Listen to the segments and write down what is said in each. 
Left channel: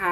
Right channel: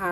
Hi.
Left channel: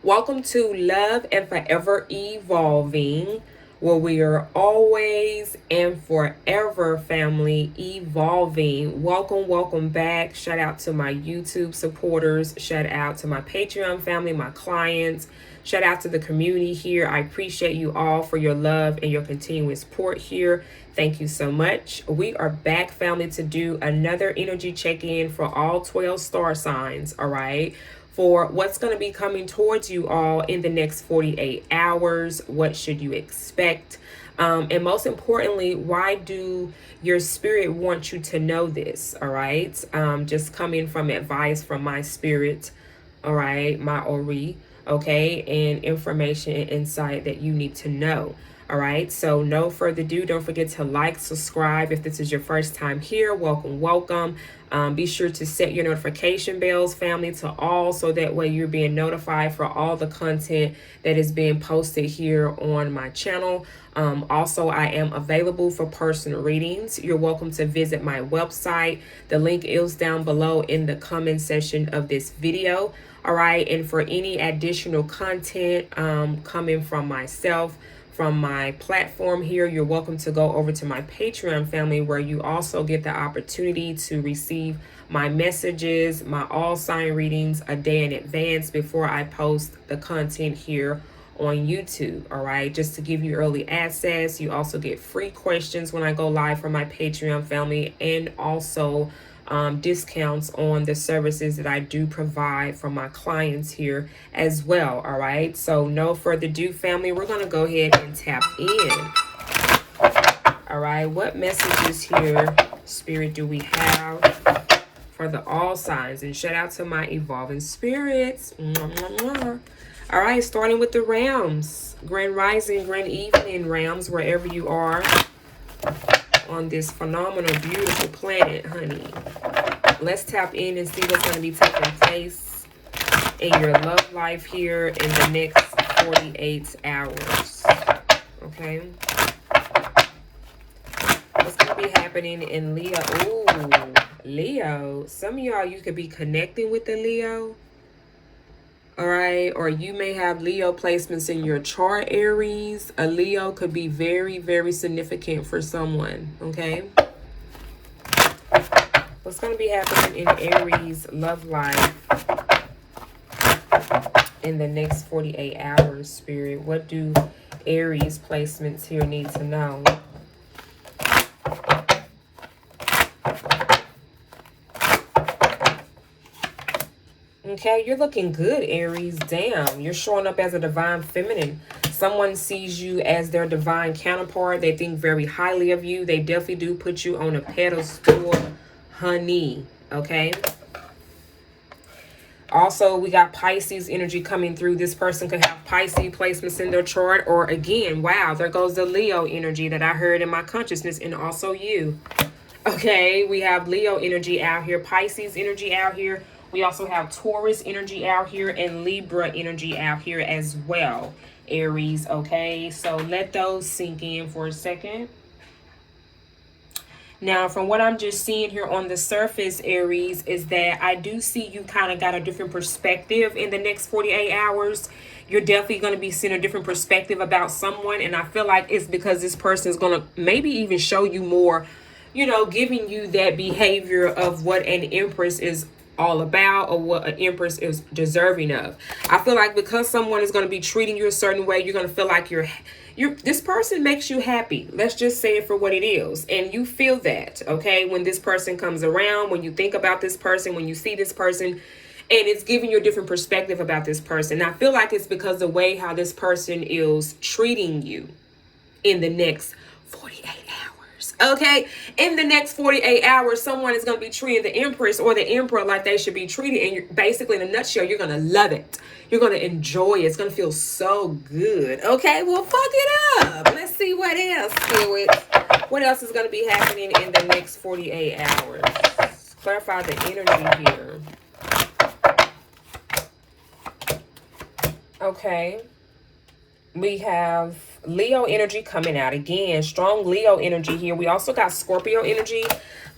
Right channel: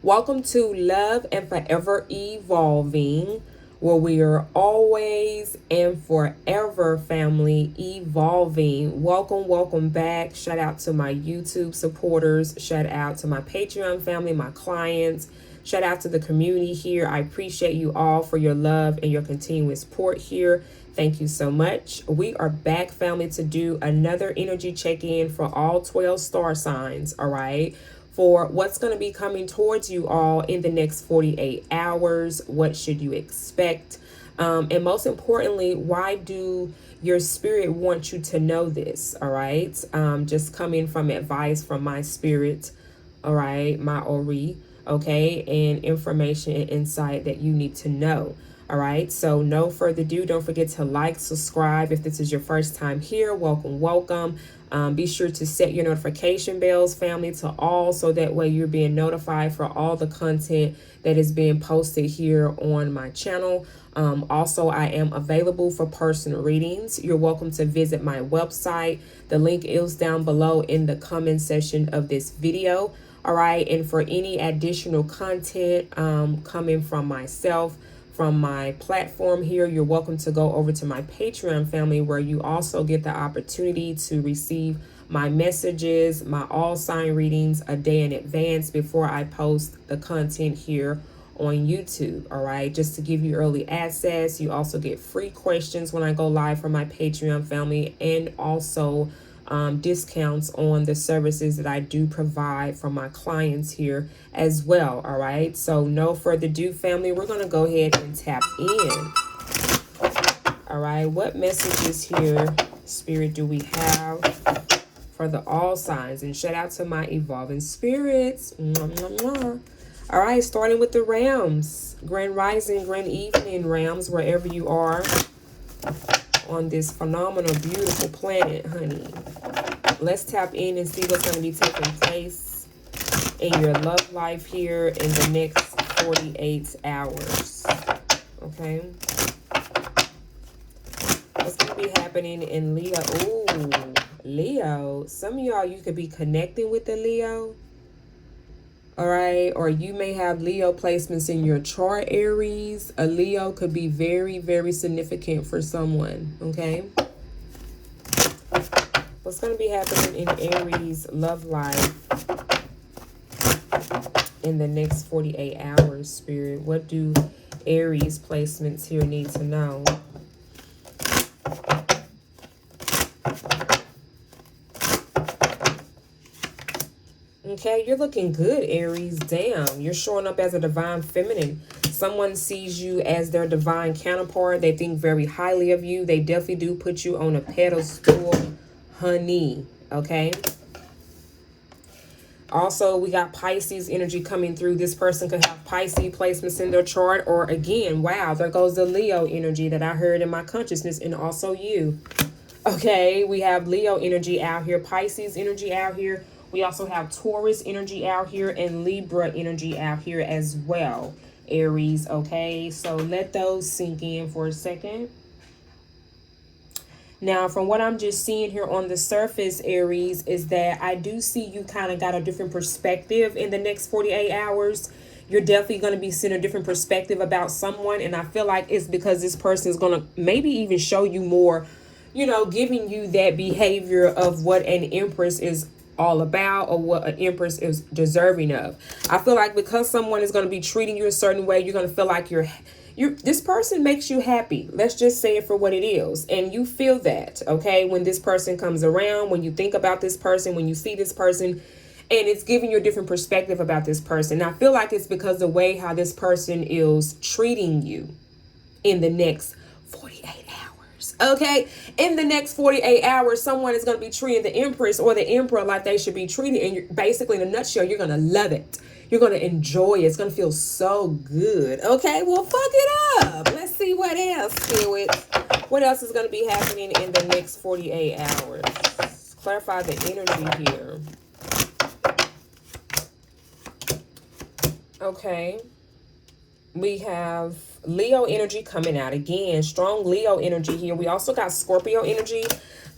Welcome to Love and Forever Evolving, where we are always and forever, family, evolving. Welcome back. Shout out to my YouTube supporters. Shout out to my Patreon family, my clients. Shout out to the community here. I appreciate you all for your love and your continuous support here. Thank you so much. We are back, family, to do another energy check-in for all 12 star signs, all right? For what's going to be coming towards you all in the next 48 hours. What should you expect? And most importantly, why do your spirit want you to know this, all right? Just coming from advice from my spirit, all right, my Ori, okay, and information and insight that you need to know. All right, so no further ado, don't forget to like, subscribe. If this is your first time here, welcome. Be sure to set your notification bells, family, to all, so that way you're being notified for all the content that is being posted here on my channel. Also, I am available for personal readings. You're welcome to visit my website. The link is down below in the comment section of this video. All right, and for any additional content coming from myself, from my platform here, you're welcome to go over to my Patreon family, where you also get the opportunity to receive my messages, my all sign readings a day in advance before I post the content here on YouTube. All right, just to give you early access. You also get free questions when I go live for my Patreon family, and also discounts on the services that I do provide for my clients here as well. All right, so no further ado, family, we're going to go ahead and tap in. All right, what messages here, Spirit, do we have for the all signs? And shout out to my evolving spirits. All right, starting with the realms. Grand rising, grand evening, realms, wherever you are on this phenomenal, beautiful planet, honey. Let's tap in and see what's going to be taking place in your love life here in the next 48 hours. Okay. What's going to be happening in Leo? Ooh, Leo. Some of y'all, you could be connecting with the Leo. All right, or you may have Leo placements in your chart, Aries. A Leo could be very, very significant for someone, okay? What's going to be happening in Aries' love life in the next 48 hours, Spirit? What do Aries placements here need to know? Okay, you're looking good, Aries. Damn, you're showing up as a divine feminine. Someone sees you as their divine counterpart. They think very highly of you. They definitely do put you on a pedestal, honey. Okay. Also, we got Pisces energy coming through. This person could have Pisces placements in their chart. Or again, wow, there goes the Leo energy that I heard in my consciousness, and also you. Okay, we have Leo energy out here, Pisces energy out here. We also have Taurus energy out here and Libra energy out here as well, Aries. Okay, so let those sink in for a second. Now, from what I'm just seeing here on the surface, Aries, is that I do see you kind of got a different perspective in the next 48 hours. You're definitely going to be seeing a different perspective about someone. And I feel like it's because this person is going to maybe even show you more, you know, giving you that behavior of what an Empress is all about, or what an Empress is deserving of. I feel like because someone is going to be treating you a certain way, you're going to feel like this person makes you happy. Let's just say it for what it is. And you feel that, okay, when this person comes around, when you think about this person, when you see this person, and it's giving you a different perspective about this person. And I feel like it's because the way how this person is treating you in the next 48 hours. Okay, in the next 48 hours, someone is going to be treating the Empress or the Emperor like they should be treated. And you're, basically, in a nutshell, you're going to love it. You're going to enjoy it. It's going to feel so good. Okay, well, fuck it up. Let's see what else, Spirit. What else is going to be happening in the next 48 hours? Clarify the energy here. Okay. We have Leo energy coming out. Again, strong Leo energy here. We also got Scorpio energy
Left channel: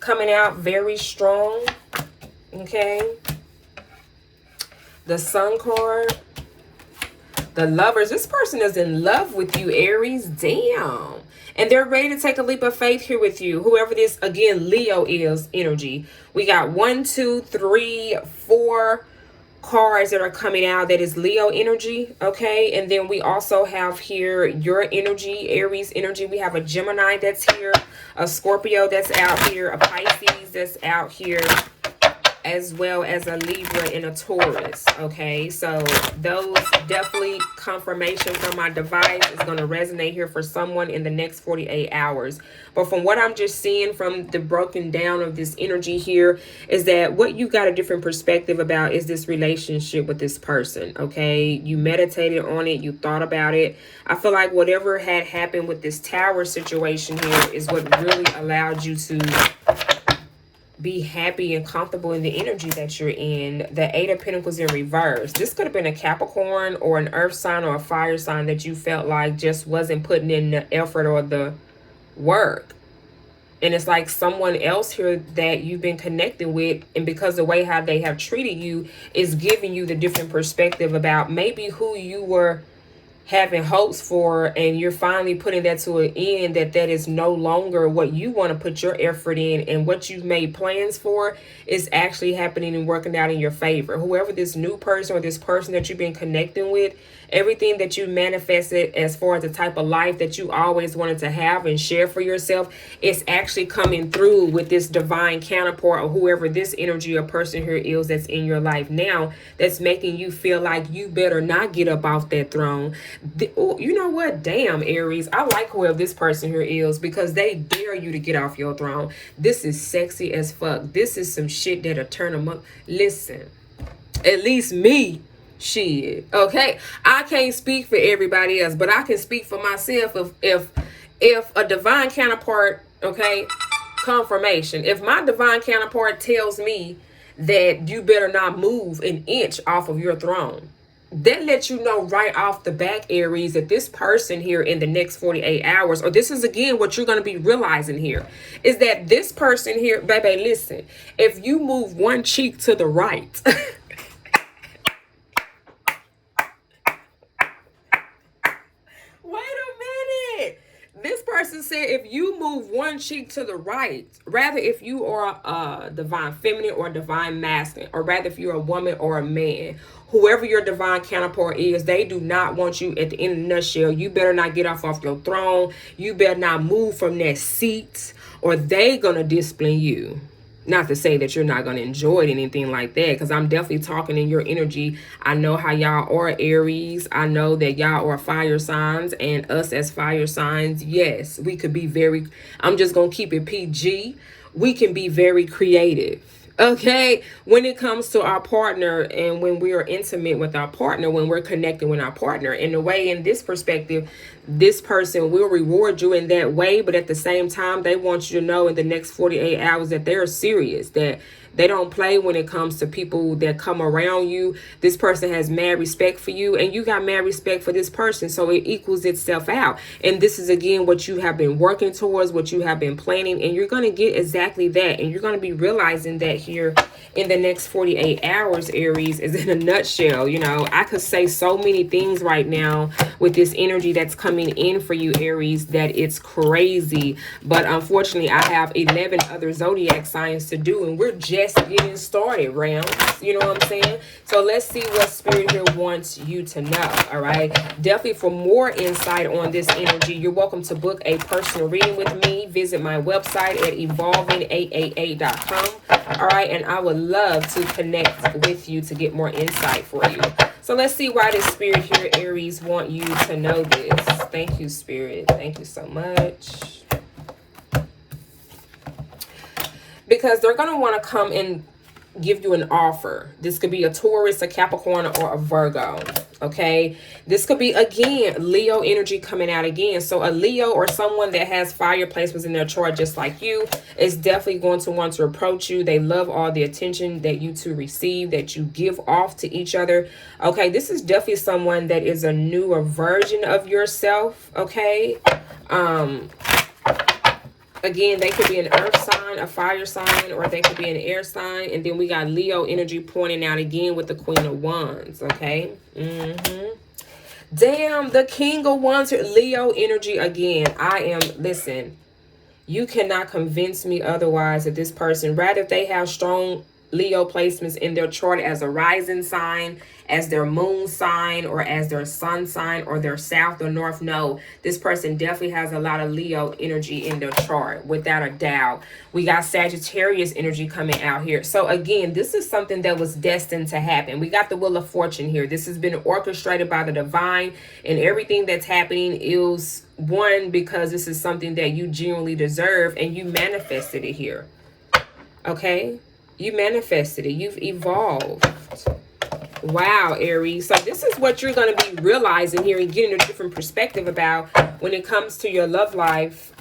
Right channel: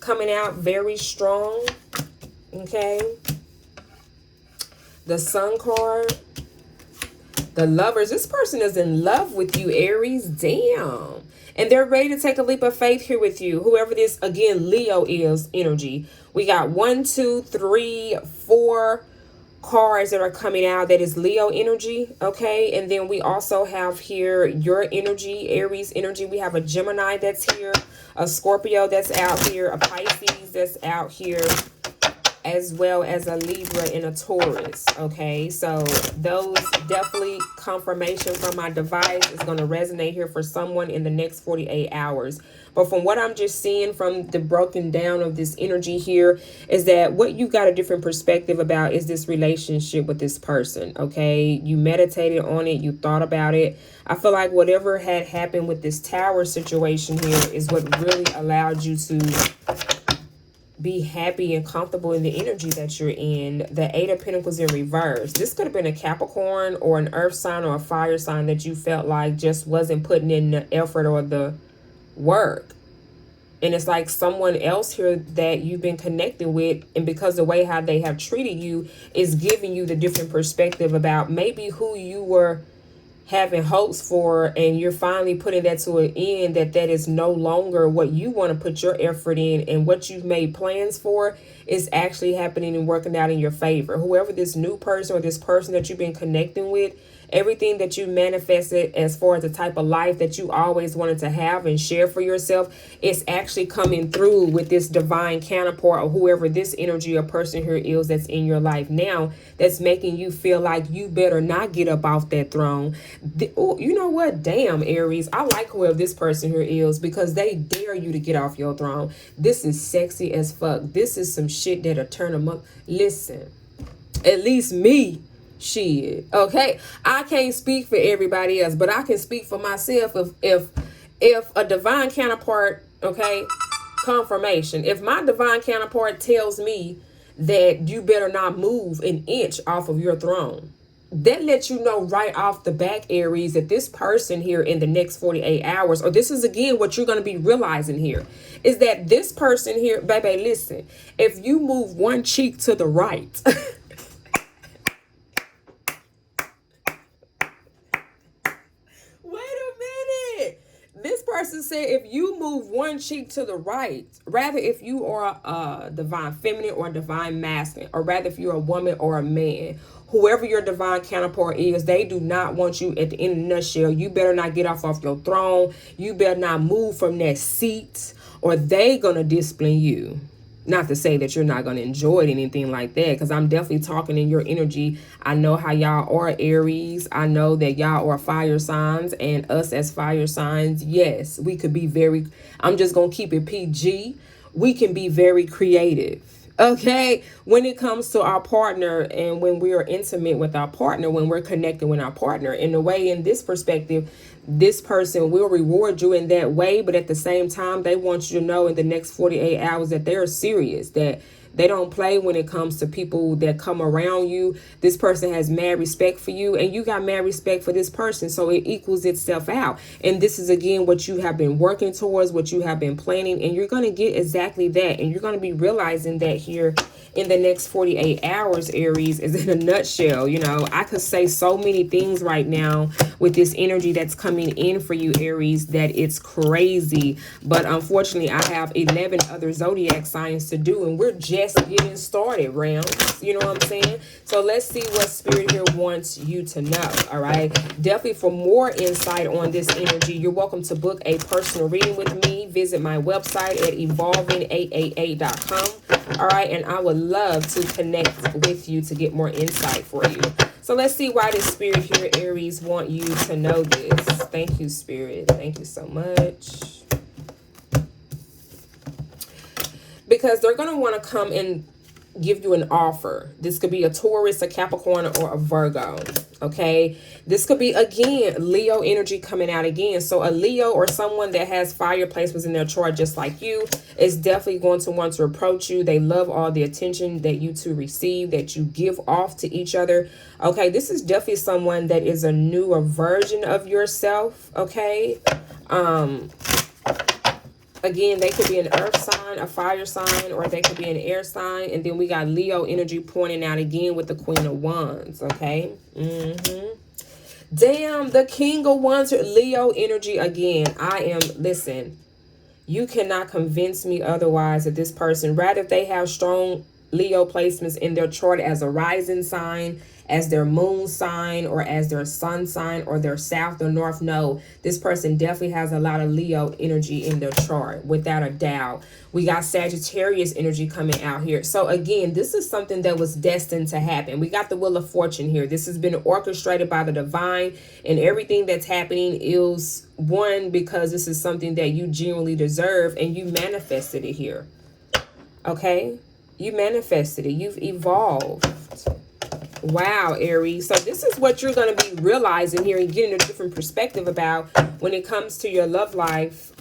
coming out very strong. Okay. The Sun card. The Lovers. This person is in love with you, Aries. Damn. And they're ready to take a leap of faith here with you. Whoever this, again, Leo is energy. We got 1, 2, 3, 4 cards that are coming out that is Leo energy, okay? And then we also have here your energy, Aries energy. We have a Gemini that's here, a Scorpio that's out here, a Pisces that's out here, as well as a Libra and a Taurus, okay? So those definitely confirmation from my device is going to resonate here for someone in the next 48 hours. But from what I'm just seeing from the broken down of this energy here is that what you got a different perspective about is this relationship with this person, okay? You meditated on it, you thought about it. I feel like whatever had happened with this tower situation here is what really allowed you to be happy and comfortable in the energy that you're in. The 8 of Pentacles in reverse. This could have been a Capricorn or an earth sign or a fire sign that you felt like just wasn't putting in the effort or the work. And it's like someone else here that you've been connected with, and because the way how they have treated you is giving you the different perspective about maybe who you were having hopes for, and you're finally putting that to an end, that is no longer what you want to put your effort in, and what you've made plans for is actually happening and working out in your favor. Whoever this new person or this person that you've been connecting with, everything that you manifested as far as the type of life that you always wanted to have and share for yourself, is actually coming through with this divine counterpart or whoever this energy or person here is that's in your life now, that's making you feel like you better not get up off that throne. You know what? Damn, Aries. I like whoever this person here is because they dare you to get off your throne. This is sexy as fuck. This is some shit that'll turn them up. Listen, at least me. Shit. Okay. I can't speak for everybody else, but I can speak for myself. If a divine counterpart, okay, confirmation. If my divine counterpart tells me that you better not move an inch off of your throne, that lets you know right off the back, Aries, that this person here in the next 48 hours, or this is again what you're going to be realizing here, is that this person here, baby, listen, if you move one cheek to the right, this person said if you move one cheek to the right, rather if you are a divine feminine or divine masculine, or rather if you're a woman or a man, whoever your divine counterpart is, they do not want you at the end of the nutshell. You better not get off your throne. You better not move from that seat, or they gonna discipline you. Not to say that you're not going to enjoy it, anything like that, because I'm definitely talking in your energy. I know how y'all are, Aries. I know that y'all are fire signs, and us as fire signs, yes, we could be very, I'm just going to keep it PG. We can be very creative. Okay, when it comes to our partner, and when we are intimate with our partner, when we're connected with our partner, in a way, in this perspective, this person will reward you in that way, but at the same time, they want you to know in the next 48 hours that they're serious, that they don't play when it comes to people that come around you. This person has mad respect for you, and you got mad respect for this person, so it equals itself out. And this is, again, what you have been working towards, what you have been planning, and you're going to get exactly that. And you're going to be realizing that here in the next 48 hours, Aries, is in a nutshell. You know, I could say so many things right now with this energy that's coming in for you, Aries, that it's crazy. But unfortunately, I have 11 other zodiac signs to do, and we're just getting started, rounds. You know what I'm saying? So let's see what Spirit here wants you to know. All right. Definitely for more insight on this energy, you're welcome to book a personal reading with me. Visit my website at evolving888.com. All right. And I would love to connect with you to get more insight for you. So let's see why this Spirit here, Aries, want you to know this. Thank you, Spirit. Thank you so much. Because they're going to want to come and give you an offer. This could be a Taurus, a Capricorn, or a Virgo. Okay. This could be, again, Leo energy coming out again. So a Leo or someone that has fire placements in their chart just like you is definitely going to want to approach you. They love all the attention that you two receive, that you give off to each other. Okay. This is definitely someone that is a newer version of yourself. Okay. Again, they could be an earth sign, a fire sign, or they could be an air sign. And then we got Leo energy pointing out again with the Queen of Wands, okay? Damn, the King of Wands, Leo energy again. Listen, you cannot convince me otherwise that this person, rather if they have strong Leo placements in their chart as a rising sign, as their moon sign, or as their sun sign, or their south or north node, this person definitely has a lot of Leo energy in their chart, without a doubt. We got Sagittarius energy coming out here. So again, this is something that was destined to happen. We got the Wheel of Fortune here. This has been orchestrated by the divine, and everything that's happening is one, because this is something that you genuinely deserve, and you manifested it here. Okay? You manifested it. You've evolved. Wow, Aries. So this is what you're going to be realizing here and getting a different perspective about when it comes to your love life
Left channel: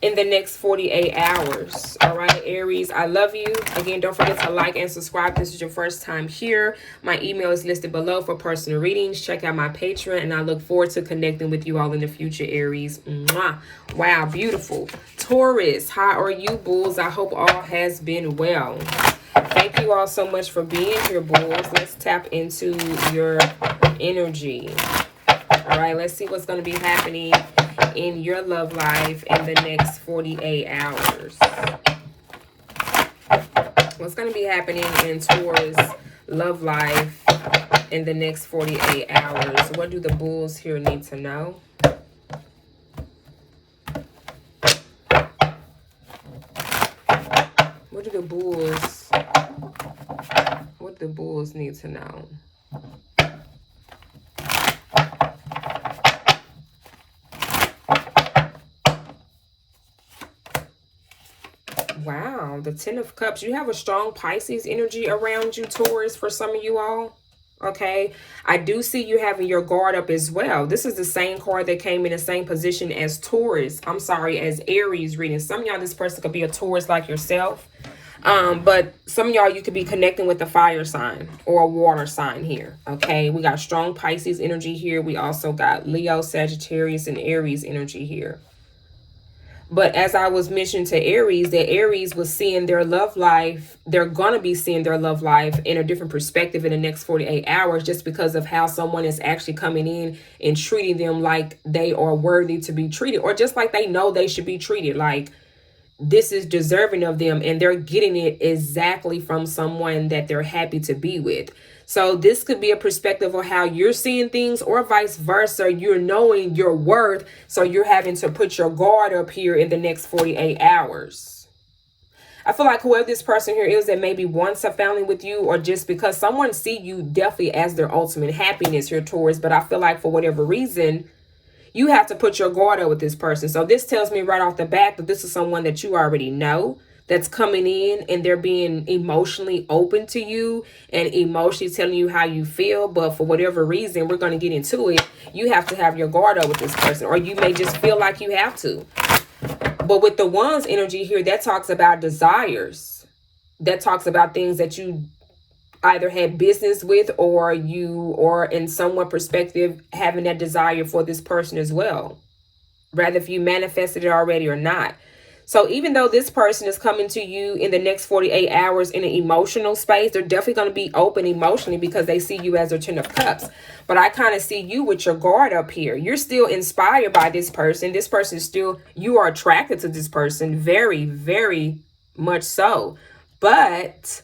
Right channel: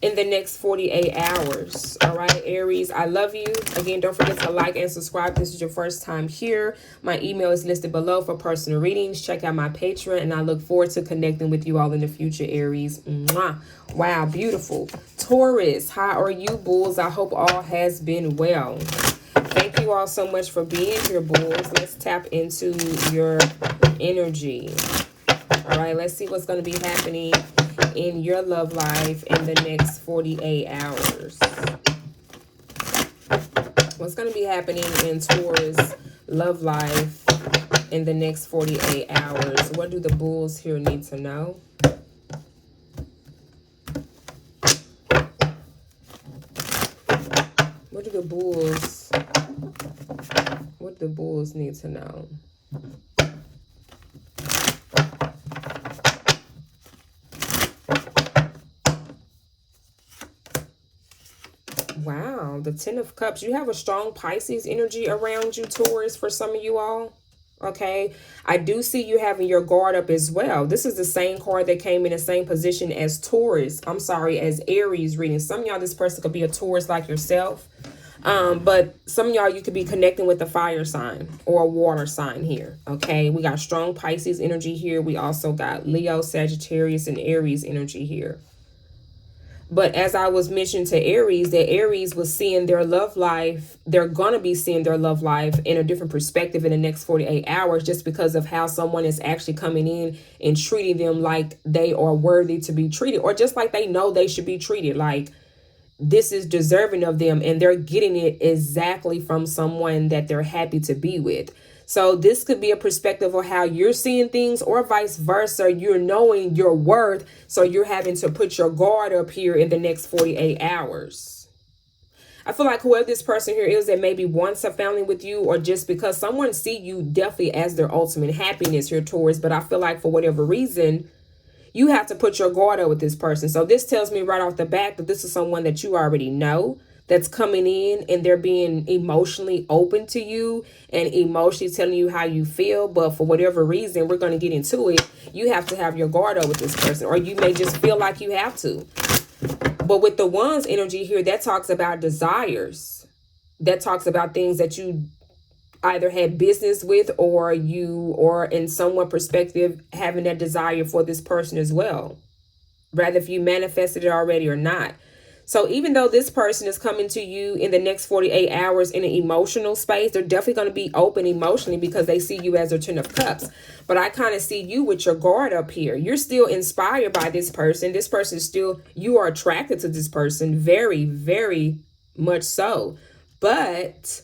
in the next 48 hours. All right, Aries, I love you. Again, don't forget to like and subscribe. This is your first time here. My email is listed below for personal readings. Check out my Patreon, and I look forward to connecting with you all in the future, Aries. Mwah. Wow, beautiful. Taurus, how are you, bulls? I hope all has been well. Thank you all so much for being here, bulls. Let's tap into your energy. All right, let's see what's going to be happening in your love life in the next 48 hours. What's going to be happening in Taurus love life in the next 48 hours? What do the bulls here need to know? What do the bulls need to know? Wow, the Ten of Cups. You have a strong Pisces energy around you, Taurus, for some of you all. Okay, I do see you having your guard up as well. This is the same card that came in the same position as Taurus. I'm sorry, as Aries reading. Some of y'all, this person could be a Taurus like yourself. But some of y'all, you could be connecting with a fire sign or a water sign here. Okay, we got strong Pisces energy here. We also got Leo, Sagittarius, and Aries energy here. But as I was mentioning to Aries, that Aries was seeing their love life. They're going to be seeing their love life in a different perspective in the next 48 hours, just because of how someone is actually coming in and treating them like they are worthy to be treated, or just like they know they should be treated. Like, this is deserving of them, and they're getting it exactly from someone that they're happy to be with. So this could be a perspective of how you're seeing things, or vice versa. You're knowing your worth, so you're having to put your guard up here in the next 48 hours. I feel like whoever this person here is that maybe wants a family with you, or just because someone see you definitely as their ultimate happiness here, Taurus. But I feel like for whatever reason, you have to put your guard up with this person. So this tells me right off the bat that this is someone that you already know, that's coming in, and they're being emotionally open to you and emotionally telling you how you feel. But for whatever reason, we're going to get into it, you have to have your guard up with this person, or you may just feel like you have to. But with the Wands energy here, that talks about desires. That talks about things that you either had business with, or you, or in somewhat perspective, having that desire for this person as well. Rather if you manifested it already or not. So even though this person is coming to you in the next 48 hours in an emotional space, they're definitely going to be open emotionally because they see you as a Ten of Cups. But I kind of see you with your guard up here. You're still inspired by this person. This person is still, you are attracted to this person very, very much so. But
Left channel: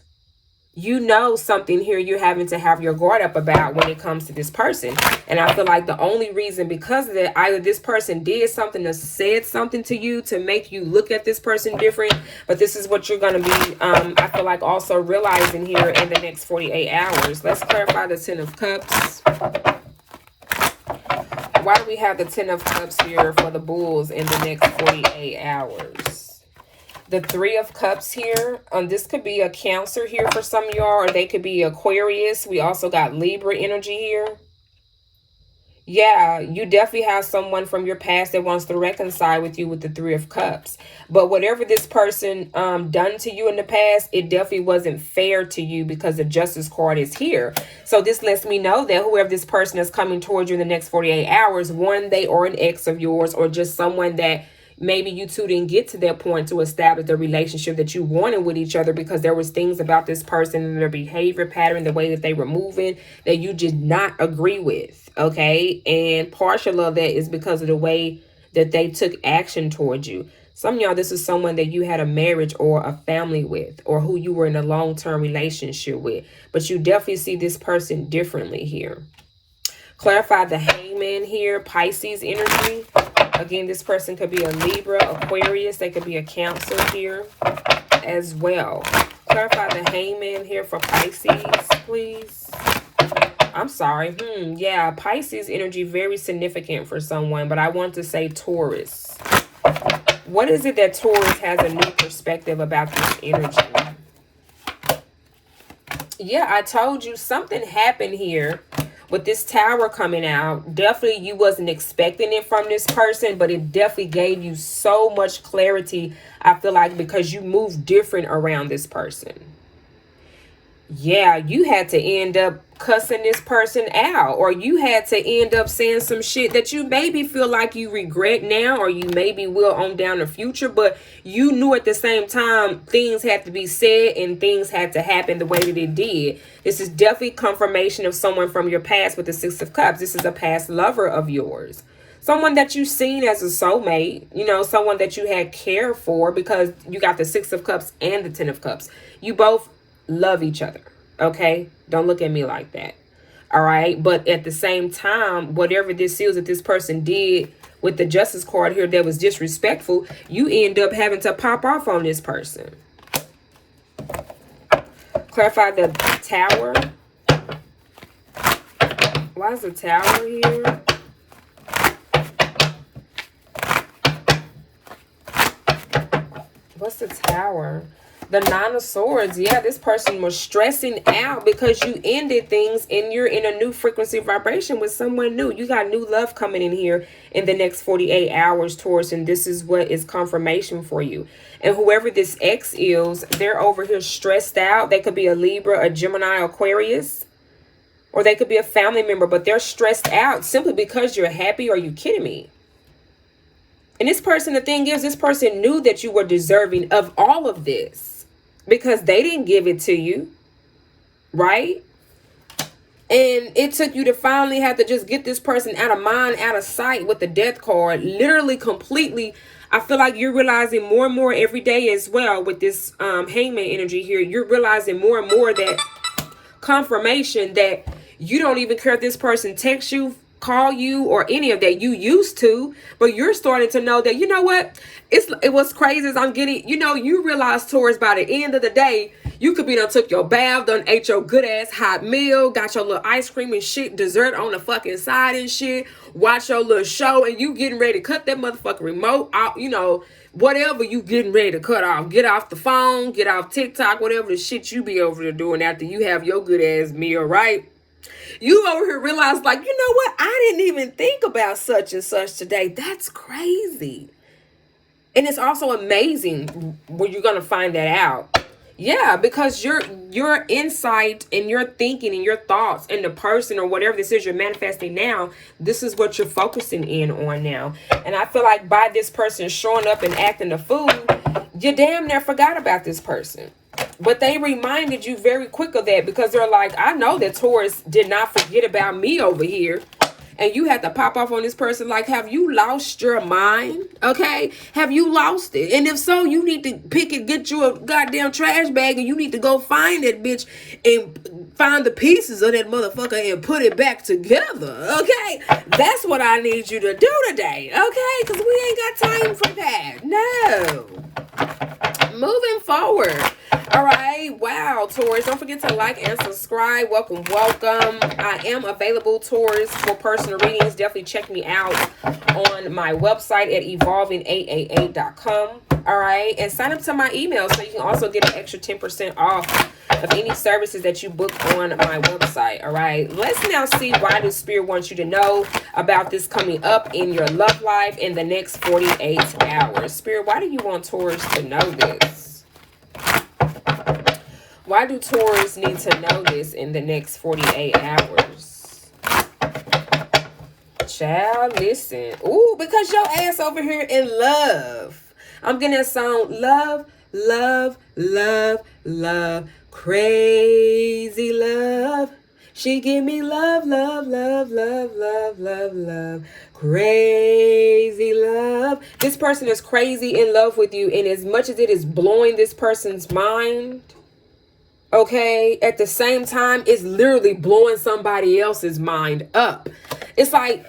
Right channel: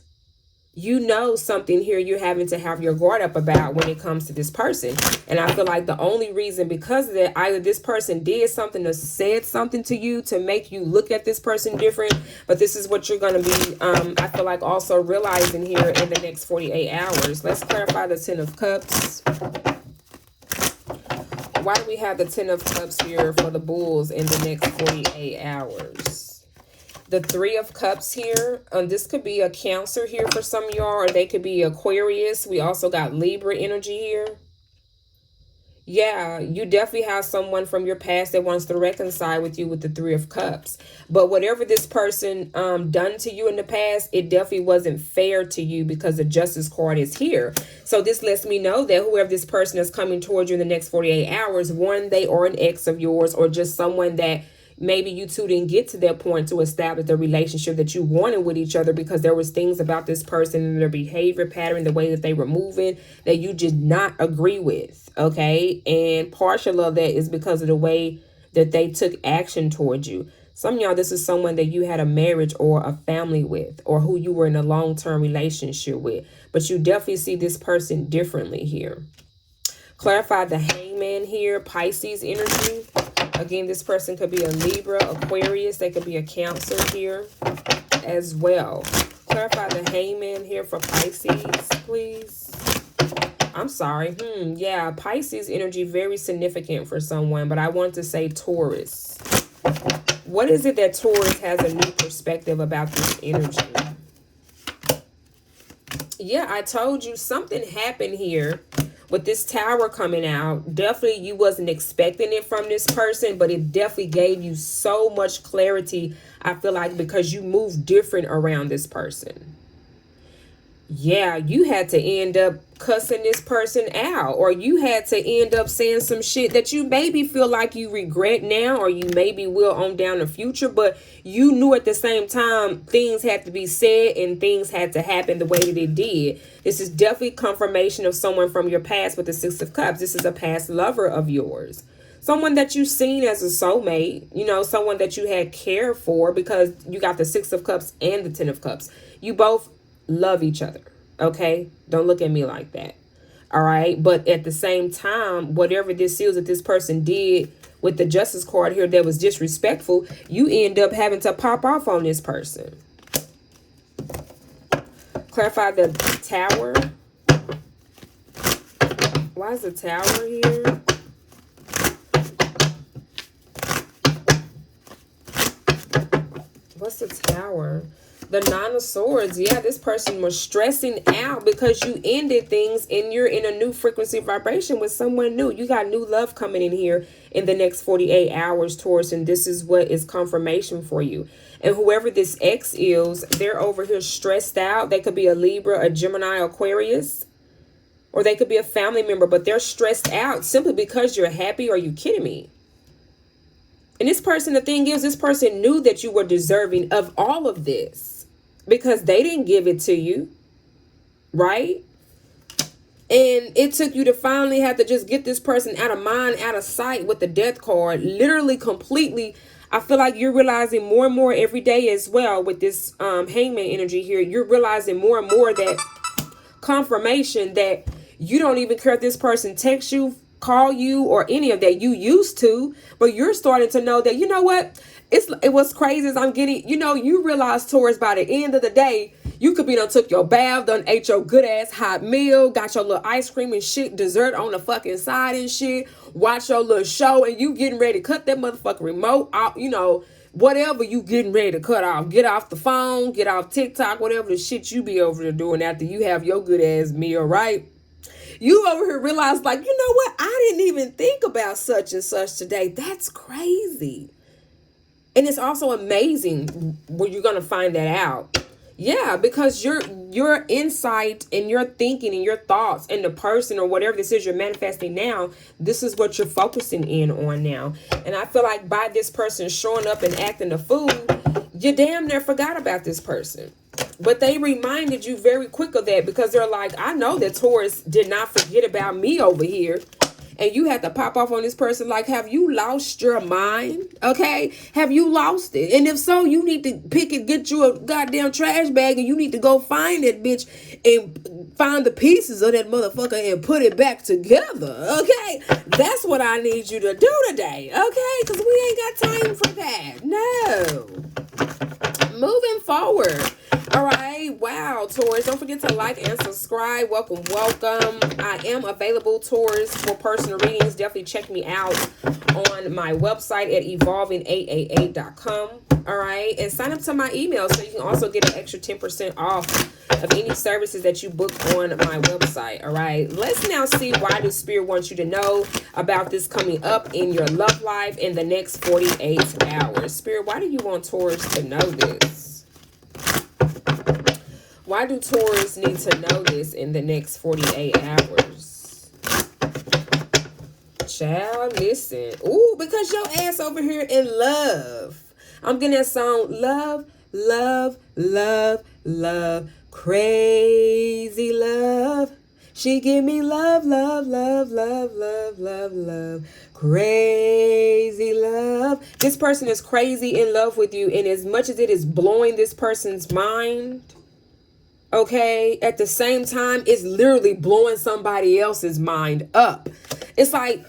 you know something here you're having to have your guard up about when it comes to this person. And I feel like the only reason, because of that, either this person did something or said something to you to make you look at this person different. But this is what you're going to be, I feel like, also realizing here in the next 48 hours. Let's clarify the Ten of Cups. Why do we have the Ten of Cups here for the bulls in the next 48 hours? The Three of Cups here. This could be a Cancer here for some of y'all, or they could be Aquarius. We also got Libra energy here. Yeah, you definitely have someone from your past that wants to reconcile with you with the Three of Cups. But whatever this person done to you in the past, it definitely wasn't fair to you, because the Justice card is here. So this lets me know that whoever this person is coming towards you in the next 48 hours, one, they are an ex of yours, or just someone that maybe you two didn't get to that point to establish the relationship that you wanted with each other because there was things about this person and their behavior pattern, the way that they were moving, that you did not agree with, okay? And partial of that is because of the way that they took action towards you. Some of y'all, this is someone that you had a marriage or a family with, or who you were in a long-term relationship with. But you definitely see this person differently here. Clarify the Hangman here, Pisces energy. Again, this person could be a Libra, Aquarius. They could be a Cancer here as well. Clarify the Hangman here for Pisces, please. I'm sorry. Yeah, Pisces energy, very significant for someone, but I want to say Taurus. What is it that Taurus has a new perspective about this energy? Yeah, I told you something happened here with this Tower coming out. Definitely you wasn't expecting it from this person, but it definitely gave you so much clarity, I feel like, because you moved different around this person. Yeah, you had to end up cussing this person out, or you had to end up saying some shit that you maybe feel like you regret now, or you maybe will on down the future, but you knew at the same time things had to be said and things had to happen the way that it did. This is definitely confirmation of someone from your past with the Six of Cups. This is a past lover of yours. Someone that you've seen as a soulmate, you know, someone that you had care for, because you got the Six of Cups and the Ten of Cups. You both love each other, okay? Don't look at me like that, all right? But at the same time, whatever this is that this person did with the Justice card here that was disrespectful, you end up having to pop off on this person. Clarify the Tower. Why is the Tower here? What's the Tower? The Nine of Swords. Yeah, this person was stressing out because you ended things and you're in a new frequency vibration with someone new. You got new love coming in here in the next 48 hours, Taurus, and this is what is confirmation for you. And whoever this ex is, they're over here stressed out. They could be a Libra, a Gemini, Aquarius, or they could be a family member, but they're stressed out simply because you're happy. Are you kidding me? And this person, the thing is, this person knew that you were deserving of all of this, because they didn't give it to you, right? And it took you to finally have to just get this person out of mind, out of sight with the Death card. Literally, completely. I feel like you're realizing more and more every day as well with this Hangman energy here. You're realizing more and more that confirmation that you don't even care if this person texts you, call you, or any of that. You used to, but you're starting to know that, you know what, it was crazy as I'm getting, you know, you realize, Taurus, by the end of the day, you could be done took your bath, done ate your good ass hot meal, got your little ice cream and shit, dessert on the fucking side and shit, watch your little show, and you getting ready to cut that motherfucking remote out, you know, whatever you getting ready to cut off. Get off the phone, get off TikTok, whatever the shit you be over there doing after you have your good ass meal, right? You over here realize, like, you know what? I didn't even think about such and such today. That's crazy. And it's also amazing when you're going to find that out. Yeah, because your insight and your thinking and your thoughts and the person or whatever this is you're manifesting now, this is what you're focusing in on now. And I feel like by this person showing up and acting a fool, you damn near forgot about this person. But they reminded you very quick of that, because they're like, I know that Taurus did not forget about me over here. And you had to pop off on this person like, have you lost your mind? Okay? Have you lost it? And if so, you need to pick it, get you a goddamn trash bag, and you need to go find that bitch and find the pieces of that motherfucker and put it back together. Okay? That's what I need you to do today. Okay? Because we ain't got time for that. No. Moving forward. All right. Wow, Taurus. Don't forget to like and subscribe. Welcome, welcome. I am available, Taurus, for personal readings. Definitely check me out on my website at evolving888.com. All right. And sign up to my email so you can also get an extra 10% off of any services that you book on my website. All right. Let's now see why the Spirit wants you to know about this coming up in your love life in the next 48 hours. Spirit, why do you want Taurus to know this? Why do Taurus need to know this in the next 48 hours? Child, listen. Ooh, because your ass over here in love. I'm getting that song, love, love, love, love, crazy love. She give me love, love, love, love, love, love, love, crazy love. This person is crazy in love with you, and as much as it is blowing this person's mind, okay, at the same time, it's literally blowing somebody else's mind up. It's like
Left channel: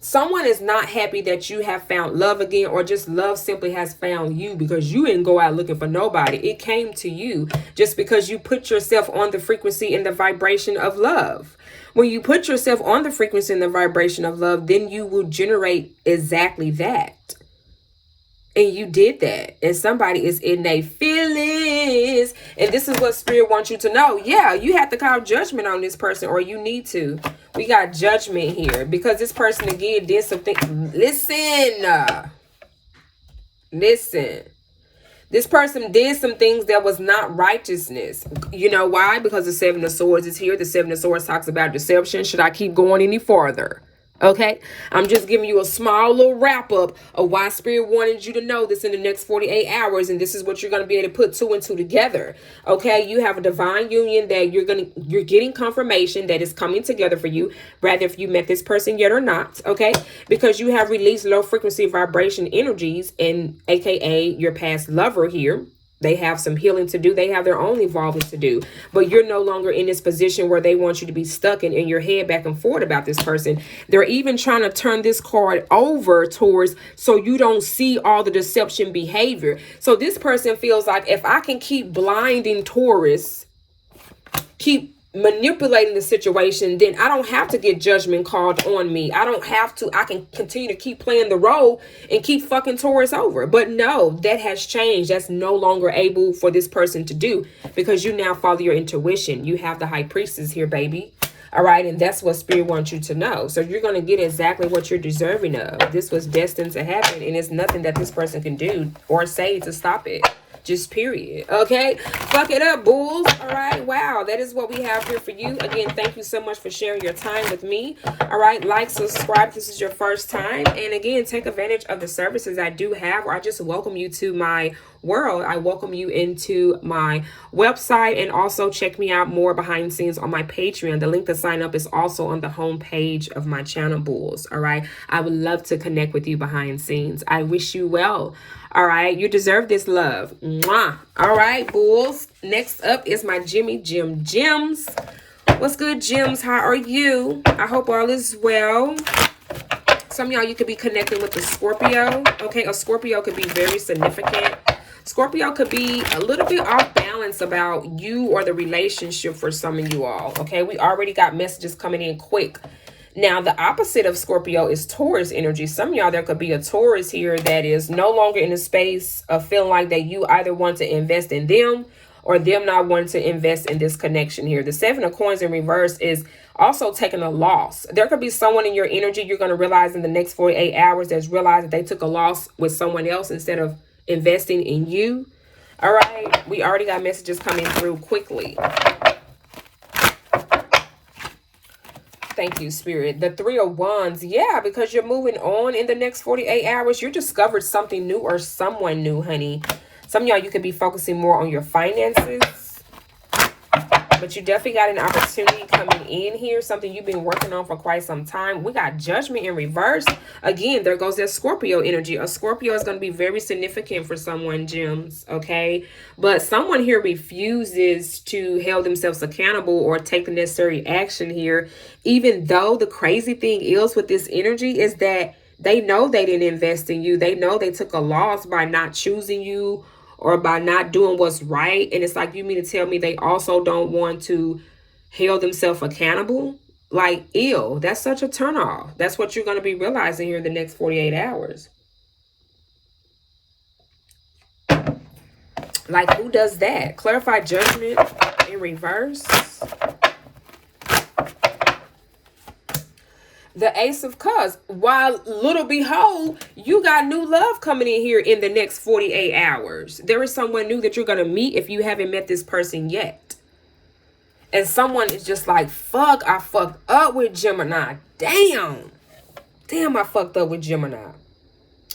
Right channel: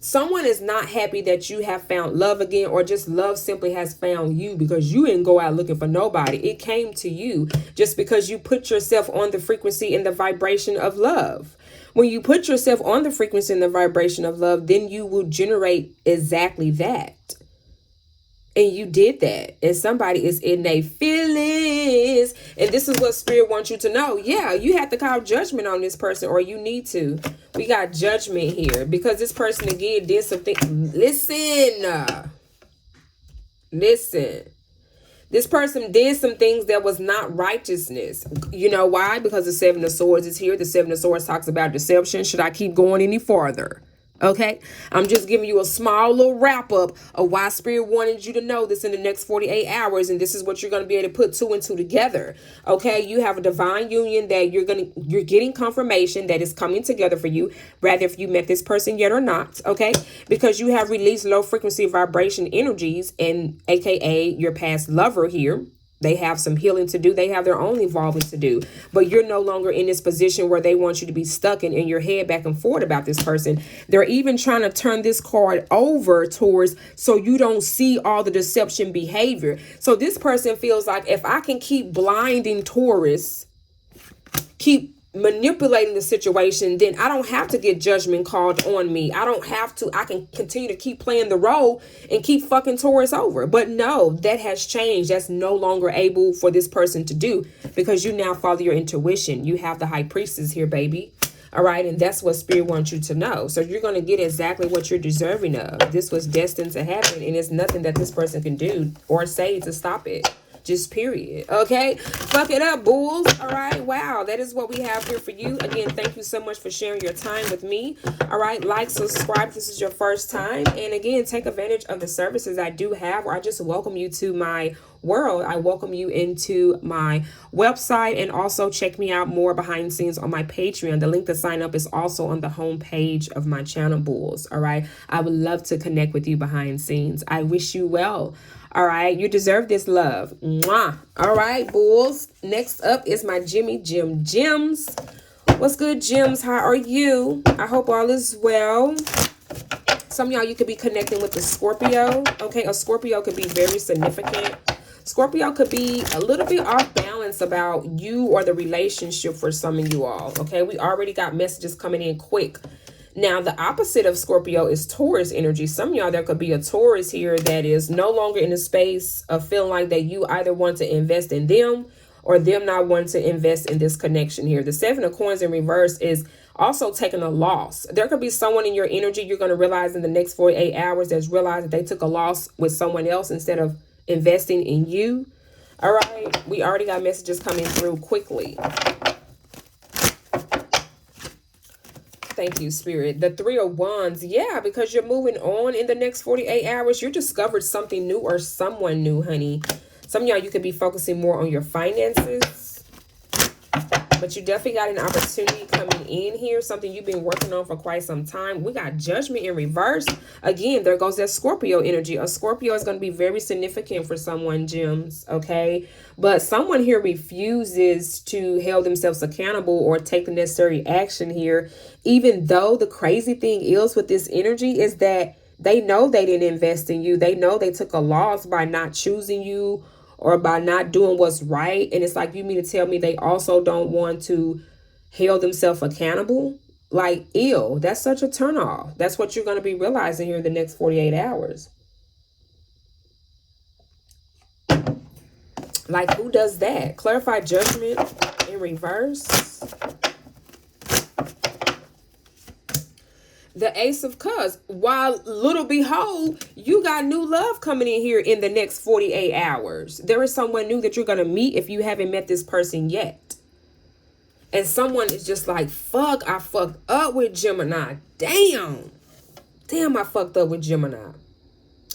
someone is not happy that you have found love again, or just love simply has found you, because you didn't go out looking for nobody. It came to you just because you put yourself on the frequency and the vibration of love. When you put yourself on the frequency and the vibration of love, then you will generate exactly that. And you did that. And somebody is in their feelings. And this is what Spirit wants you to know. Yeah, you have to call judgment on this person, or you need to. We got judgment here. Because this person, again, did something. Listen. Listen. This person did some things that was not righteousness. You know why? Because the Seven of Swords is here. The Seven of Swords talks about deception. Should I keep going any farther? Okay, I'm just giving you a small little wrap up of why Spirit wanted you to know this in the next 48 hours. And this is what you're going to be able to put two and two together. Okay, you have a divine union that you're getting confirmation that is coming together for you, rather if you met this person yet or not. Okay, because you have released low frequency vibration energies, and AKA your past lover here. They have some healing to do. They have their own evolving to do. But you're no longer in this position where they want you to be stuck in your head back and forth about this person. They're even trying to turn this card over towards so you don't see all the deception behavior. So this person feels like, if I can keep blinding Taurus, keep manipulating the situation, then I don't have to get judgment called on me. I don't have to. I can continue to keep playing the role and keep fucking Taurus over. But no, that has changed. That's no longer able for this person to do, because you now follow your intuition. You have the High Priestess here, baby. All right. And that's what Spirit wants you to know. So you're going to get exactly what you're deserving of. This was destined to happen, and it's nothing that this person can do or say to stop it. Just period. Okay, fuck it up, bulls. All right, wow, that is what we have here for you. Again, thank you so much for sharing your time with me. All right, like, subscribe if this is your first time, and again, take advantage of the services I do have, or I just welcome you to my world. I welcome you into my website, and also check me out more behind the scenes on my Patreon. The link to sign up is also on the home page of my channel, bulls. All right, I would love to connect with you behind scenes. I wish you well. All right, you deserve this love. Mwah. All right, bulls. Next up is my Jimmy Jim Gems. What's good, Gems? How are you? I hope all is well. Some of y'all, you could be connecting with the Scorpio. Okay, a Scorpio could be very significant. Scorpio could be a little bit off balance about you or the relationship for some of you all. Okay, we already got messages coming in quick. Now, the opposite of Scorpio is Taurus energy. Some of y'all, there could be a Taurus here that is no longer in a space of feeling like that you either want to invest in them or them not wanting to invest in this connection here. The Seven of Coins in reverse is also taking a loss. There could be someone in your energy you're going to realize in the next 48 hours that's realized that they took a loss with someone else instead of investing in you. All right, we already got messages coming through quickly. Thank you, Spirit. The Three of Wands. Yeah, because you're moving on in the next 48 hours. You discovered something new or someone new, honey. Some of y'all, you could be focusing more on your finances. But you definitely got an opportunity coming in here. Something you've been working on for quite some time. We got Judgment in reverse. Again, there goes that Scorpio energy. A Scorpio is going to be very significant for someone, Gems. Okay. But someone here refuses to hold themselves accountable or take the necessary action here. Even though the crazy thing is with this energy is that they know they didn't invest in you. They know they took a loss by not choosing you or by not doing what's right. And it's like, you mean to tell me they also don't want to hold themselves accountable? Like, ew, that's such a turnoff. That's what you're going to be realizing here in the next 48 hours. Like, who does that? Clarify Judgment in reverse. The Ace of Cups. While little behold, you got new love coming in here in the next 48 hours. There is someone new that you're going to meet if you haven't met this person yet. And someone is just like, fuck, I fucked up with Gemini. Damn. Damn, I fucked up with Gemini.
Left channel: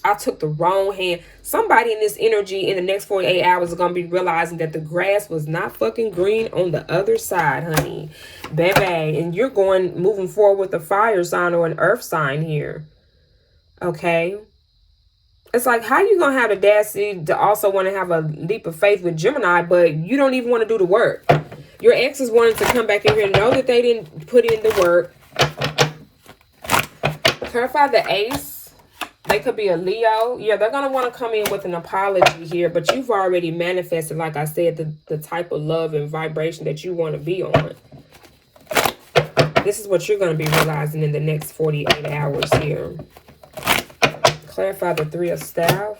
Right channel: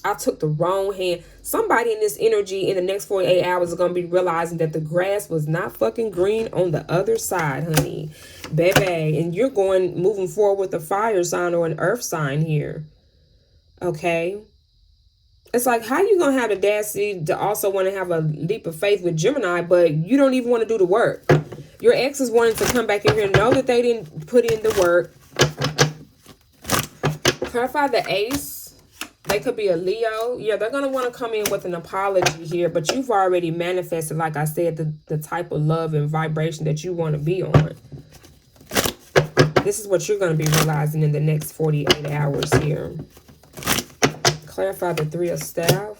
I took the wrong hand. Somebody in this energy in the next 48 hours is going to be realizing that the grass was not fucking green on the other side, honey. Baby. And you're moving forward with a fire sign or an earth sign here. Okay. It's like, how you going to have the audacity to also want to have a leap of faith with Gemini, but you don't even want to do the work? Your exes wanted to come back in here, know that they didn't put in the work. Clarify the ace. They could be a Leo. Yeah, they're going to want to come in with an apology here, but you've already manifested, like I said, the type of love and vibration that you want to be on. This is what you're going to be realizing in the next 48 hours here. Clarify the Three of Staff.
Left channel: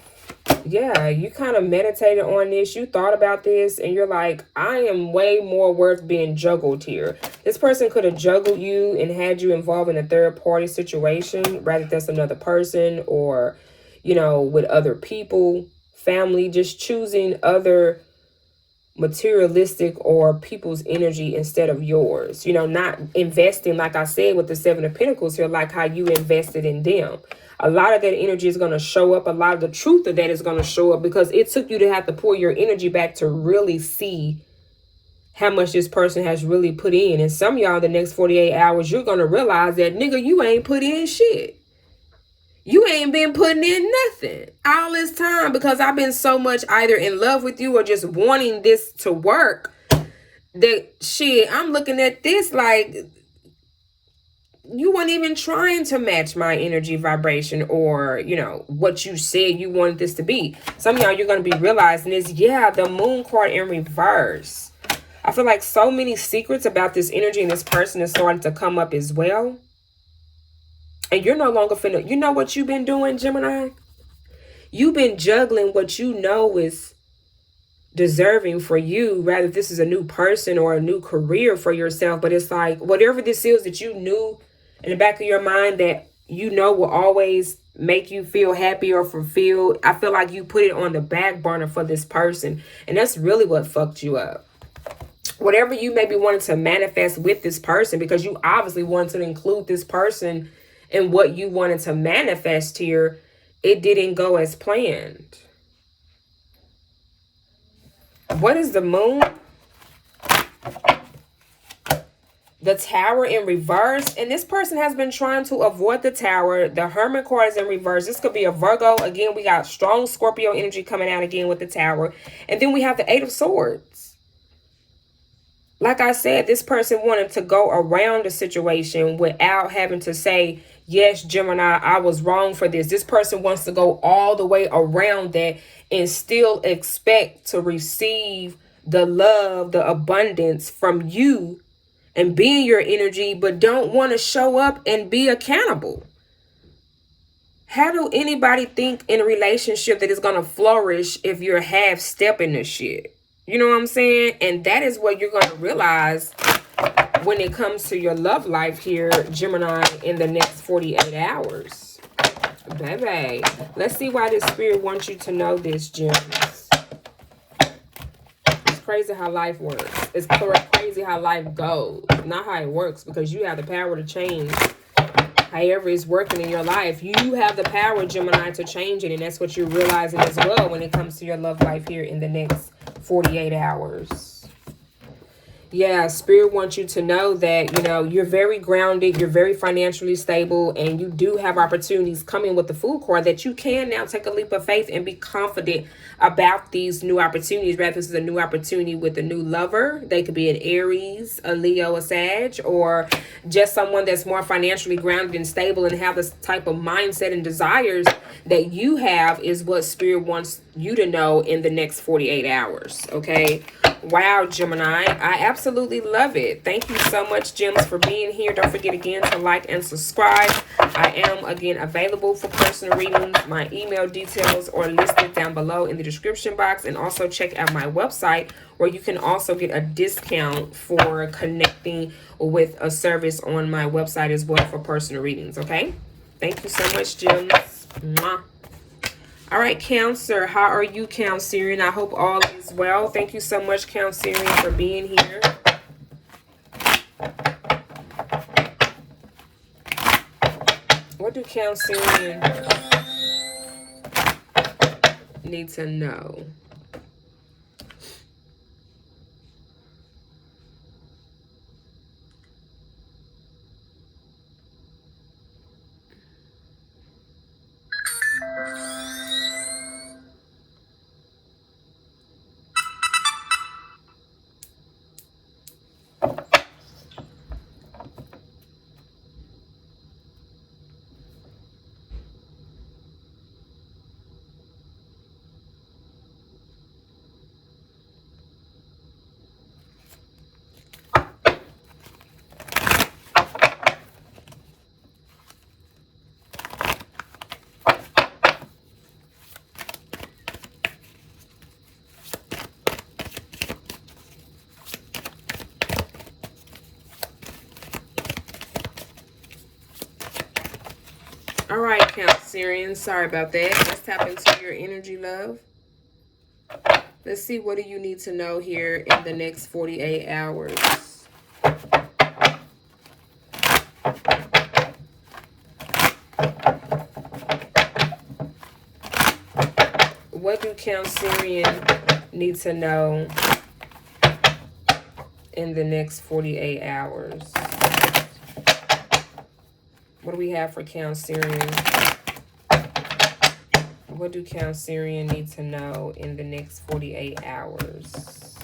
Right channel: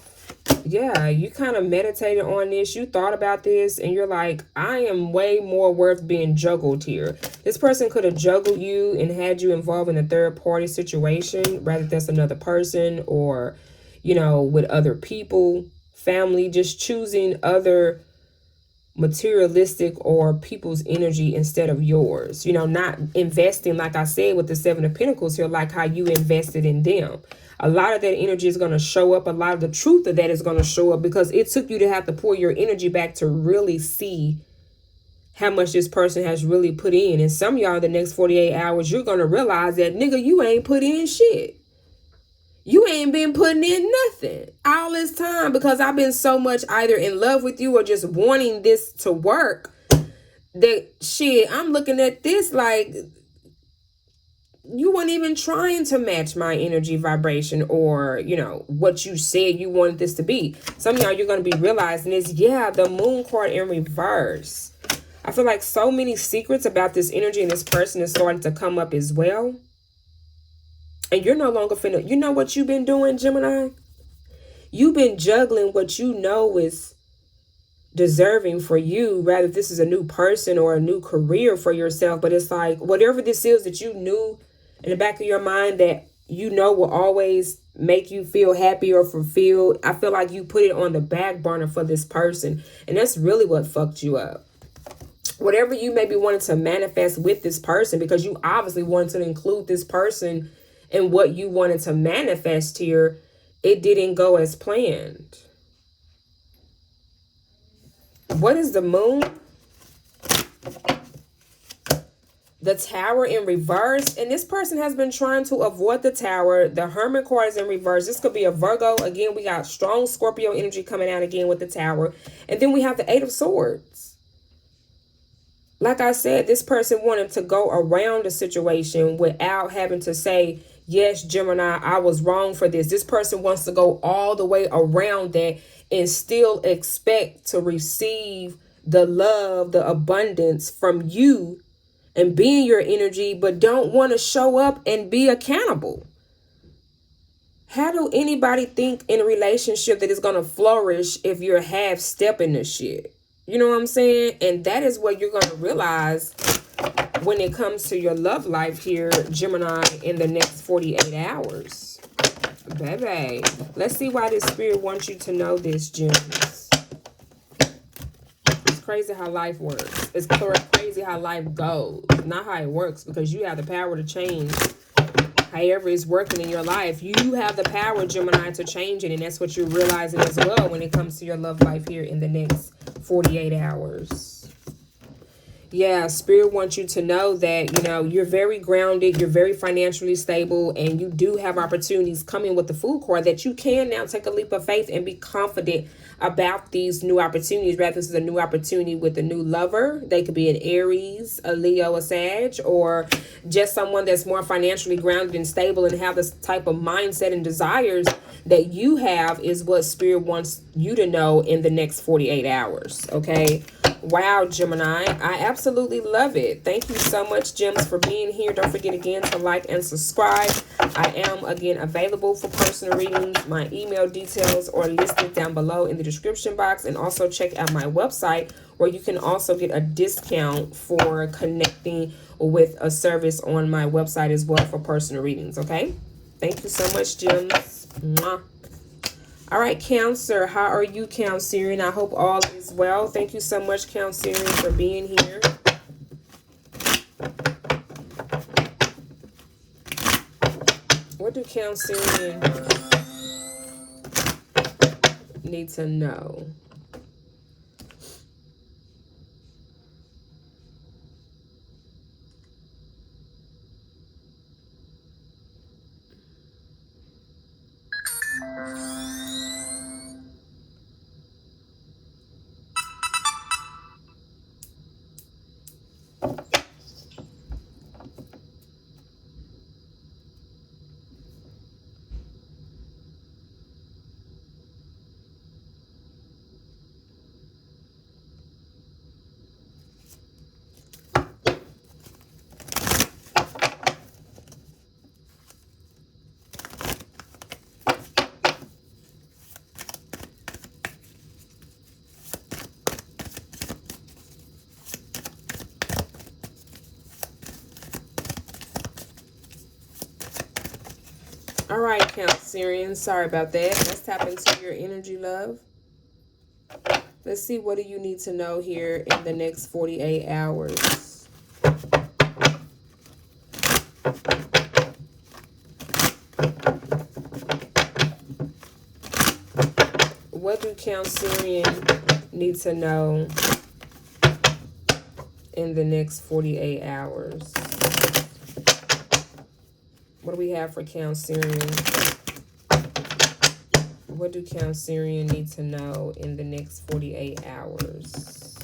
Yeah, you kind of meditated on this. You thought about this and you're like, I am way more worth being juggled here. This person could have juggled you and had you involved in a third party situation, whether that's another person or, you know, with other people, family, just choosing other materialistic or people's energy instead of yours. You know, not investing, like I said, with the Seven of Pentacles here, like how you invested in them. A lot of that energy is going to show up. A lot of the truth of that is going to show up because it took you to have to pull your energy back to really see how much this person has really put in. And some of y'all, the next 48 hours, you're going to realize that, nigga, you ain't put in shit. You ain't been putting in nothing all this time because I've been so much either in love with you or just wanting this to work that shit, I'm looking at this like you weren't even trying to match my energy vibration or, you know, what you said you wanted this to be. Some of y'all, you're going to be realizing is, yeah, the moon card in reverse. I feel like so many secrets about this energy and this person is starting to come up as well. And you're no longer finna, you know what you've been doing, Gemini? You've been juggling what you know is deserving for you, rather this is a new person or a new career for yourself. But it's like, whatever this is that you knew in the back of your mind that you know will always make you feel happy or fulfilled, I feel like you put it on the back burner for this person. And that's really what fucked you up. Whatever you maybe wanted to manifest with this person, because you obviously wanted to include this person in what you wanted to manifest here, it didn't go as planned. What is the moon? The Tower in reverse. And this person has been trying to avoid the Tower. The Hermit card is in reverse. This could be a Virgo. Again, we got strong Scorpio energy coming out again with the Tower. And then we have the Eight of Swords. Like I said, this person wanted to go around the situation without having to say, yes, Gemini, I was wrong for this. This person wants to go all the way around that and still expect to receive the love, the abundance from you and be in your energy, but don't want to show up and be accountable. How do anybody think in a relationship that is going to flourish if you're half stepping this shit? You know what I'm saying? And that is what you're going to realize when it comes to your love life here, Gemini, in the next 48 hours. Baby, let's see why this spirit wants you to know this, Gems. It's crazy how life works. It's crazy how life goes, not how it works, because you have the power to change however it's working in your life. You have the power, Gemini, to change it, and that's what you're realizing as well when it comes to your love life here in the next 48 hours. Yeah, Spirit wants you to know that, you know, you're very grounded, you're very financially stable, and you do have opportunities coming with the Fool card that you can now take a leap of faith and be confident about these new opportunities. Whether this is a new opportunity with a new lover, they could be an Aries, a Leo, a Sag, or just someone that's more financially grounded and stable and have this type of mindset and desires that you have is what Spirit wants you to know in the next 48 hours, okay? Wow, Gemini, I absolutely love it. Thank you so much, Gems, for being here. Don't forget again to like and subscribe. I am again available for personal readings. My email details are listed down below in the description box, and also check out my website where you can also get a discount for connecting with a service on my website as well for personal readings. Okay, thank you so much, Gems. Mwah. All right, Cancer, how are you, Cancerian? I hope all is well. Thank you so much, Cancerian, for being here. What do Cancerian need to know? All right, Cancerian. Sorry about that. Let's tap into your energy, love. Let's see, what do you need to know here in the next 48 hours? What do Cancerian need to know in the next 48 hours? What do we have for Cancerian? What do Cancerian need to know in the next 48 hours?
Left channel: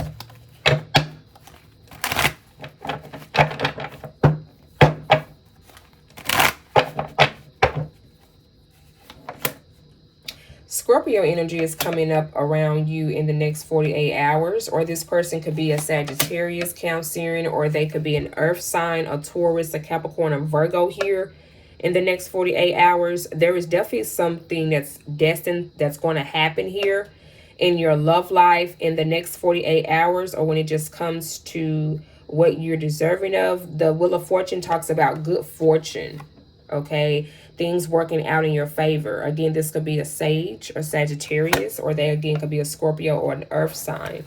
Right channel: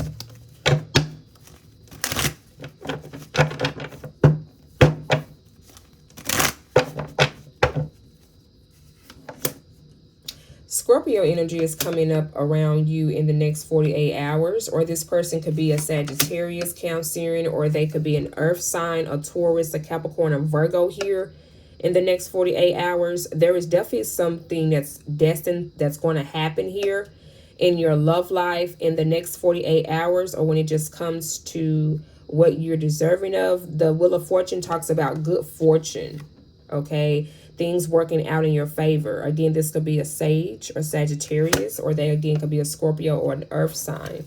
Scorpio energy is coming up around you in the next 48 hours, or this person could be a Sagittarius, Cancerian, or they could be an Earth sign, a Taurus, a Capricorn, a Virgo here. In the next 48 hours, there is definitely something that's destined that's going to happen here in your love life in the next 48 hours, or when it just comes to what you're deserving of. The Wheel of Fortune talks about good fortune, okay? Things working out in your favor. Again, this could be a Sage, a Sagittarius, or they again could be a Scorpio or an Earth sign.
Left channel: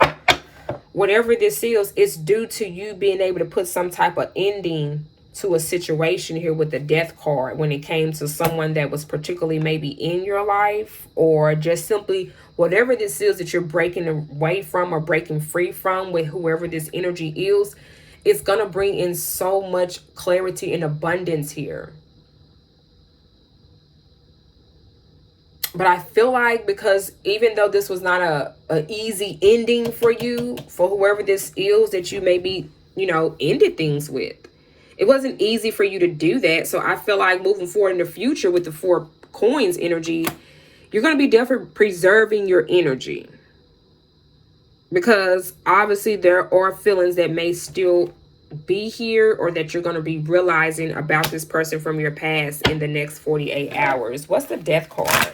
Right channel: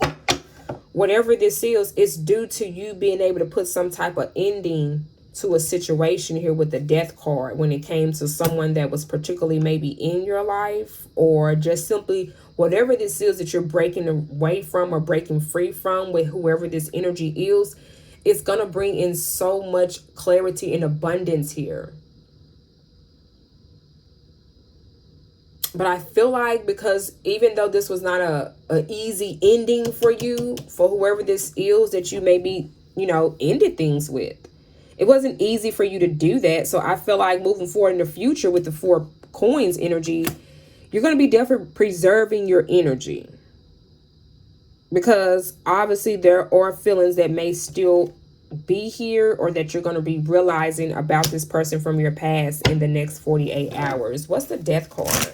Whatever this is, it's due to you being able to put some type of ending to a situation here with the Death card when it came to someone that was particularly maybe in your life, or just simply whatever this is that you're breaking away from or breaking free from with whoever this energy is. It's going to bring in so much clarity and abundance here. But I feel like, because even though this was not a easy ending for you, for whoever this is that you maybe, you know, ended things with, it wasn't easy for you to do that. So I feel like moving forward in the future with the 4 coins energy, you're going to be definitely preserving your energy. Because obviously there are feelings that may still be here, or that you're going to be realizing about this person from your past in the next 48 hours. What's the Death card?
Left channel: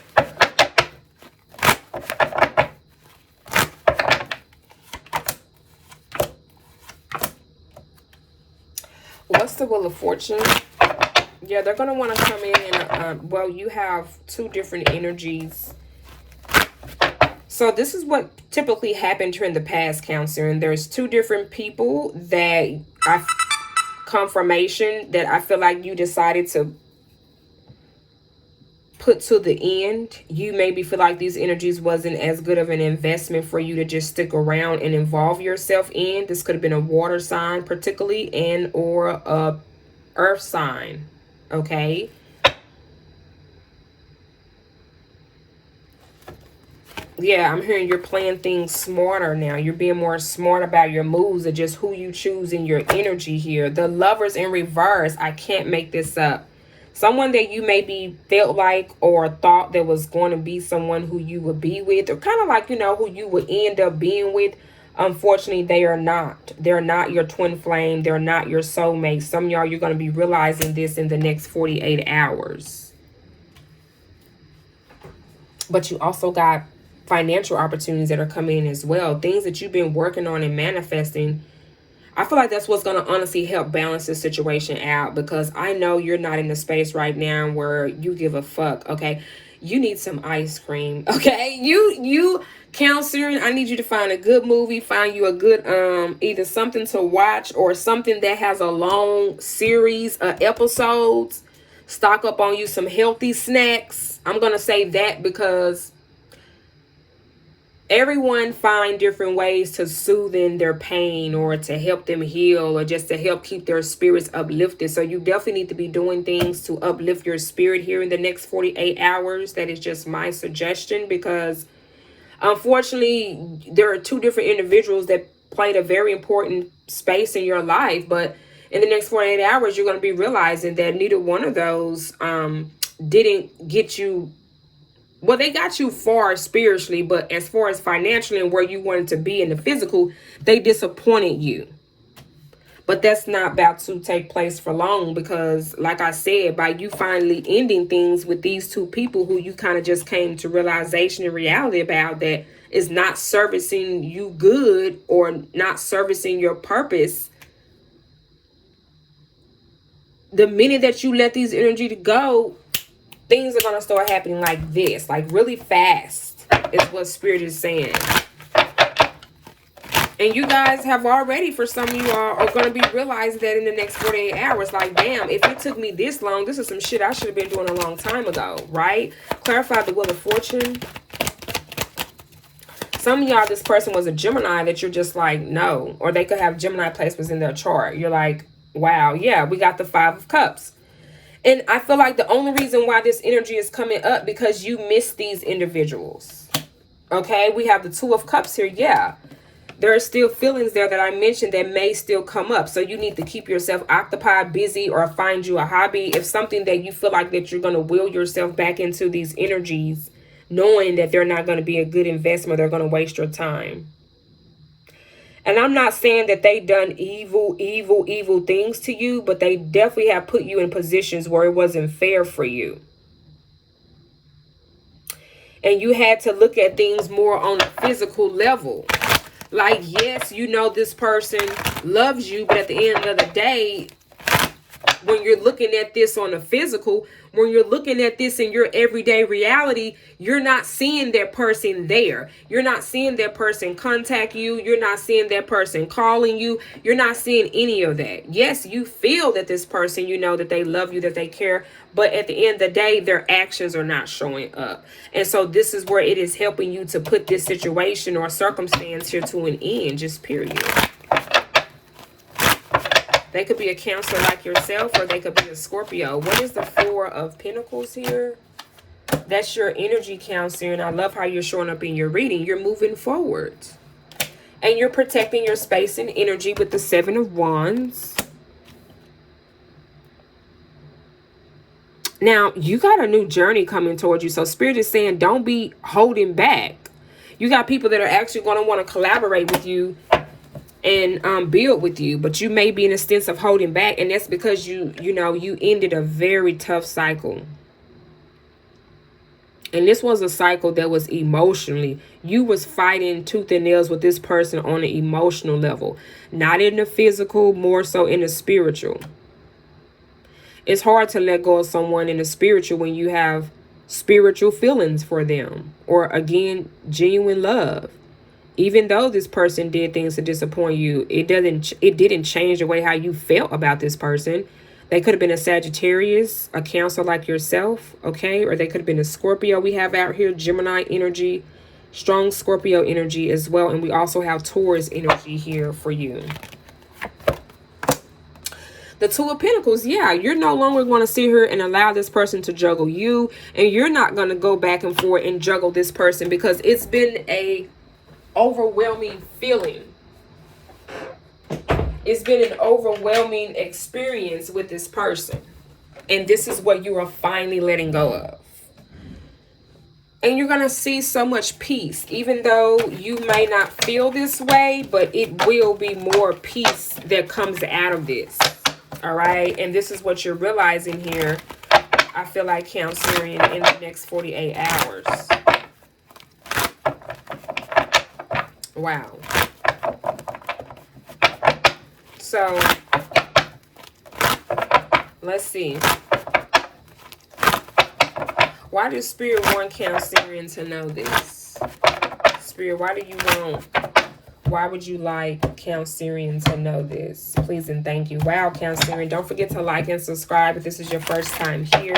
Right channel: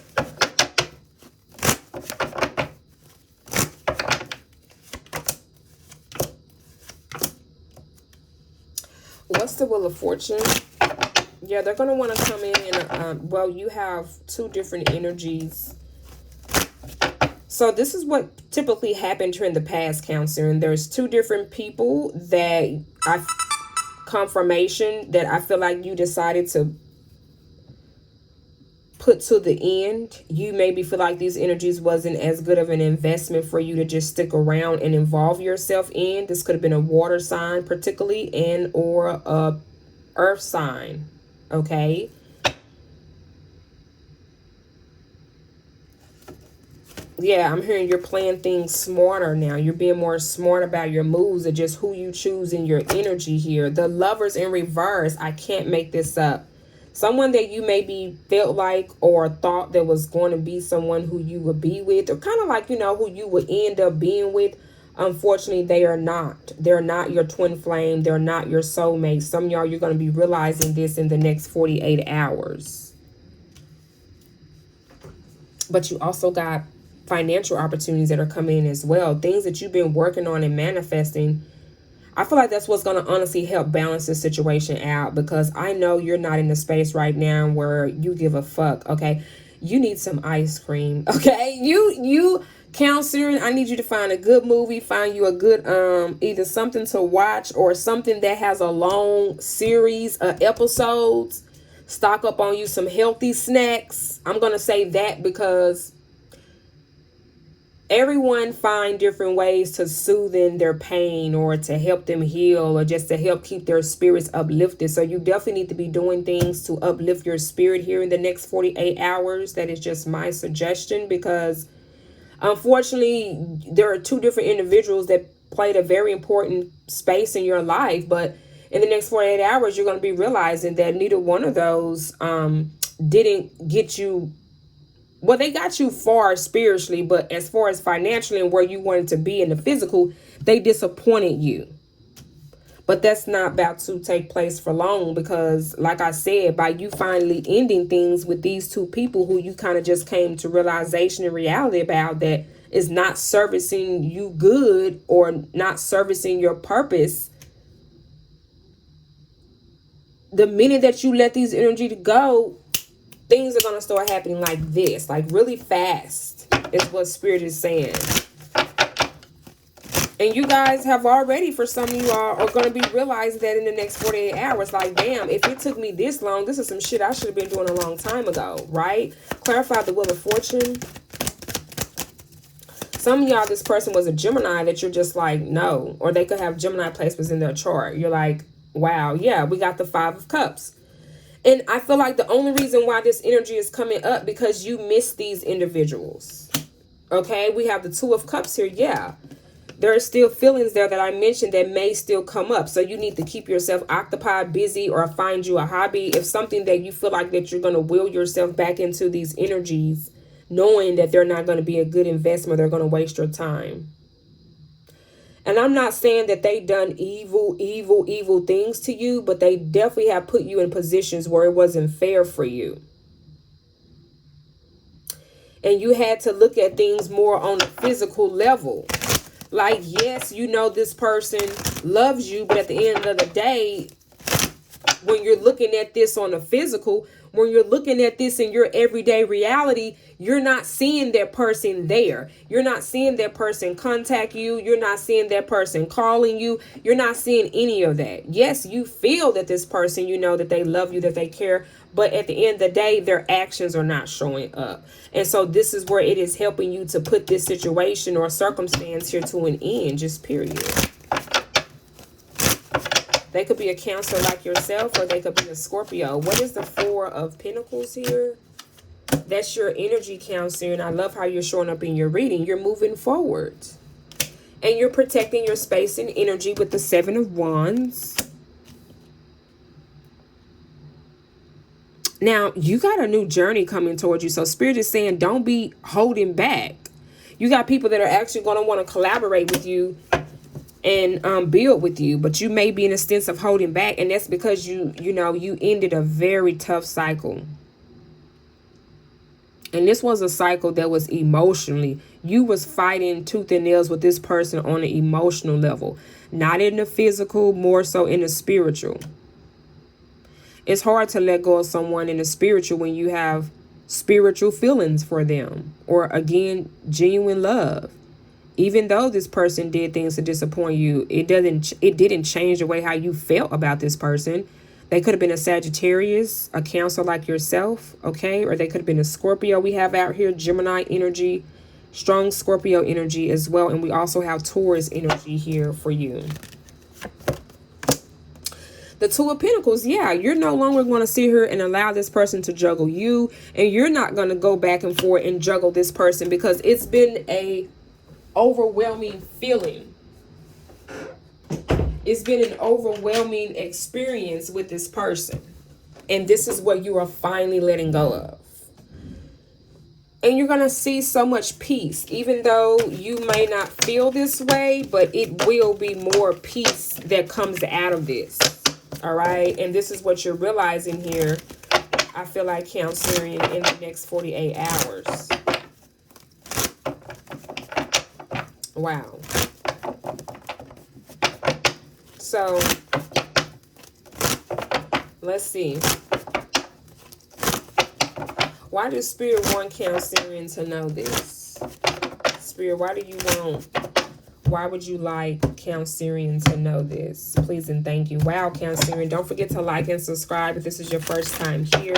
What's the Wheel of Fortune? Yeah, they're going to want to come in and, well, you have 2 different energies. So this is what typically happened during the past, Cancer. And there's 2 different people that confirmation that I feel like you decided to put to the end. You maybe feel like these energies wasn't as good of an investment for you to just stick around and involve yourself in. This could have been a water sign particularly, and or a earth sign, okay? Yeah, I'm hearing you're playing things smarter now. You're being more smart about your moves and just who you choose in your energy here. The Lovers in reverse, I can't make this up. Someone that you maybe felt like or thought that was going to be someone who you would be with, or kind of like, you know, who you would end up being with. Unfortunately, they are not. They're not your twin flame. They're not your soulmate. Some of y'all, you're going to be realizing this in the next 48 hours. But you also got financial opportunities that are coming in as well. Things that you've been working on and manifesting. I feel like that's what's going to honestly help balance this situation out, because I know you're not in the space right now where you give a fuck, okay? You need some ice cream, okay? You Cancer, I need you to find a good movie, find you a good either something to watch or something that has a long series of episodes, Stock up on you some healthy snacks. I'm going to say that because everyone find different ways to soothe in their pain or to help them heal or just to help keep their spirits uplifted. So you definitely need to be doing things to uplift your spirit here in the next 48 hours. That is just my suggestion, because unfortunately there are two different individuals that played a very important space in your life, but in the next 48 hours you're going to be realizing that neither one of those didn't get you. Well, they got you far spiritually, but as far as financially and where you wanted to be in the physical, they disappointed you. But that's not about to take place for long, because like I said, by you finally ending things with these two people who you kind of just came to realization and reality about, that is not servicing you good or not servicing your purpose. The minute that you let these energy to go, things are going to start happening like this, like really fast, is what Spirit is saying. And you guys have already, for some of you are going to be realizing that in the next 48 hours, like, damn, if it took me this long, this is some shit I should have been doing a long time ago, right? Clarify the Wheel of Fortune. Some of y'all, this person was a Gemini that you're just like, no. Or they could have Gemini placements in their chart. You're like, wow, yeah, we got the Five of Cups. And I feel like the only reason why this energy is coming up, because you miss these individuals. Okay, we have the Two of Cups here. Yeah, there are still feelings there that I mentioned that may still come up. So you need to keep yourself occupied, busy, or find you a hobby. If something that you feel like that you're going to will yourself back into these energies, knowing that they're not going to be a good investment, they're going to waste your time. And I'm not saying that they done evil things to you, but they definitely have put you in positions where it wasn't fair for you. And you had to look at things more on a physical level. Like, yes, you know this person loves you, but at the end of the day, when you're looking at this on a physical, when you're looking at this in your everyday reality, you're not seeing that person there. You're not seeing that person contact you. You're not seeing that person calling you. You're not seeing any of that. Yes, you feel that this person, you know that they love you, that they care, but at the end of the day, their actions are not showing up. And so this is where it is helping you to put this situation or circumstance here to an end, just period. They could be a Cancer like yourself, or they could be a Scorpio. What is the Four of Pentacles here? That's your energy, Cancer, and I love how you're showing up in your reading. You're moving forward. And you're protecting your space and energy with the Seven of Wands. Now, you got a new journey coming towards you. So Spirit is saying don't be holding back. You got people that are actually going to want to collaborate with you and build with you, but you may be in a stance of holding back, and that's because you ended a very tough cycle. And this was a cycle that was emotionally, you was fighting tooth and nails with this person on an emotional level, not in the physical, more so in the spiritual. It's hard to let go of someone in the spiritual when you have spiritual feelings for them, or again, genuine love. Even though this person did things to disappoint you, it didn't change the way how you felt about this person. They could have been a Sagittarius, a Cancer like yourself, okay? Or they could have been a Scorpio we have out here, Gemini energy, strong Scorpio energy as well. And we also have Taurus energy here for you. The Two of Pentacles, yeah, you're no longer going to sit here and allow this person to juggle you. And you're not going to go back and forth and juggle this person, because it's been a overwhelming feeling. It's been an overwhelming experience with this person, and this is what you are finally letting go of. And you're going to see so much peace, even though you may not feel this way, but it will be more peace that comes out of this. All right, and this is what you're realizing here, I feel like, Cancerian, in the next 48 hours. Wow. So, let's see. Why does Spirit want Cancerian to know this? Spirit, why do you want Why would you like Cancerian to know this? Please and thank you. Wow, Cancerian. Don't forget to like and subscribe if this is your first time here.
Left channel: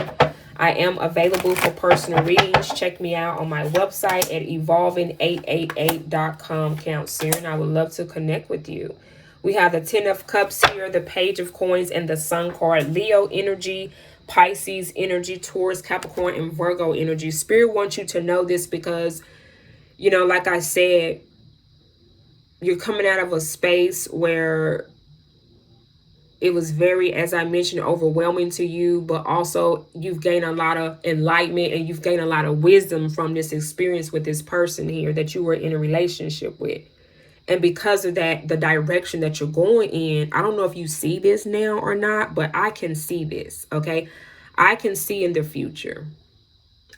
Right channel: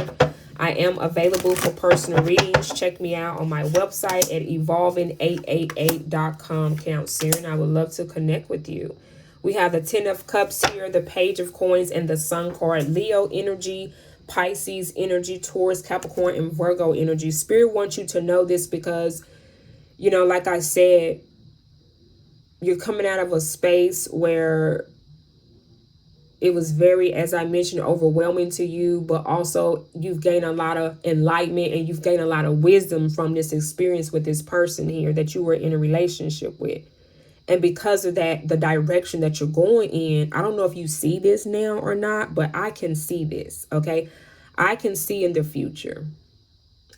I am available for personal readings. Check me out on my website at evolving888.com, Cancerian. I would love to connect with you. We have the 10 of Cups here, the Page of Coins, and the Sun card. Leo energy, Pisces energy, Taurus, Capricorn, and Virgo energy. Spirit wants you to know this because, you know, like I said, you're coming out of a space where it was very, as I mentioned, overwhelming to you, but also you've gained a lot of enlightenment and you've gained a lot of wisdom from this experience with this person here that you were in a relationship with. And because of that, the direction that you're going in, I don't know if you see this now or not, but I can see this, okay? I can see in the future.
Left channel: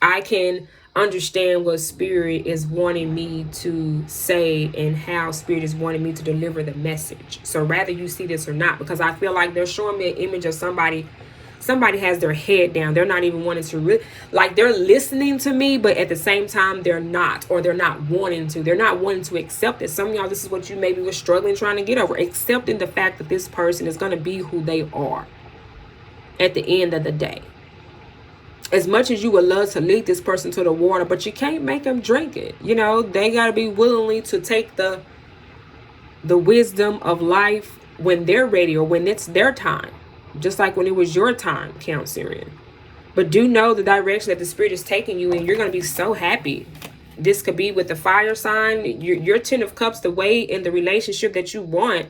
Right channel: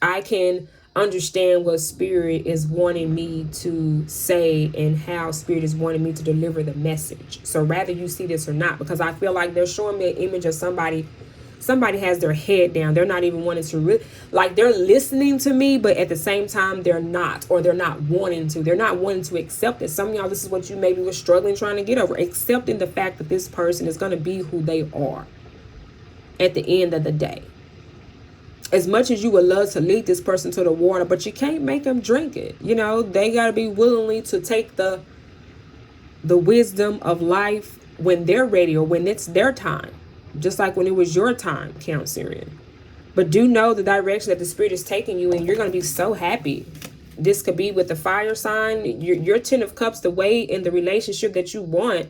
I can understand what Spirit is wanting me to say and how Spirit is wanting me to deliver the message. So rather you see this or not, because I feel like they're showing me an image of somebody has their head down. They're not even wanting to like they're listening to me, but at the same time they're not, or they're not wanting to. They're not wanting to accept it. Some of y'all, this is what you maybe was struggling trying to get over, accepting the fact that this person is going to be who they are at the end of the day. As much as you would love to lead this person to the water, but you can't make them drink it. You know, they got to be willingly to take the wisdom of life when they're ready or when it's their time. Just like when it was your time, Cancerian. But do know the direction that the Spirit is taking you, and you're going to be so happy. This could be with the fire sign. Your 10 of Cups, the way in the relationship that you want.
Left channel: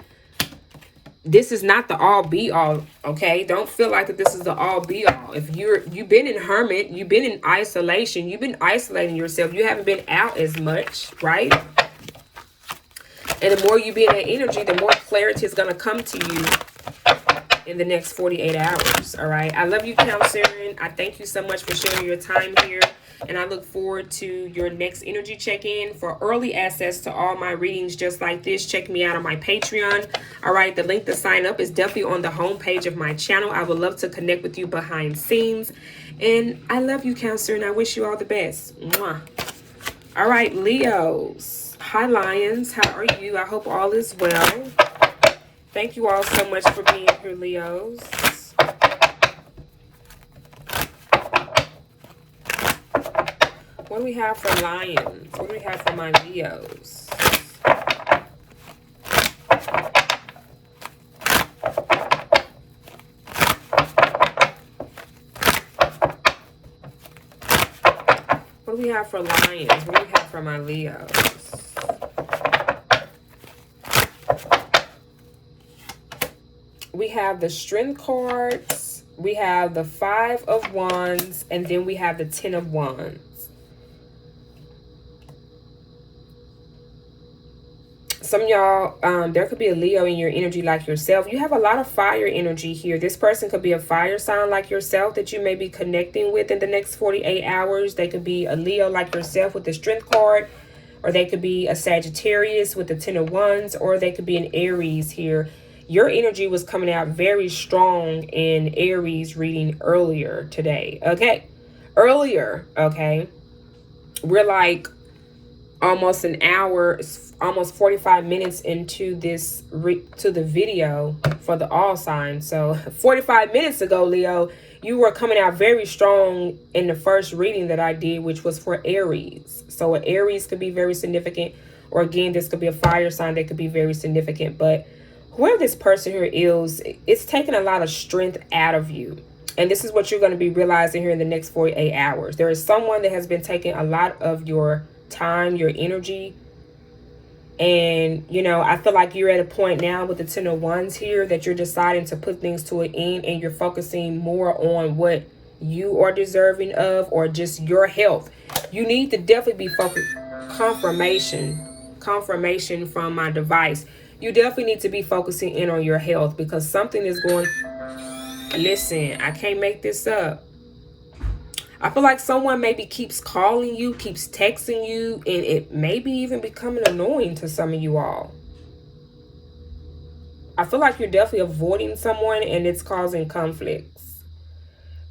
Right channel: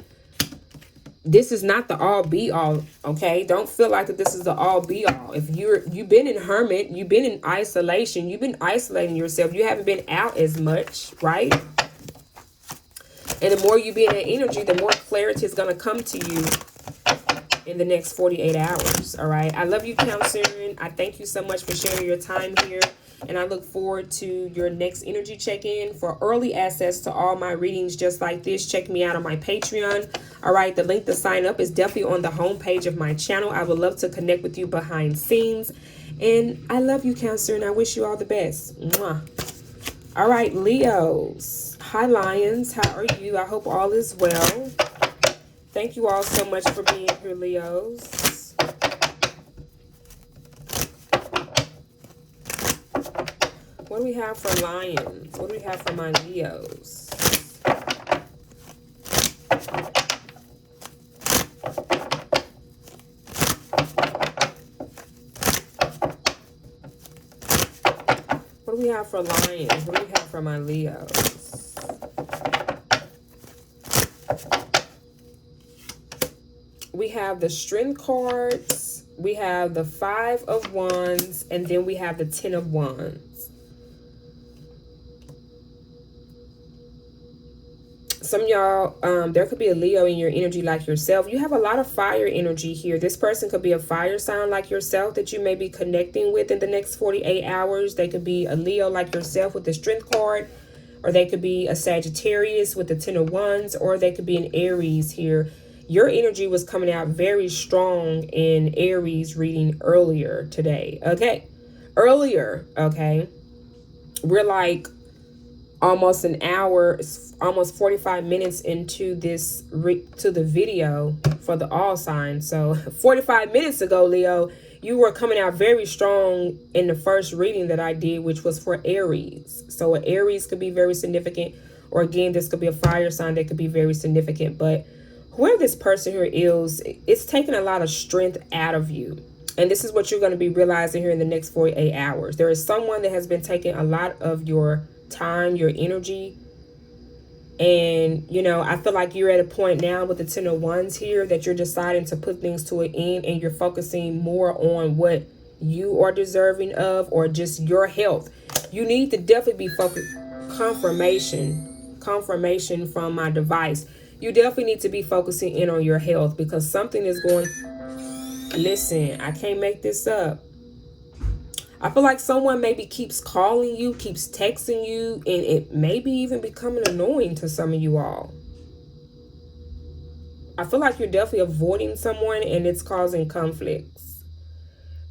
This is not the all be all, okay? Don't feel like that this is the all be all. If you've been in hermit, you've been in isolation, you've been isolating yourself, you haven't been out as much, right? And the more you be in that energy, the more clarity is going to come to you in the next 48 hours, all right? I love you, Cancerian. I thank you so much for sharing your time here. And I look forward to your next energy check-in. For early access to all my readings just like this, check me out on my Patreon. All right, the link to sign up is definitely on the homepage of my channel. I would love to connect with you behind scenes. And I love you, Cancer, and I wish you all the best. Mwah. All right, Leos. Hi, Lions. How are you? I hope all is well. Thank you all so much for being here, Leos. What do we have for Lions? What do we have for my Leos? What do we have for Lions? What do we have for my Leos? We have the Strength cards. We have the 5 of Wands. And then we have the 10 of Wands. Some of y'all, there could be a Leo in your energy like yourself. You have a lot of fire energy here. This person could be a fire sign like yourself that you may be connecting with in the next 48 hours. They could be a Leo like yourself with the Strength card. Or they could be a Sagittarius with the 10 of Wands. Or they could be an Aries here. Your energy was coming out very strong in Aries reading earlier today. Okay. Earlier, okay. We're like almost an hour, almost 45 minutes into this to the video for the all signs. So 45 minutes ago, Leo, you were coming out very strong in the first reading that I did, which was for Aries. So an Aries could be very significant, or again, this could be a fire sign that could be very significant. But whoever this person here is, it's taking a lot of strength out of you. And this is what you're going to be realizing here in the next 48 hours. There is someone that has been taking a lot of your time, your energy. And, you know, I feel like you're at a point now with the 10 of Wands here that you're deciding to put things to an end, and you're focusing more on what you are deserving of, or just your health. You need to definitely be focused. Confirmation from my device. You definitely need to be focusing in on your health, because something is going. Listen, I can't make this up. I feel like someone maybe keeps calling you, keeps texting you, and it may be even becoming annoying to some of you all. I feel like you're definitely avoiding someone, and it's causing conflicts.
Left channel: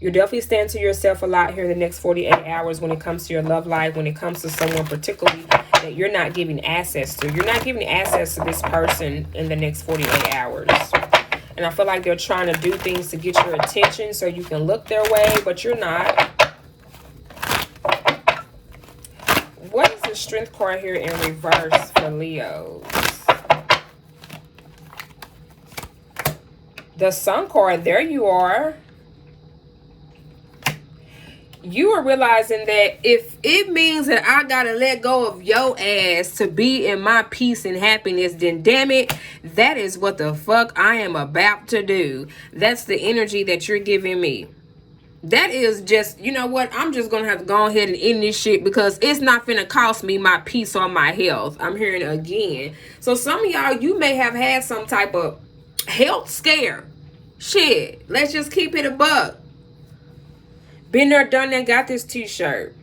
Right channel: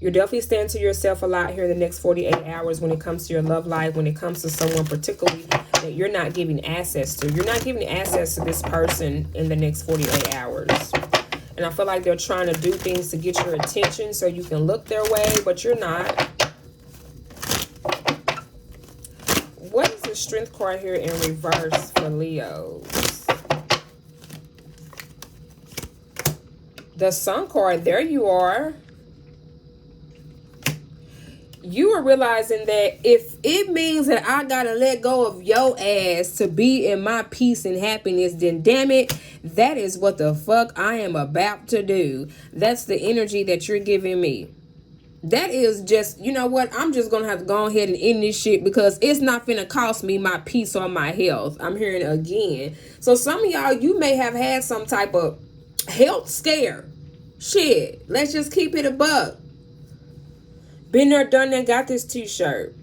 You're definitely staying to yourself a lot here in the next 48 hours when it comes to your love life, when it comes to someone particularly that you're not giving access to. You're not giving access to this person in the next 48 hours. And I feel like they're trying to do things to get your attention so you can look their way, but you're not. What is the Strength card here in reverse for Leos? The Sun card, there you are. You are realizing that if it means that I gotta let go of your ass to be in my peace and happiness, then damn it, that is what the fuck I am about to do. That's the energy that you're giving me. That is just, you know what, I'm just gonna have to go ahead and end this shit because it's not finna cost me my peace or my health. I'm hearing it again. So some of y'all, you may have had some type of health scare. Shit, let's just keep it a buck. Been there, done that, got this t-shirt.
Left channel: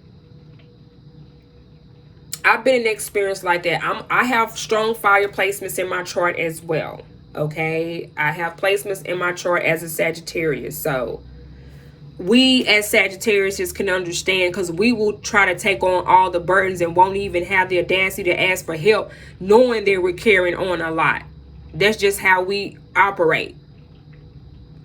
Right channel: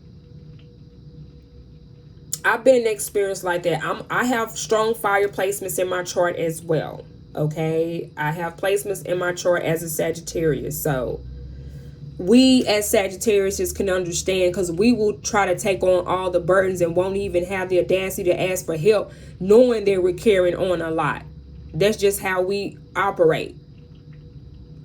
I've been in an experience like that. I have strong fire placements in my chart as well. Okay? I have placements in my chart as a Sagittarius. So we as Sagittarius can understand because we will try to take on all the burdens and won't even have the audacity to ask for help knowing that we're carrying on a lot. That's just how we operate.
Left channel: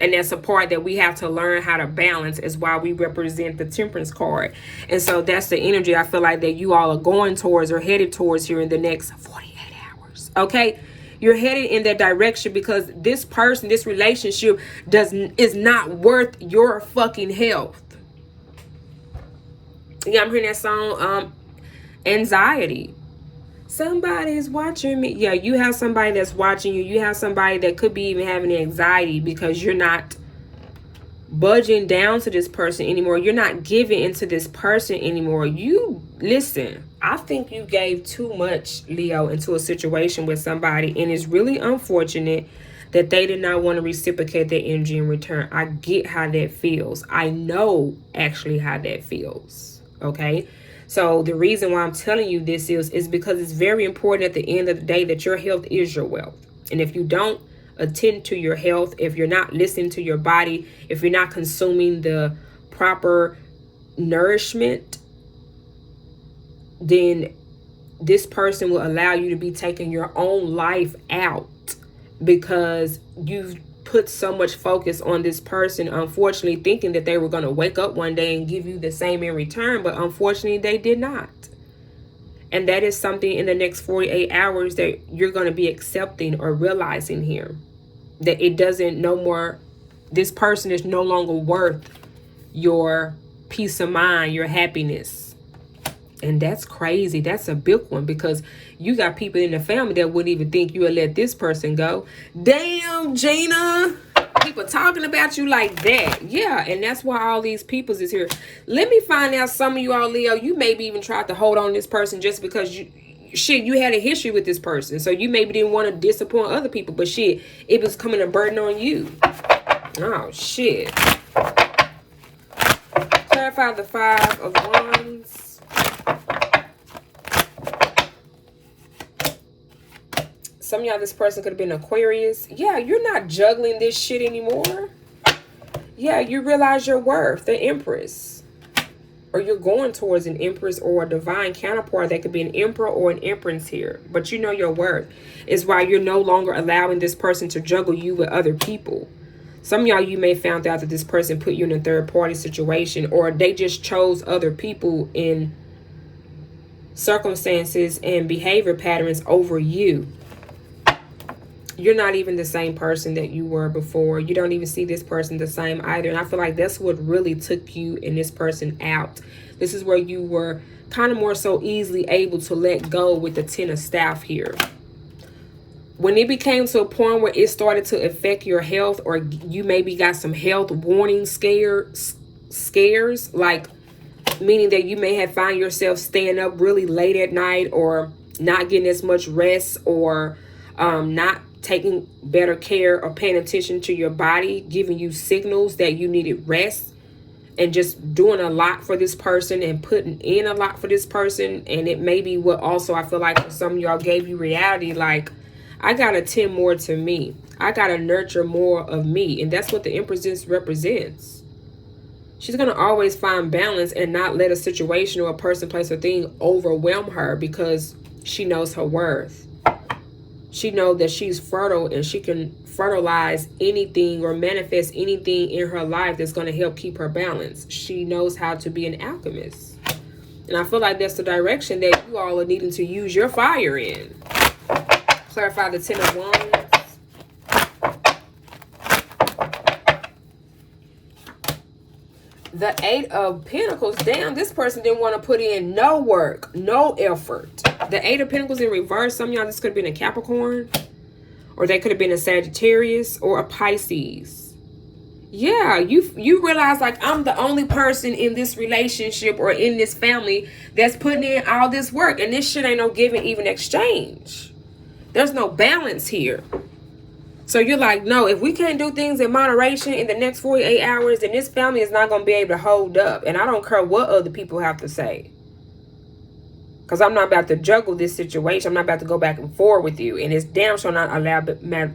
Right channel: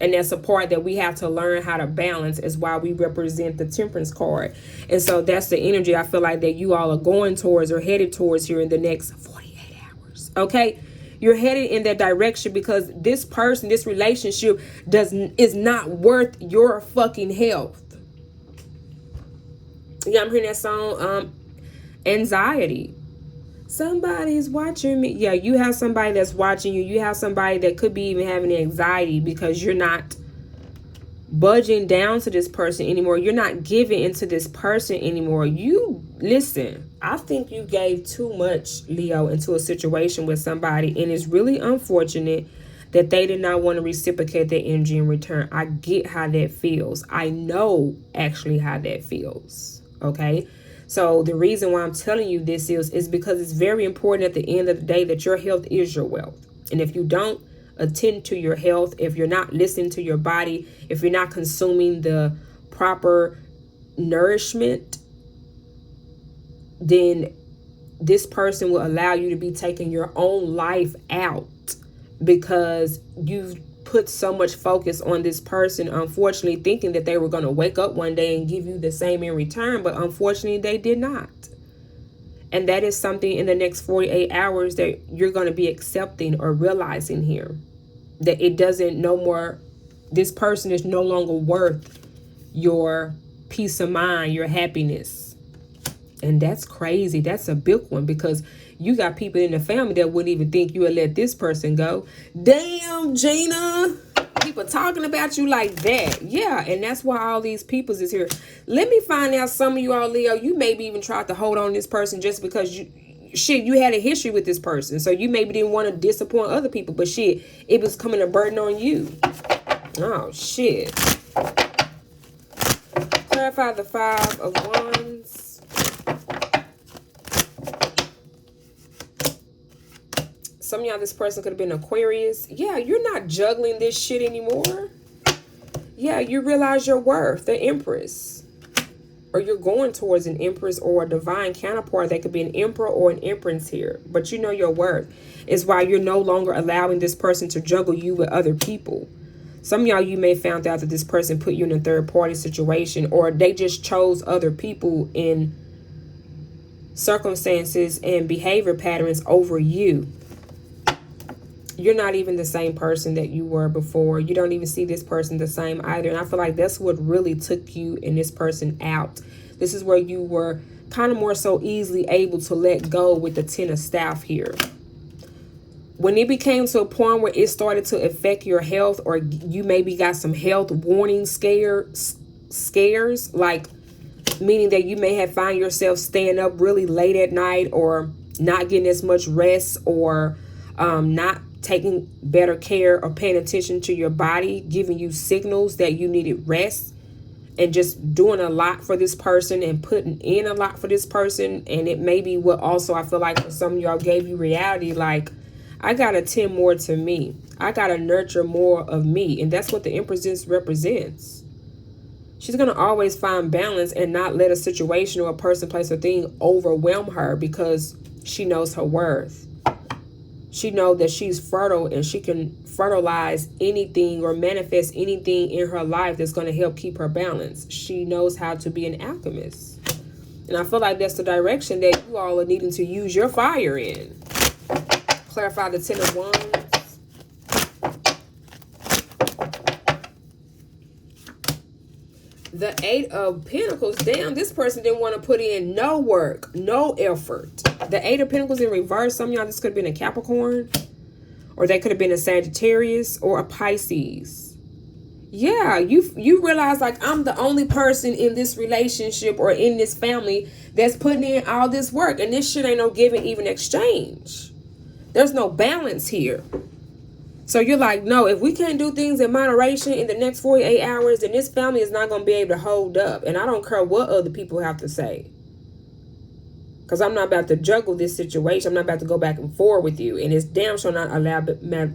And that's a part that we have to learn how to balance, is why we represent the Temperance card. And so that's the energy I feel like that you all are going towards or headed towards here in the next 48 hours. Okay? You're headed in that direction because this person, this relationship is not worth your fucking health. Yeah, I'm hearing that song, Anxiety. Somebody's watching me. Yeah, you have somebody that's watching you. You have somebody that could be even having anxiety because you're not budging down to this person anymore. You're not giving into this person anymore. You, listen, I think you gave too much, Leo, into a situation with somebody, and it's really unfortunate that they did not want to reciprocate their energy in return. I get how that feels. I know actually how that feels. Okay? So the reason why I'm telling you this is because it's very important at the end of the day that your health is your wealth. And if you don't attend to your health, if you're not listening to your body, if you're not consuming the proper nourishment, then this person will allow you to be taking your own life out because you've put so much focus on this person, unfortunately thinking that they were going to wake up one day and give you the same in return, but unfortunately they did not. And that is something in the next 48 hours that you're going to be accepting or realizing here, that it doesn't no more, this person is no longer worth your peace of mind, your happiness. And that's crazy. That's a big one because you got people in the family that wouldn't even think you would let this person go. Damn, Gina. People talking about you like that. Yeah, and that's why all these peoples is here. Let me find out, some of you all, Leo, you maybe even tried to hold on to this person just because you had a history with this person. So you maybe didn't want to disappoint other people, but shit, it was coming a burden on you. Oh, shit. Clarify the 5 of Wands. Some of y'all, this person could have been Aquarius. Yeah, you're not juggling this shit anymore. Yeah, you realize your worth, the Empress. Or you're going towards an Empress or a divine counterpart that could be an Emperor or an Empress here. But you know your worth. It's why you're no longer allowing this person to juggle you with other people. Some of y'all, you may have found out that this person put you in a third party situation, or they just chose other people in circumstances and behavior patterns over you. You're not even the same person that you were before. You don't even see this person the same either. And I feel like that's what really took you and this person out. This is where you were kind of more so easily able to let go with the 10 of Staff here. When it became to a point where it started to affect your health, or you maybe got some health warning scares, like meaning that you may have found yourself staying up really late at night, or not getting as much rest, or not taking better care or paying attention to your body, giving you signals that you needed rest, and just doing a lot for this person and putting in a lot for this person. And it may be what also I feel like for some of y'all gave you reality, like, I gotta tend more to me. I gotta nurture more of me. And that's what the Empress represents. She's going to always find balance and not let a situation or a person, place, or thing overwhelm her, because she knows her worth. She knows that she's fertile and she can fertilize anything or manifest anything in her life that's going to help keep her balance. She knows how to be an alchemist. And I feel like that's the direction that you all are needing to use your fire in. Clarify the 10 of Wands. The 8 of Pentacles. Damn, this person didn't want to put in no work, no effort. The 8 of Pentacles in reverse. Some of y'all, this could have been a Capricorn. Or they could have been a Sagittarius or a Pisces. Yeah, you realize, like, I'm the only person in this relationship or in this family that's putting in all this work. And this shit ain't no give and even exchange. There's no balance here. So you're like, no, if we can't do things in moderation in the next 48 hours, then this family is not going to be able to hold up. And I don't care what other people have to say. Because I'm not about to juggle this situation. I'm not about to go back and forth with you. And it's damn sure not allow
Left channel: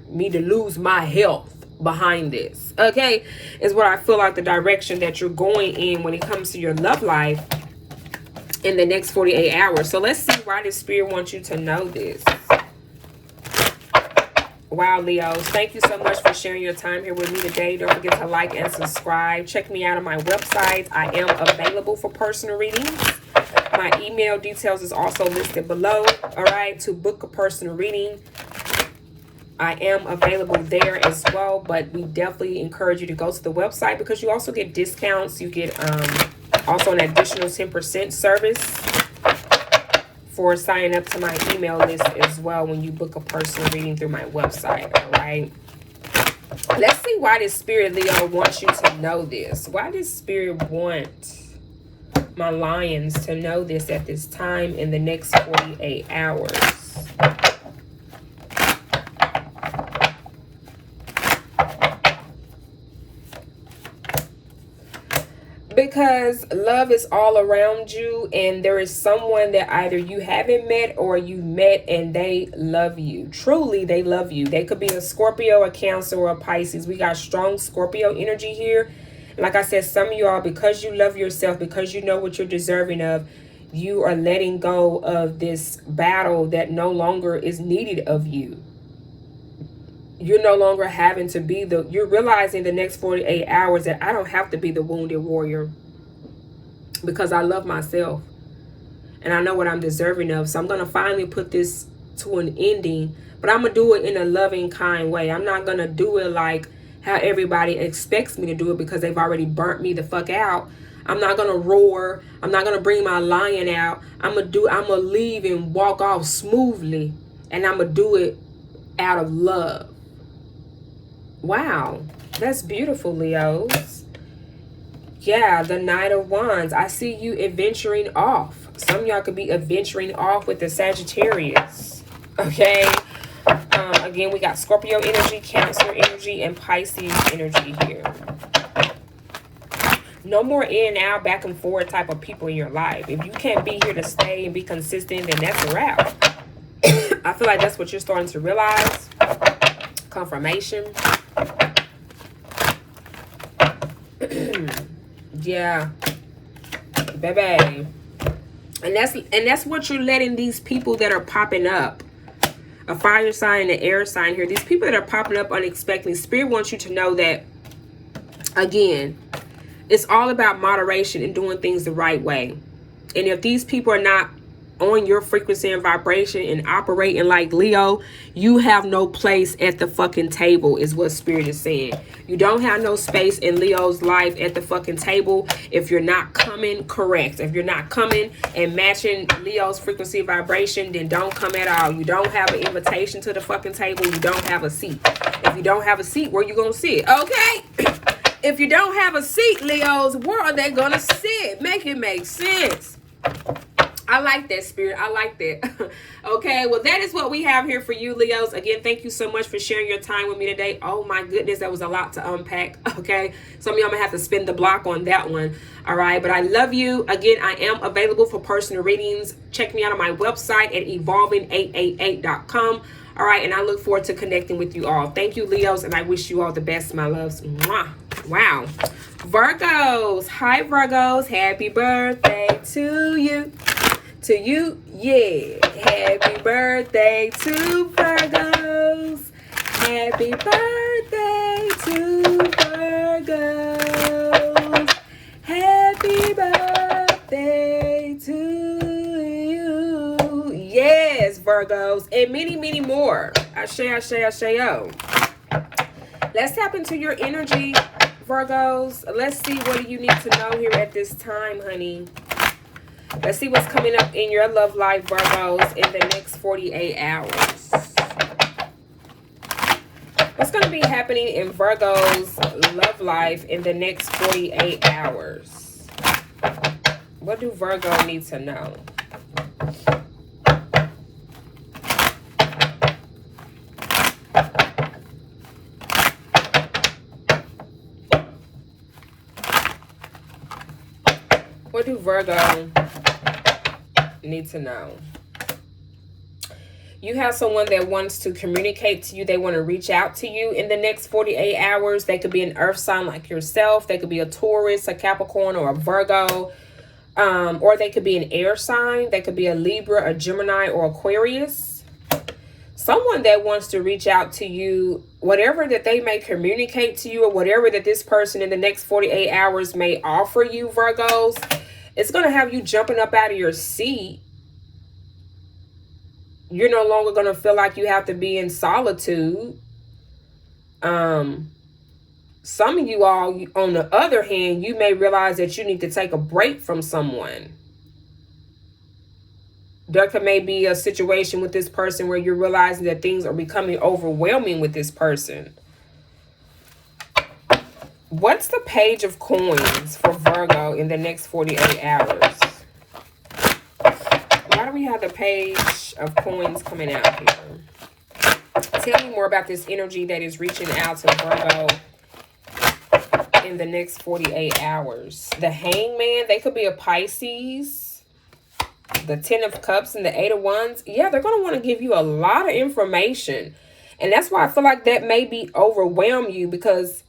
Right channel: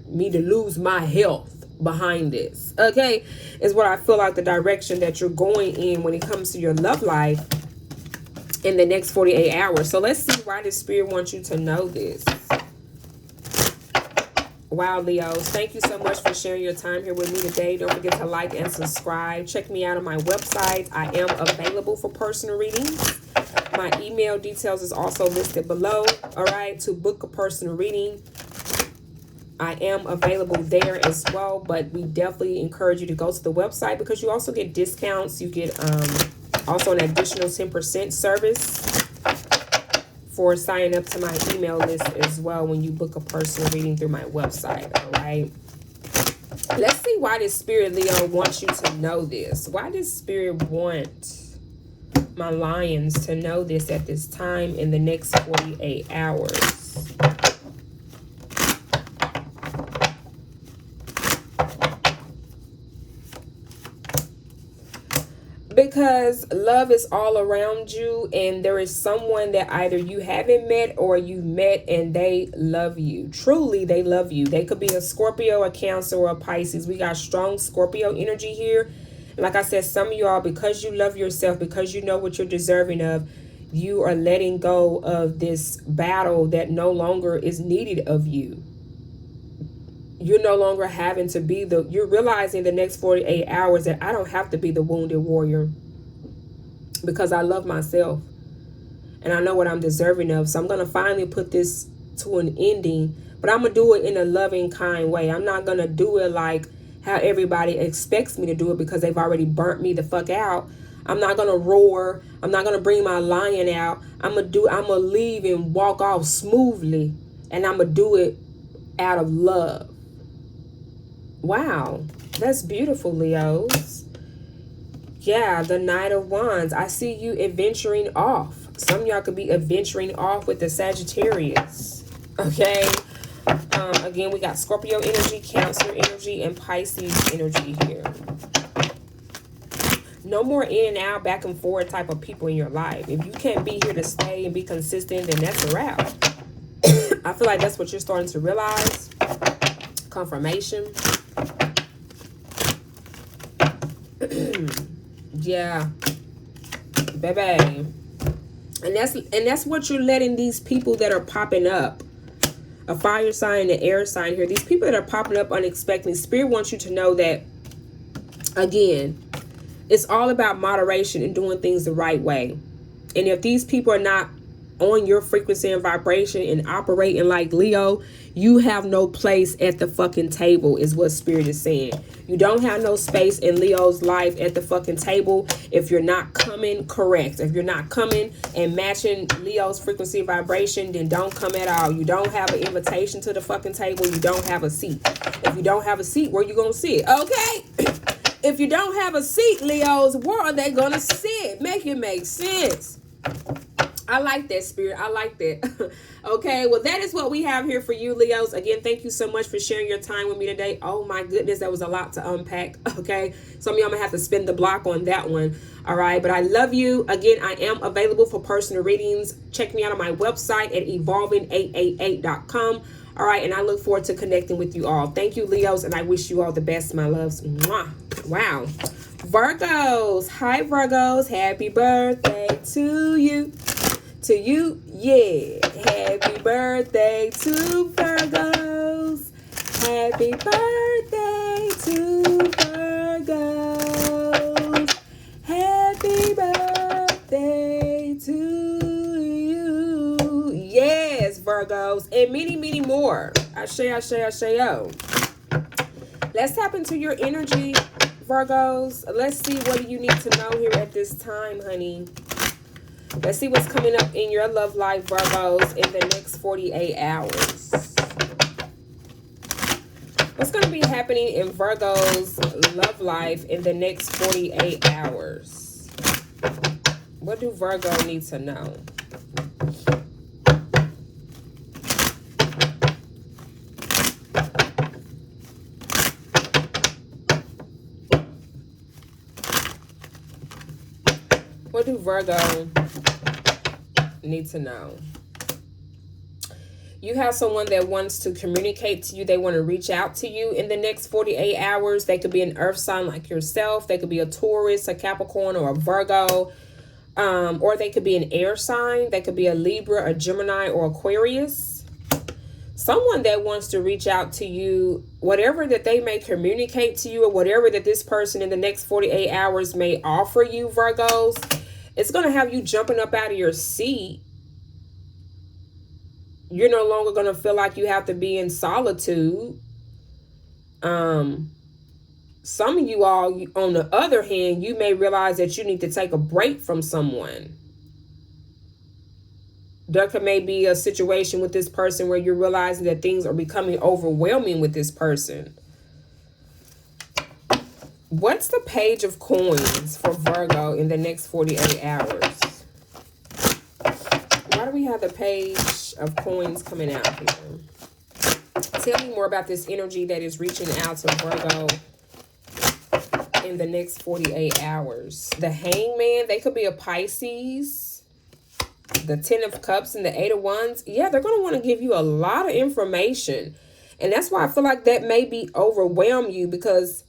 me to lose my health behind this. Okay? Is what I feel like the direction that you're going in when it comes to your love life in the next 48 hours. So let's see why this spirit wants you to know this. Wow, Leos, thank you so much for sharing your time here with me today. Don't forget to like and subscribe. Check me out on my website. I am available for personal readings. My email details is also listed below. All right, to book a personal reading, I am available there as well. But we definitely encourage you to go to the website, because you also get discounts. You get also an additional 10% service for signing up to my email list as well when you book a personal reading through my website. All right, let's see why this spirit, Leo, wants you to know this. Why does spirit want my lions to know this at this time in the next 48 hours? Because love is all around you, and there is someone that either you haven't met or you met and they love you. Truly, they love you. They could be a Scorpio, a Cancer, or a Pisces. We got strong Scorpio energy here. And like I said, some of you all, because you love yourself, because you know what you're deserving of, you are letting go of this battle that no longer is needed of you. You're no longer having to be you're realizing the next 48 hours that I don't have to be the wounded warrior, because I love myself and I know what I'm deserving of. So I'm going to finally put this to an ending, but I'm going to do it in a loving, kind way. I'm not going to do it like how everybody expects me to do it, because they've already burnt me the fuck out. I'm not going to roar. I'm not going to bring my lion out. I'm going to leave and walk off smoothly, and I'm going to do it out of love. Wow, that's beautiful, Leos. Yeah, the Knight of Wands. I see you adventuring off. Some of y'all could be adventuring off with the Sagittarius. Okay. Again, we got Scorpio energy, Cancer energy, and Pisces energy here. No more in and out, back and forth type of people in your life. If you can't be here to stay and be consistent, then that's a wrap. I feel like that's what you're starting to realize. Confirmation. Yeah, baby. And that's what you're letting these people that are popping up, a fire sign and an air sign here, these people that are popping up unexpectedly, spirit wants you to know that, again, it's all about moderation and doing things the right way. And if these people are not on your frequency and vibration and operating like Leo, you have no place at the fucking table, is what spirit is saying. You don't have no space in Leo's life at the fucking table if you're not coming correct. If you're not coming and matching Leo's frequency vibration, then don't come at all. You don't have an invitation to the fucking table. You don't have a seat. If you don't have a seat, where you gonna sit? Okay. If you don't have a seat, Leos, where are they gonna sit? Make it make sense. I like that, spirit. I like that. Okay, well, that is what we have here for you, Leos. Again, thank you so much for sharing your time with me today. Oh my goodness, that was a lot to unpack. Okay, some of y'all may have to spin the block on that one. All right, but I love you. Again, I am available for personal readings. Check me out on my website at evolving888.com. All right, and I look forward to connecting with you all. Thank you, Leos, and I wish you all the best, my loves. Mwah. Wow. Virgos. Hi, Virgos. Happy birthday to you. To you, yeah. Happy birthday to Virgos. Happy birthday to Virgos. Happy birthday to you. Yes, Virgos. And many, many more. Ashe, ashe, ashe-o. Let's tap into your energy, Virgos. Let's see what you need to know here at this time, honey. Let's see what's coming up in your love life, Virgos, in the next 48 hours. What's going to be happening in Virgo's love life in the next 48 hours? What do Virgo need to know? What do Virgo need to know? You have someone that wants to communicate to you. They want to reach out to you in the next 48 hours. They could be an earth sign like yourself. They could be a Taurus, a Capricorn, or a Virgo. Or they could be an air sign. They could be a Libra, a Gemini, or Aquarius. Someone that wants to reach out to you, whatever that they may communicate to you, or whatever that this person in the next 48 hours may offer you, Virgos, it's going to have you jumping up out of your seat. You're no longer going to feel like you have to be in solitude. Some of you all, on the other hand, you may realize that you need to take a break from someone. There could may be a situation with this person where you're realizing that things are becoming overwhelming with this person. What's the Page of Coins for Virgo in the next 48 hours? Why do we have the Page of Coins coming out here? Tell me more about this energy that is reaching out to Virgo in the next 48 hours. The Hangman, they could be a Pisces. The Ten of Cups and the Eight of Wands. Yeah, they're going to want to give you a lot of information. And that's why I feel like that may be overwhelm you, because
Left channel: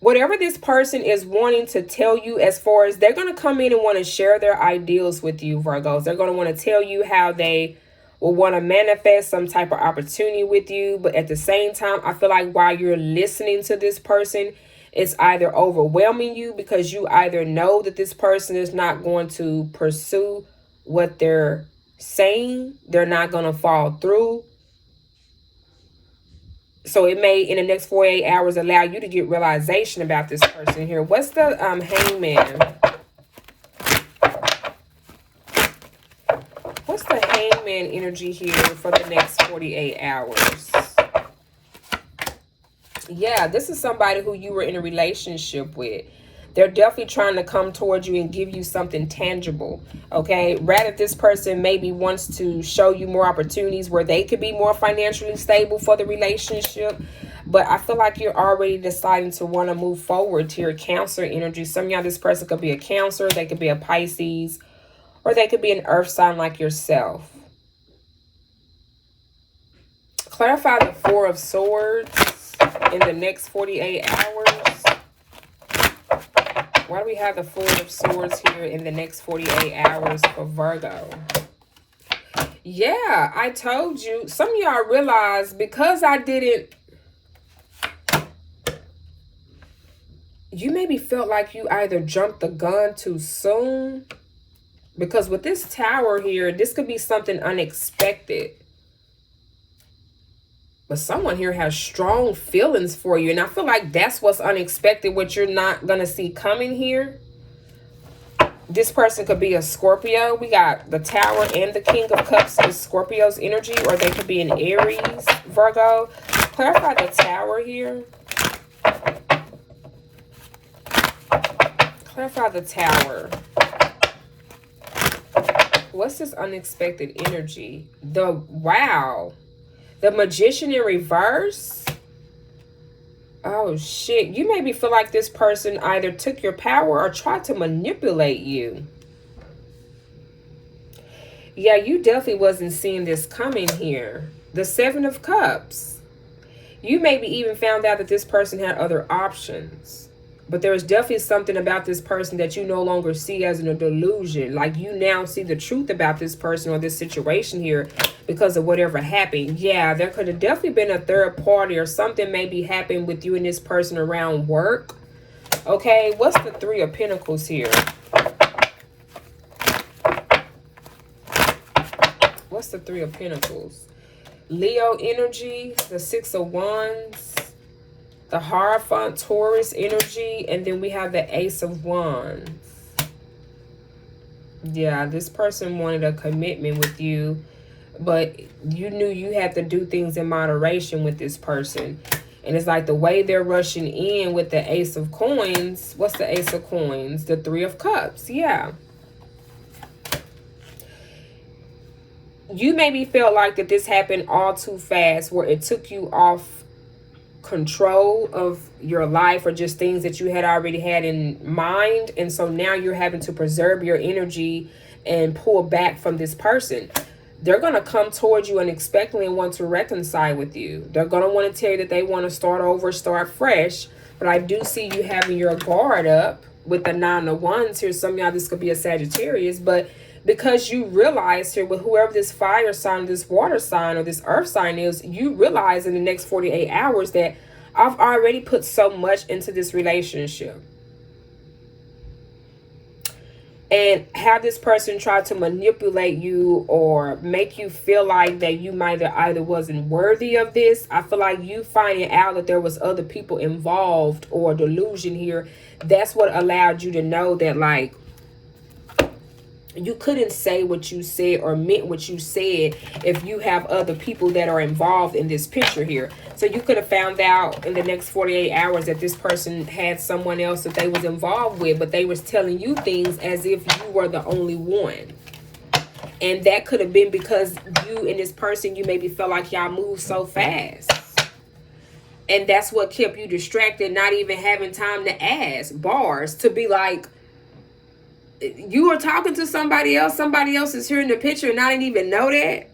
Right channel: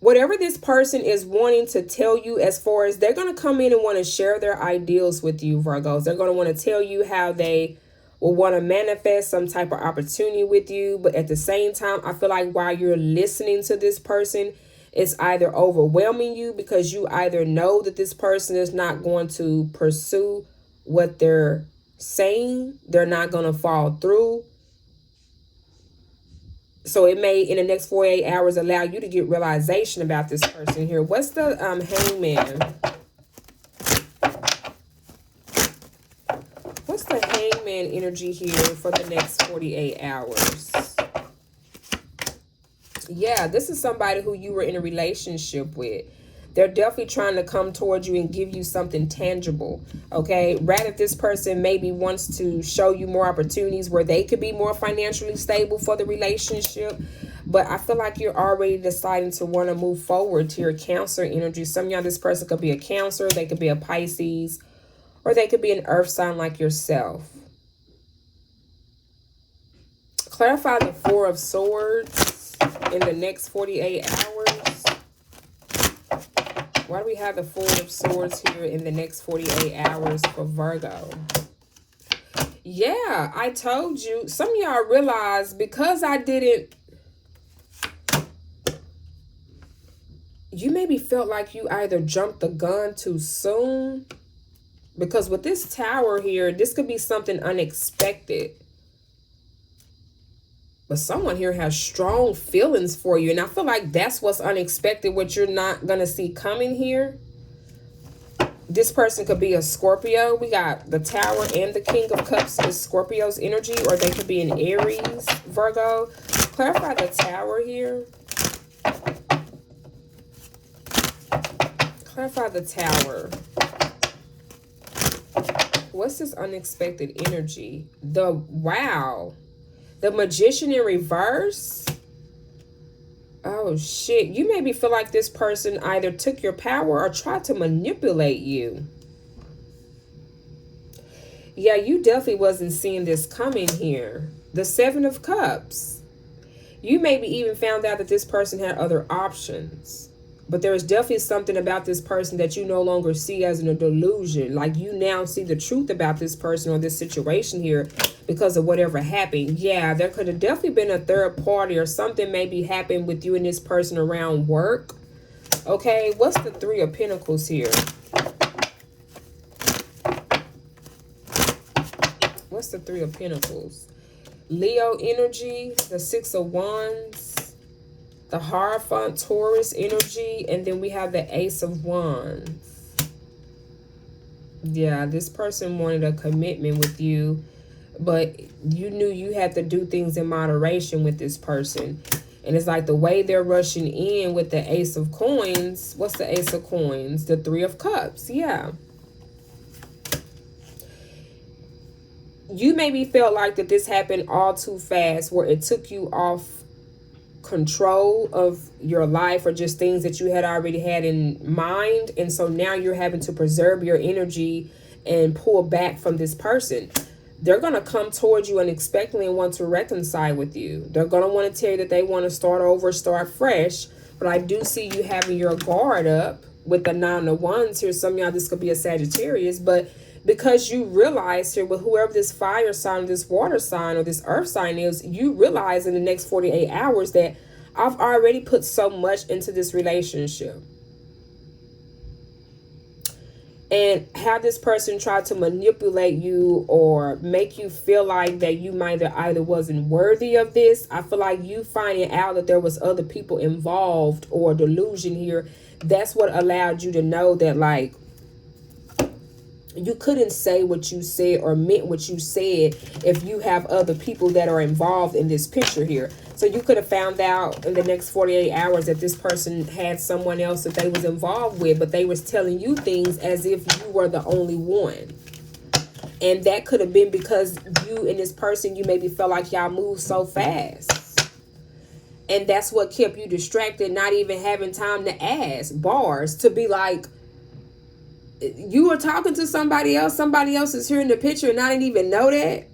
whatever this person is wanting to tell you, as far as they're going to come in and want to share their ideals with you, Virgos. They're going to want to tell you how they will want to manifest some type of opportunity with you. But at the same time, I feel like while you're listening to this person, it's either overwhelming you because you either know that this person is not going to pursue what they're saying. They're not going to fall through. So it may, in the next 48 hours, allow you to get realization about this person here. What's the Hangman? What's the Hangman energy here for the next 48 hours? Yeah, this is somebody who you were in a relationship with. They're definitely trying to come towards you and give you something tangible, okay? Rather, this person maybe wants to show you more opportunities where they could be more financially stable for the relationship. But I feel like you're already deciding to want to move forward to your Cancer energy. Some of y'all, this person could be a Cancer, they could be a Pisces, or they could be an earth sign like yourself. Clarify the Four of Swords in the next 48 hours. Why do we have the Four of Swords here in the next 48 hours for Virgo? Yeah, I told you. Some of y'all realize because I didn't... You maybe felt like you either jumped the gun too soon. Because with this Tower here, this could be something unexpected. But someone here has strong feelings for you. And I feel like that's what's unexpected, what you're not going to see coming here. This person could be a Scorpio. We got the Tower and the King of Cups is Scorpio's energy. Or they could be an Aries, Virgo. Clarify the Tower here. Clarify the Tower. What's this unexpected energy? Wow. The Magician in reverse. Oh, shit. You maybe feel like this person either took your power or tried to manipulate you. Yeah, you definitely wasn't seeing this coming here. The Seven of Cups. You maybe even found out that this person had other options. But there's definitely something about this person that you no longer see as a delusion. Like, you now see the truth about this person or this situation here because of whatever happened. Yeah, there could have definitely been a third party or something maybe happened with you and this person around work. Okay, what's the Three of Pentacles here? What's the Three of Pentacles? Leo energy, the Six of Wands, the Hierophant Taurus energy, and then we have the Ace of Wands. Yeah, this person wanted a commitment with you, but you knew you had to do things in moderation with this person. And it's like the way they're rushing in with the Ace of Coins. What's the Ace of Coins? The Three of Cups. Yeah. You maybe felt like that this happened all too fast, where it took you off control of your life or just things that you had already had in mind. And so now you're having to preserve your energy and pull back from this person. They're going to come towards you unexpectedly and want to reconcile with you. They're going to want to tell you that they want to start over, start fresh. But I do see you having your guard up with the Nine of Wands here. Some of y'all, this could be a Sagittarius, but because you realize here with whoever this fire sign, this water sign, or this earth sign is, you realize in the next 48 hours that I've already put so much into this relationship. And how this person tried to manipulate you or make you feel like that you might have either wasn't worthy of this. I feel like you finding out that there was other people involved or delusion here. That's what allowed you to know that, like, you couldn't say what you said or meant what you said if you have other people that are involved in this picture here. So you could have found out in the next 48 hours that this person had someone else that they was involved with, but they was telling you things as if you were the only one. And that could have been because you and this person, you maybe felt like y'all moved so fast. And that's what kept you distracted, not even having time to ask bars to be like, you were talking to somebody else is here in the picture and I didn't even know that.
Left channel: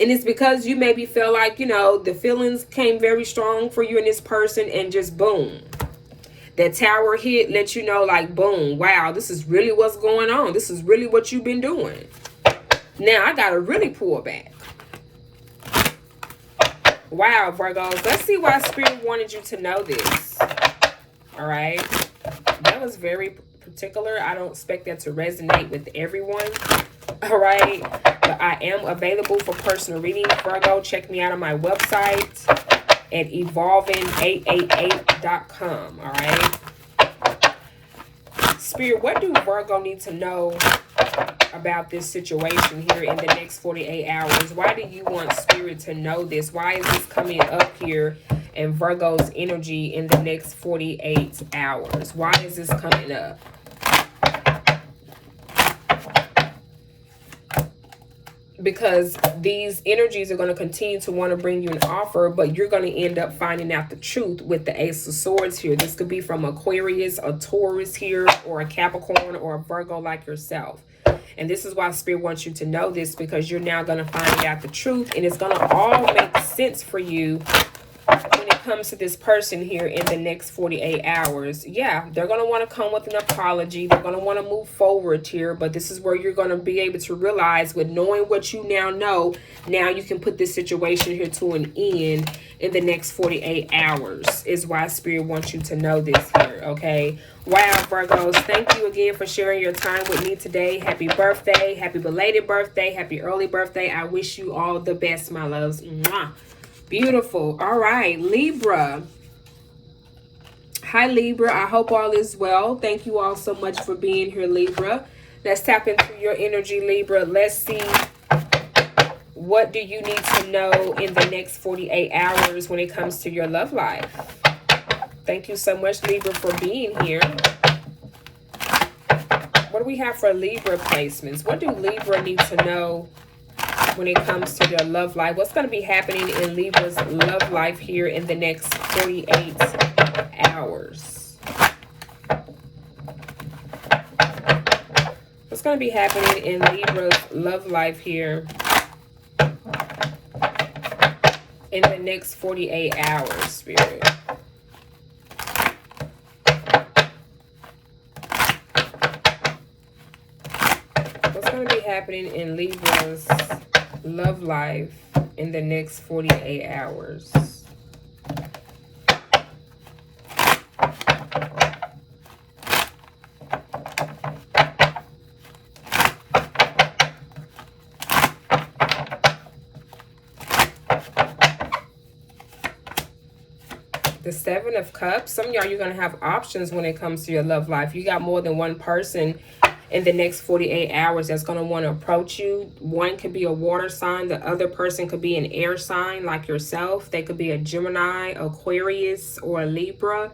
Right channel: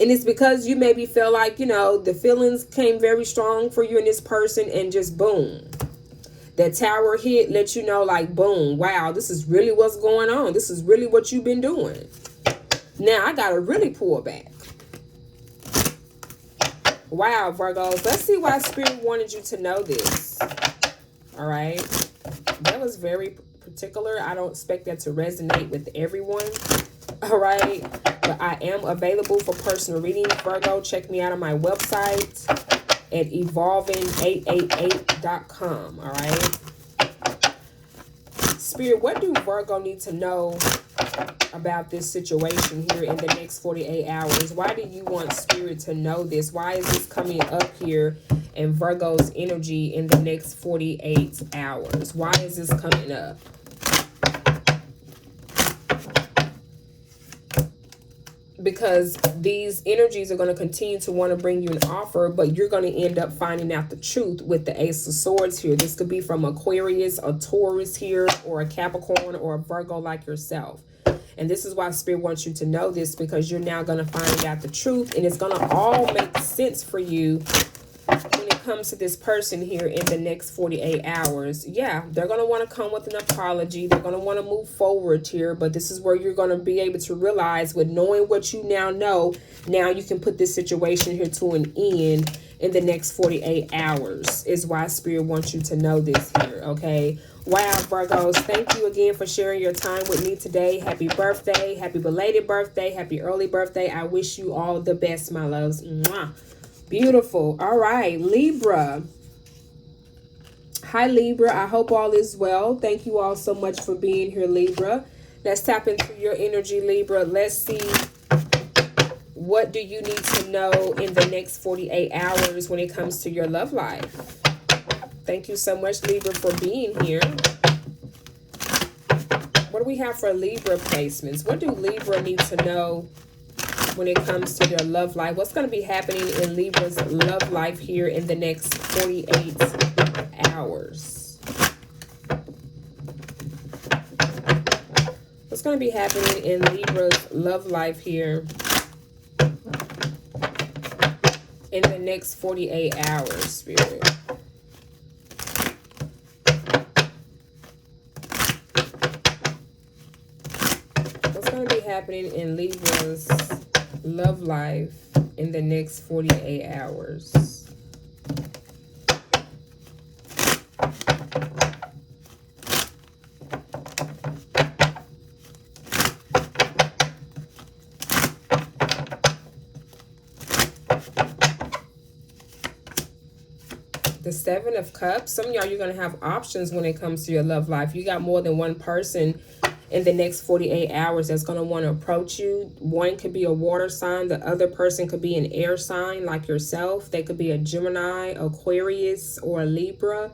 And it's because you maybe feel like, you know, the feelings came very strong for you and this person, and just boom. That tower hit let you know, like, boom, wow, this is really what's going on. This is really what you've been doing. Now I gotta really pull back. Wow, Virgos, let's see why Spirit wanted you to know this. All right. That was very particular. I don't expect that to resonate with everyone. All right. But I am available for personal reading. Virgo, check me out on my website at evolving888.com. All right. Spirit, what do Virgo need to know about this situation here in the next 48 hours? Why do you want Spirit to know this? Why is this coming up here in Virgo's energy in the next 48 hours? Why is this coming up? Because these energies are going to continue to want to bring you an offer, but you're going to end up finding out the truth with the Ace of Swords here. This could be from Aquarius, a Taurus here, or a Capricorn, or a Virgo like yourself. And this is why Spirit wants you to know this, because you're now going to find out the truth, and it's going to all make sense for you when it comes to this person here in the next 48 hours. Yeah, they're going to want to come with an apology. They're going to want to move forward here. But this is where you're going to be able to realize, with knowing what you now know, now you can put this situation here to an end in the next 48 hours, is why Spirit wants you to know this here, okay? Wow, Virgos, thank you again for sharing your time with me today. Happy birthday, happy belated birthday, happy early birthday. I wish you all the best, my loves. Mwah. Beautiful. All right, Libra. Hi, Libra. I hope all is well. Thank you all so much for being here, Libra. Let's tap into your energy, Libra. Let's see, what do you need to know in the next 48 hours when it comes to your love life? Thank you so much, Libra, for being here. What do we have for Libra placements? What do Libra need to know when it comes to their love life? What's going to be happening in Libra's love life here in the next 48 hours? What's What's going to be happening in Libra's love life here in the next 48 hours, Spirit? What's going to be happening in Libra's love life in the next 48 hours? The Seven of Cups. Some of y'all, you're going to have options when it comes to your love life. You got more than one person in the next 48 hours that's going to want to approach you. One could be a water sign. The other person could be an air sign like yourself. They could be a Gemini, Aquarius, or a Libra.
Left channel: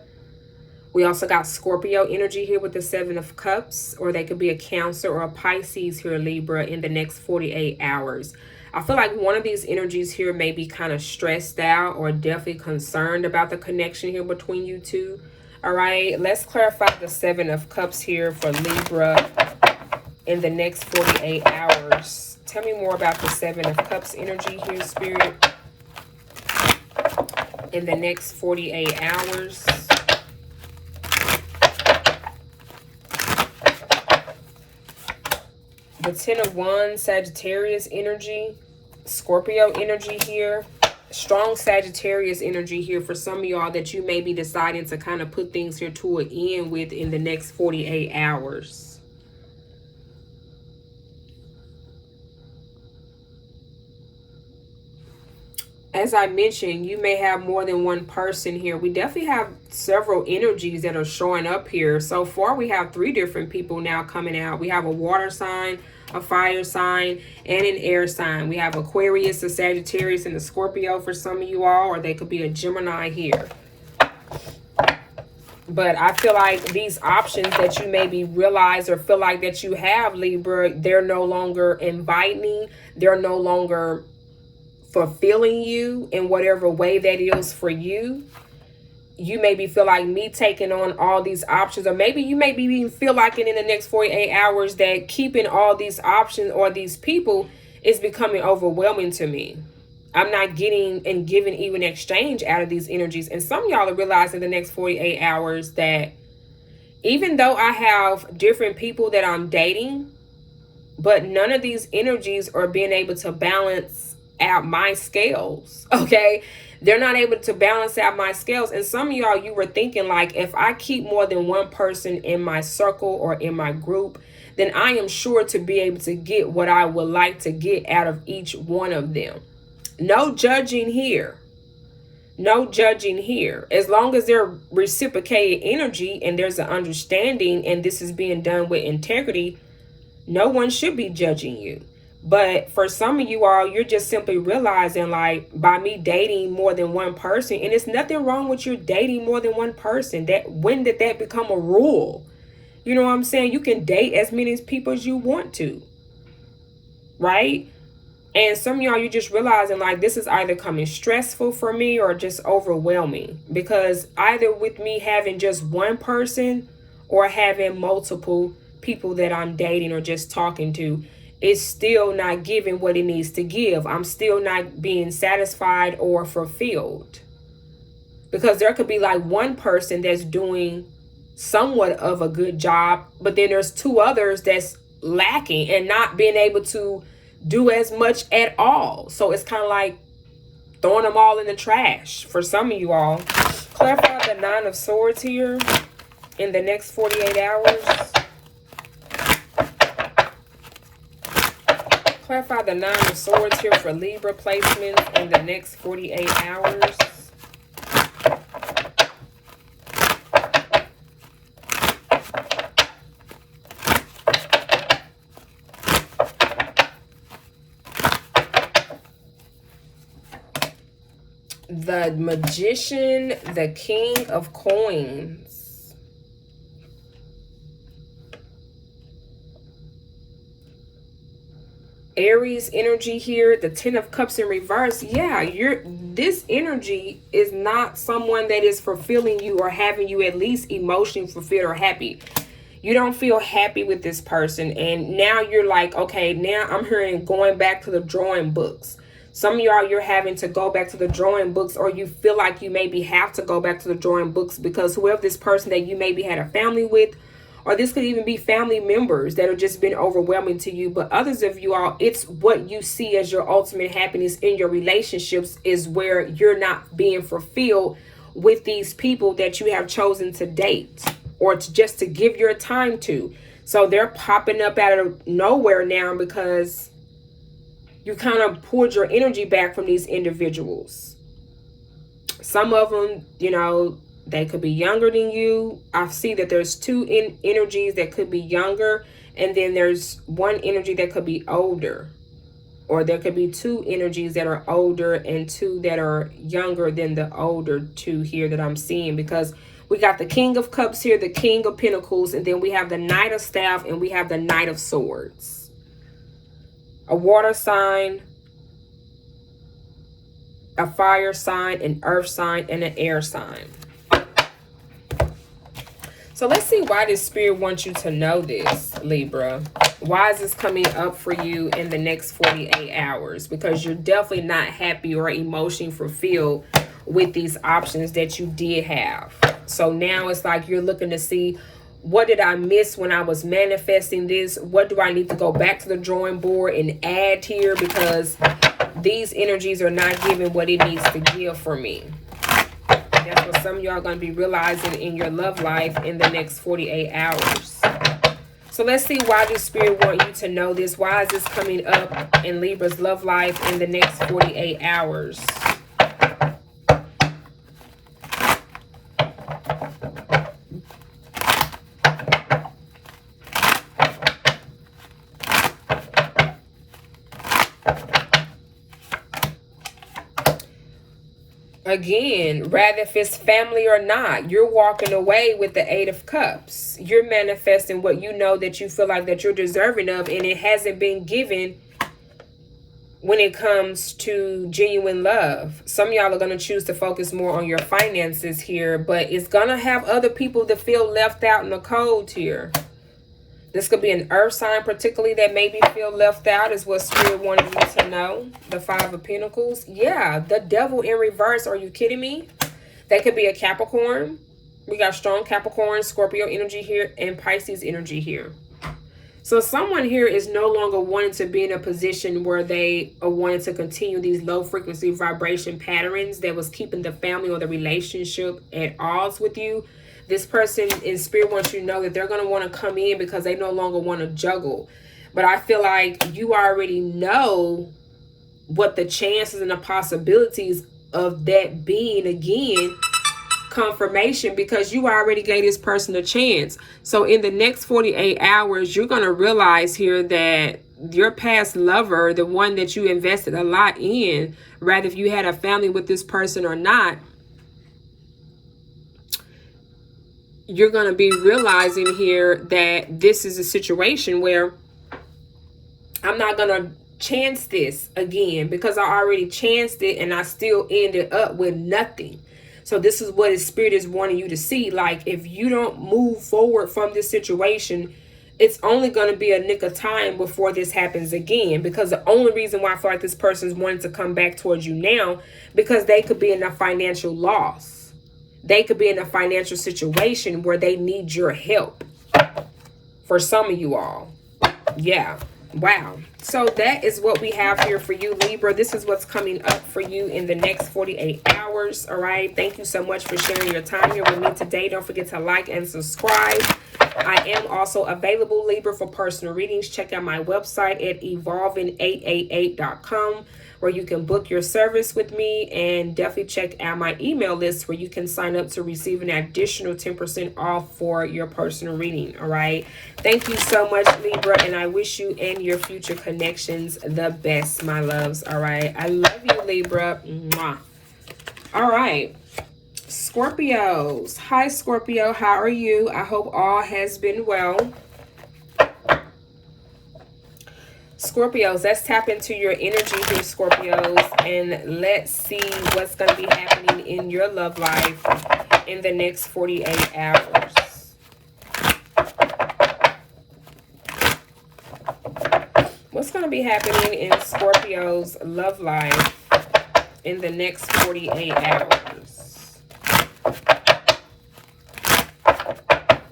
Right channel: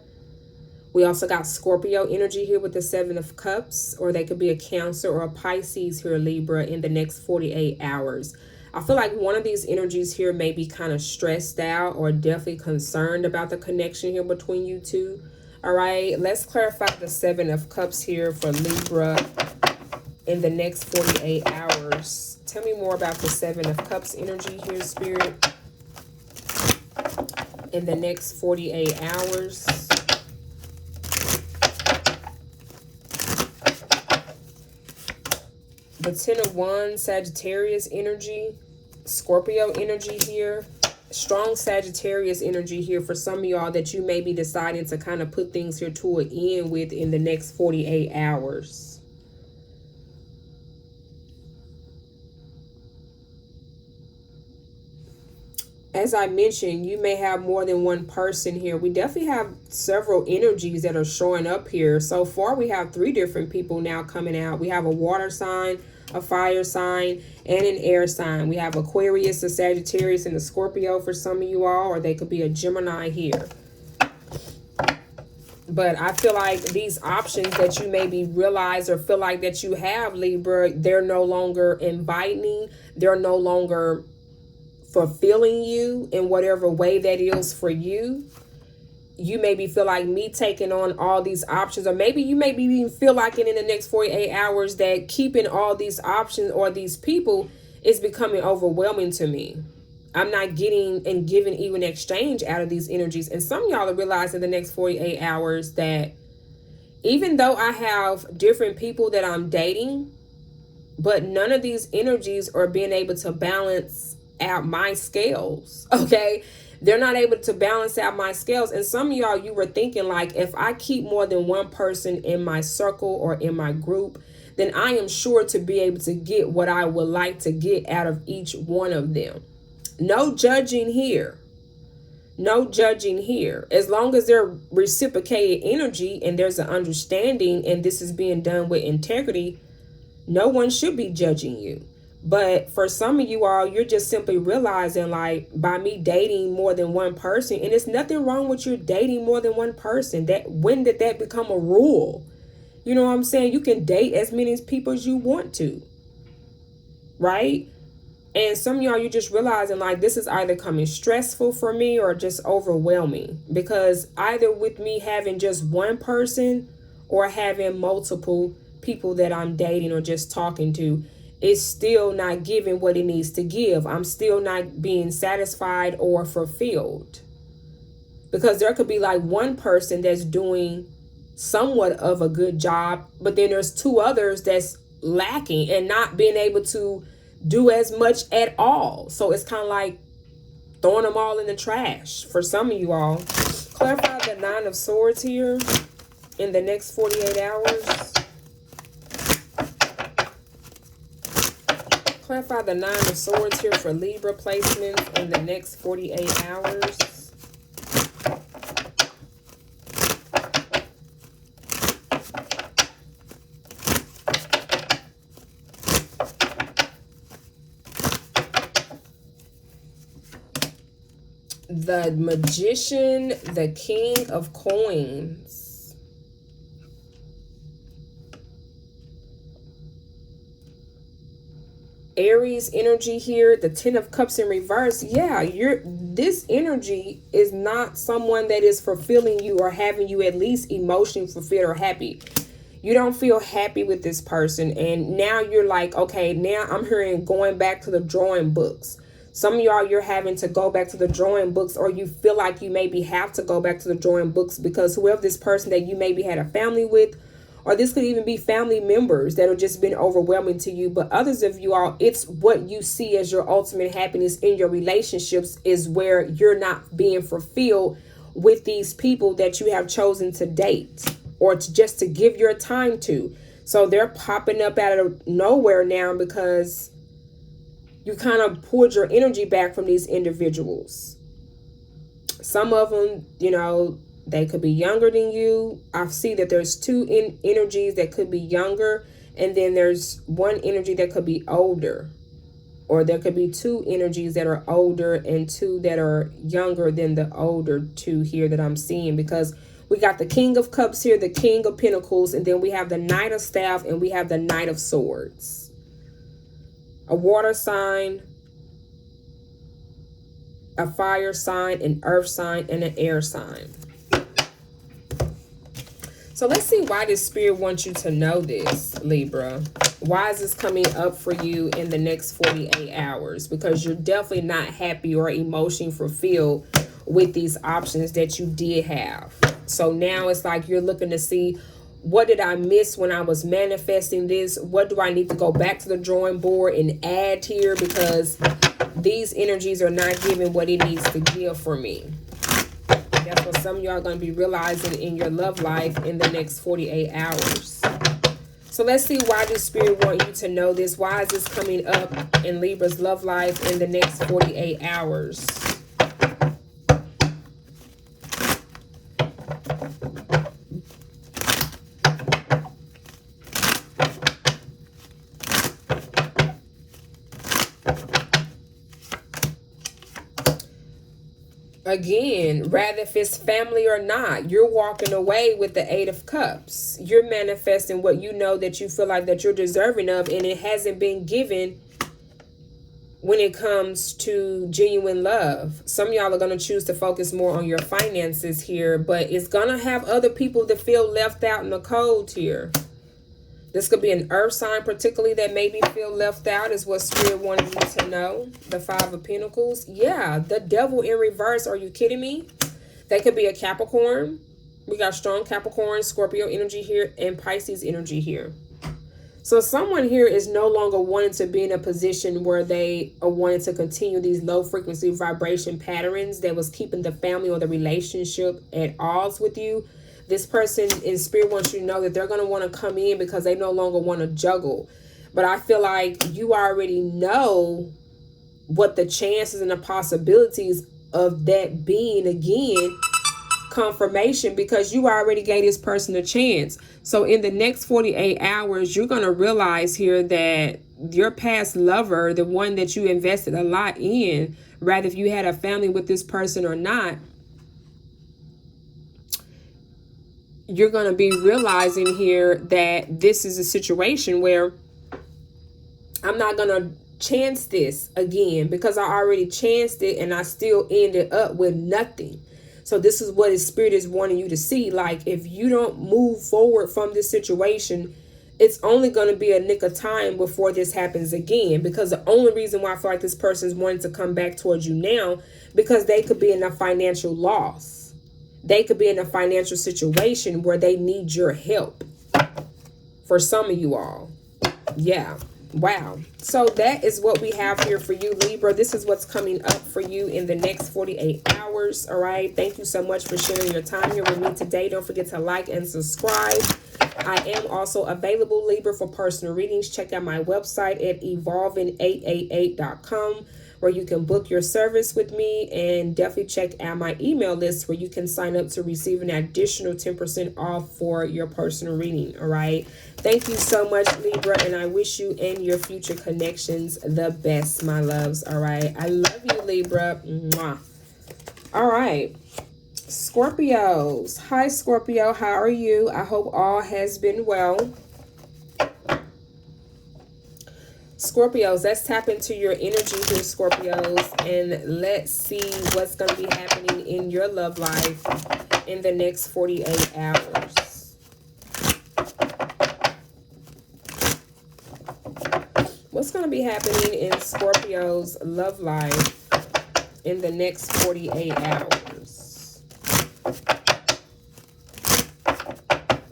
We also got Scorpio energy here with the Seven of Cups. Or they could be a Cancer or a Pisces here, Libra, in the next 48 hours. I feel like one of these energies here may be kind of stressed out or definitely concerned about the connection here between you two. All right, let's clarify the Seven of Cups here for Libra in the next 48 hours. Tell me more about the Seven of Cups energy here, Spirit, in the next 48 hours. The Ten of Wands, Sagittarius energy, Scorpio energy here. Strong Sagittarius energy here for some of y'all that you may be deciding to kind of put things here to an end with in the next 48 hours. As I mentioned, you may have more than one person here. We definitely have several energies that are showing up here. So far, we have 3 different people now coming out. We have a water sign, a fire sign, and an air sign. We have Aquarius, a Sagittarius, and a Scorpio for some of you all, or they could be a Gemini here. But I feel like these options that you maybe realize or feel like that you have, Libra, they're no longer inviting. They're no longer fulfilling you in whatever way that is for you. You maybe feel like me taking on all these options, or maybe you maybe even feel like in the next 48 hours that keeping all these options or these people is becoming overwhelming to me. I'm not getting and giving even exchange out of these energies. And some of y'all are realizing the next 48 hours that even though I have different people that I'm dating, but none of these energies are being able to balance out my scales, okay? They're not able to balance out my scales. And some of y'all, you were thinking like, if I keep more than one person in my circle or in my group, then I am sure to be able to get what I would like to get out of each one of them. No judging here. No judging here. As long as they're reciprocated energy and there's an understanding and this is being done with integrity, no one should be judging you. But for some of you all, you're just simply realizing like by me dating more than one person, and it's nothing wrong with you dating more than one person. That when did that become a rule? You know what I'm saying? You can date as many people as you want to, right? And some of y'all, you're just realizing like this is either coming stressful for me or just overwhelming, because either with me having just one person or having multiple people that I'm dating or just talking to, it's still not giving what it needs to give. I'm still not being satisfied or fulfilled, because there could be like one person that's doing somewhat of a good job, but then there's 2 others that's lacking and not being able to do as much at all. So it's kind of like throwing them all in the trash for some of you all. Clarify the Nine of Swords here in the next 48 hours. Clarify the Nine of Swords here for Libra placements in the next 48 hours. The Magician, the King of Coins. Aries energy here, the Ten of Cups in reverse. Yeah, this energy is not someone that is fulfilling you or having you at least emotionally fulfilled or happy. You don't feel happy with this person. And now you're like, okay, now I'm hearing going back to the drawing books. Some of y'all, you're having to go back to the drawing books, or you feel like you maybe have to go back to the drawing books because whoever this person that you maybe had a family with, or this could even be family members that have just been overwhelming to you. But others of you all, it's what you see as your ultimate happiness in your relationships is where you're not being fulfilled with these people that you have chosen to date or to just to give your time to. So they're popping up out of nowhere now because you kind of pulled your energy back from these individuals. Some of them, you know, they could be younger than you. I see that there's two energies that could be younger, and then there's one energy that could be older. Or there could be two energies that are older and two that are younger than the older two here that I'm seeing. Because we got the King of Cups here, the King of Pentacles, and then we have the Knight of Staff, and we have the Knight of Swords. A water sign, a fire sign, an earth sign, and an air sign. So let's see why this spirit wants you to know this, Libra. Why is this coming up for you in the next 48 hours? Because you're definitely not happy or emotionally fulfilled with these options that you did have. So now it's like you're looking to see, what did I miss when I was manifesting this? What do I need to go back to the drawing board and add here? Because these energies are not giving what it needs to give for me. That's what some of y'all are going to be realizing in your love life in the next 48 hours. So let's see why this spirit wants you to know this. Why is this coming up in Libra's love life in the next 48 hours? Again, rather if it's family or not, you're walking away with the Eight of Cups. You're manifesting what you know that you feel like that you're deserving of, and it hasn't been given when it comes to genuine love. Some of y'all are going to choose to focus more on your finances here, but it's going to have other people that feel left out in the cold here. This could be an earth sign particularly that maybe feel left out, is what spirit wanted you to know. The Five of Pentacles. Yeah, the Devil in reverse. Are you kidding me? That could be a Capricorn. We got strong Capricorn, Scorpio energy here, and Pisces energy here. So someone here is no longer wanting to be in a position where they are wanting to continue these low frequency vibration patterns that was keeping the family or the relationship at odds with you. This person in spirit wants you to know that they're going to want to come in because they no longer want to juggle. But I feel like you already know what the chances and the possibilities of that being, again, confirmation, because you already gave this person a chance. So in the next 48 hours, you're going to realize here that your past lover, the one that you invested a lot in, rather if you had a family with this person or not, you're going to be realizing here that this is a situation where I'm not going to chance this again because I already chanced it and I still ended up with nothing. So this is what his spirit is wanting you to see. Like, if you don't move forward from this situation, it's only going to be a nick of time before this happens again. Because the only reason why I feel like this person is wanting to come back towards you now, because they could be in a financial loss. They could be in a financial situation where they need your help. For some of you all. Yeah. Wow. So that is what we have here for you, Libra. This is what's coming up for you in the next 48 hours. All right. Thank you so much for sharing your time here with me today. Don't forget to like and subscribe. I am also available, Libra, for personal readings. Check out my website at evolving888.com, where you can book your service with me, and definitely check out my email list where you can sign up to receive an additional 10% off for your personal reading. All right. Thank you so much, Libra, and I wish you and your future connections the best, my loves. All right. I love you, Libra. Mwah. All right. Scorpios. Hi, Scorpio. How are you? I hope all has been well. Scorpios, let's tap into your energy here, Scorpios, and let's see what's going to be happening in your love life in the next 48 hours. What's going to be happening in Scorpio's love life in the next 48 hours?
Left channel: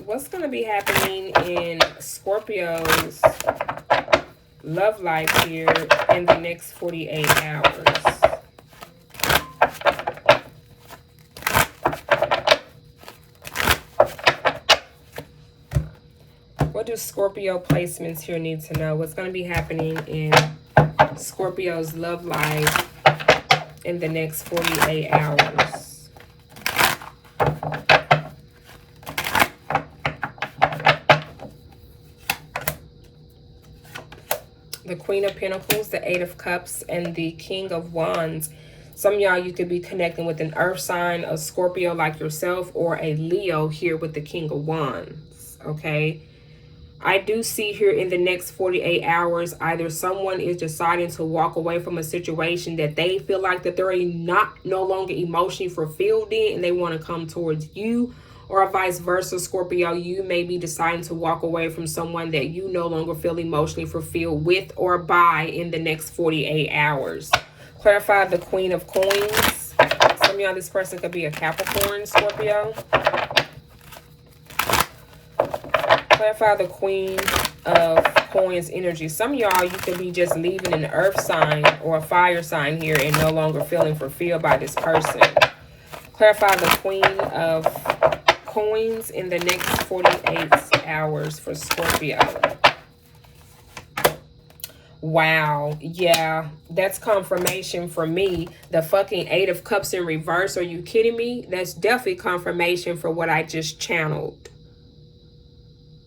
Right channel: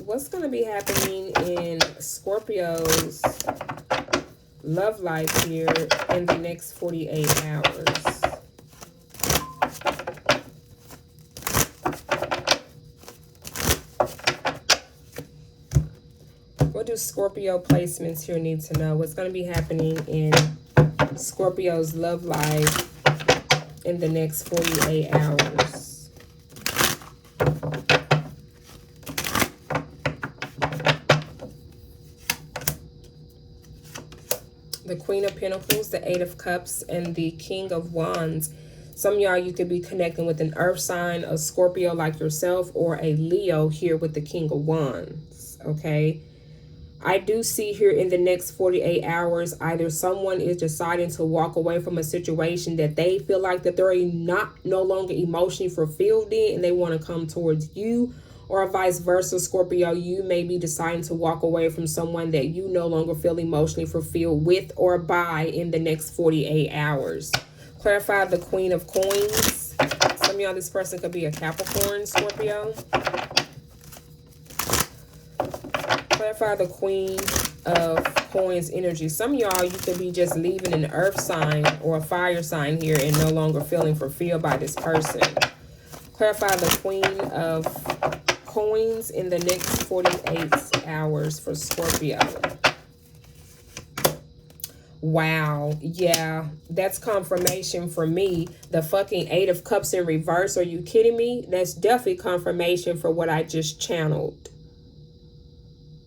What's going to be happening in Scorpio's love life here in the next 48 hours? What do Scorpio placements here need to know? What's going to be happening in Scorpio's love life in the next 48 hours? The Queen of Pentacles, the Eight of Cups, and the King of Wands. Some of y'all, you could be connecting with an earth sign, a Scorpio like yourself, or a Leo here with the King of Wands, okay? I do see here in the next 48 hours, either someone is deciding to walk away from a situation that they feel like that they're no longer emotionally fulfilled in, and they want to come towards you, or vice versa, Scorpio, you may be deciding to walk away from someone that you no longer feel emotionally fulfilled with or by in the next 48 hours. Clarify the Queen of Coins. Some of y'all, this person could be a Capricorn, Scorpio. Clarify the Queen of Coins energy. Some of y'all, you could be just leaving an earth sign or a fire sign here and no longer feeling fulfilled by this person. Clarify the Queen of Coins in the next 48 hours for Scorpio. Wow, yeah, that's confirmation for me. The fucking Eight of Cups in reverse. Are you kidding me? That's definitely confirmation for what I just channeled.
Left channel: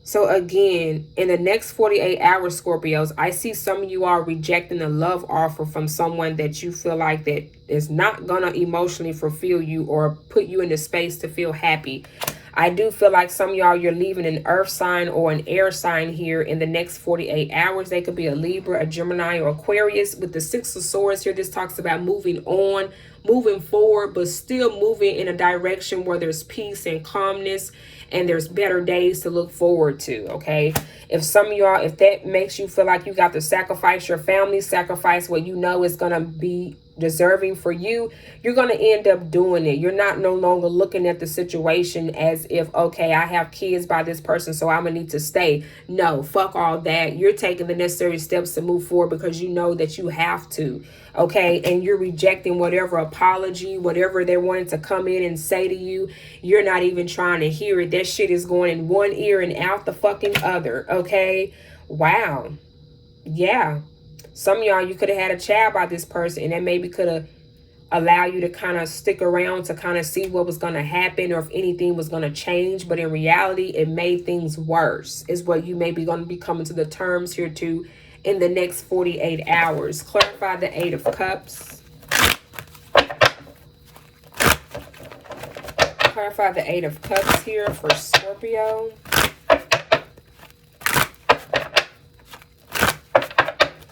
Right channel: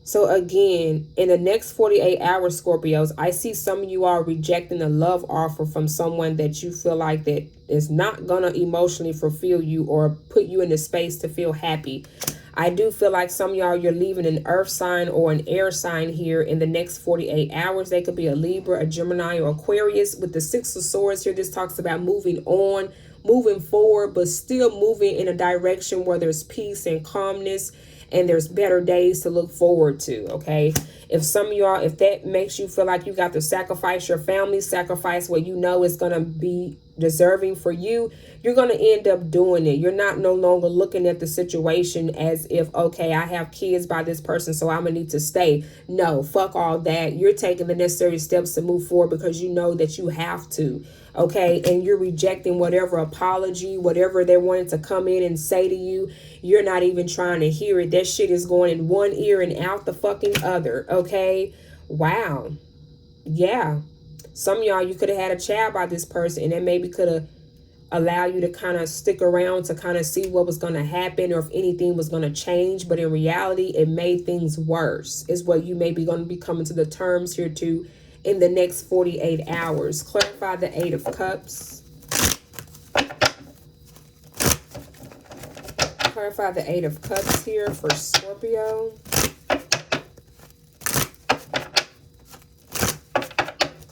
So again, in the next 48 hours, Scorpios, I see some of you are rejecting a love offer from someone that you feel like that is not going to emotionally fulfill you or put you in the space to feel happy. I do feel like some of y'all, you're leaving an earth sign or an air sign here in the next 48 hours. They could be a Libra, a Gemini, or Aquarius. With the Six of Swords here, this talks about moving on, moving forward, but still moving in a direction where there's peace and calmness, and there's better days to look forward to, okay? If some of y'all, if that makes you feel like you got to sacrifice your family, sacrifice what you know is going to be deserving for you, you're going to end up doing it. You're not no longer looking at the situation as if, okay, I have kids by this person, so I'm going to need to stay. No, fuck all that. You're taking the necessary steps to move forward because you know that you have to. Okay, and you're rejecting whatever apology, whatever they're wanting to come in and say to you. You're not even trying to hear it. That shit is going in one ear and out the fucking other. Okay, wow. Yeah, some of y'all, you could have had a child by this person, and that maybe could have allowed you to kind of stick around to kind of see what was going to happen or if anything was going to change. But in reality, it made things worse, is what you may be going to be coming to the terms here to in the next 48 hours. Clarify the Eight of Cups. Clarify the Eight of Cups here for Scorpio.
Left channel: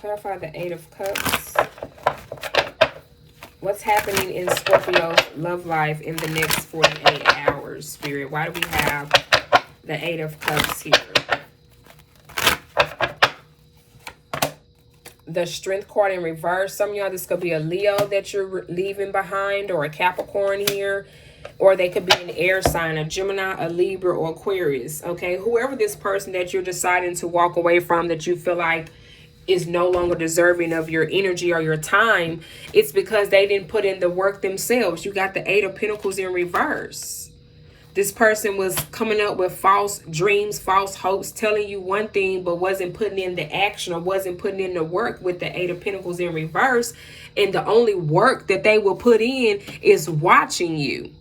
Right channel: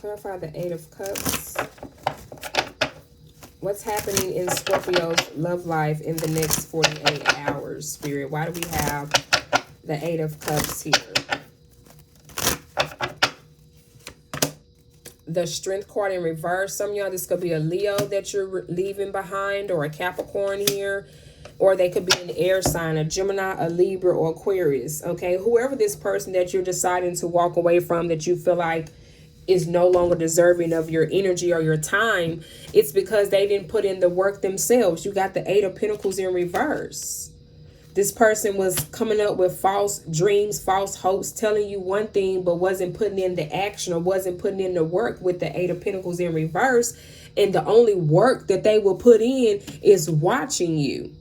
Clarify the Eight of Cups. What's happening in Scorpio's love life in the next 48 hours, Spirit? Why do we have the Eight of Cups here? The Strength card in reverse. Some of y'all, this could be a Leo that you're leaving behind, or a Capricorn here, or they could be an air sign, a Gemini, a Libra, or Aquarius. Okay, whoever this person that you're deciding to walk away from, that you feel like is no longer deserving of your energy or your time, it's because they didn't put in the work themselves. You got the Eight of Pentacles in reverse. This person was coming up with false dreams, false hopes, telling you one thing, but wasn't putting in the action or wasn't putting in the work with the Eight of Pentacles in reverse. And the only work that they will put in is watching you.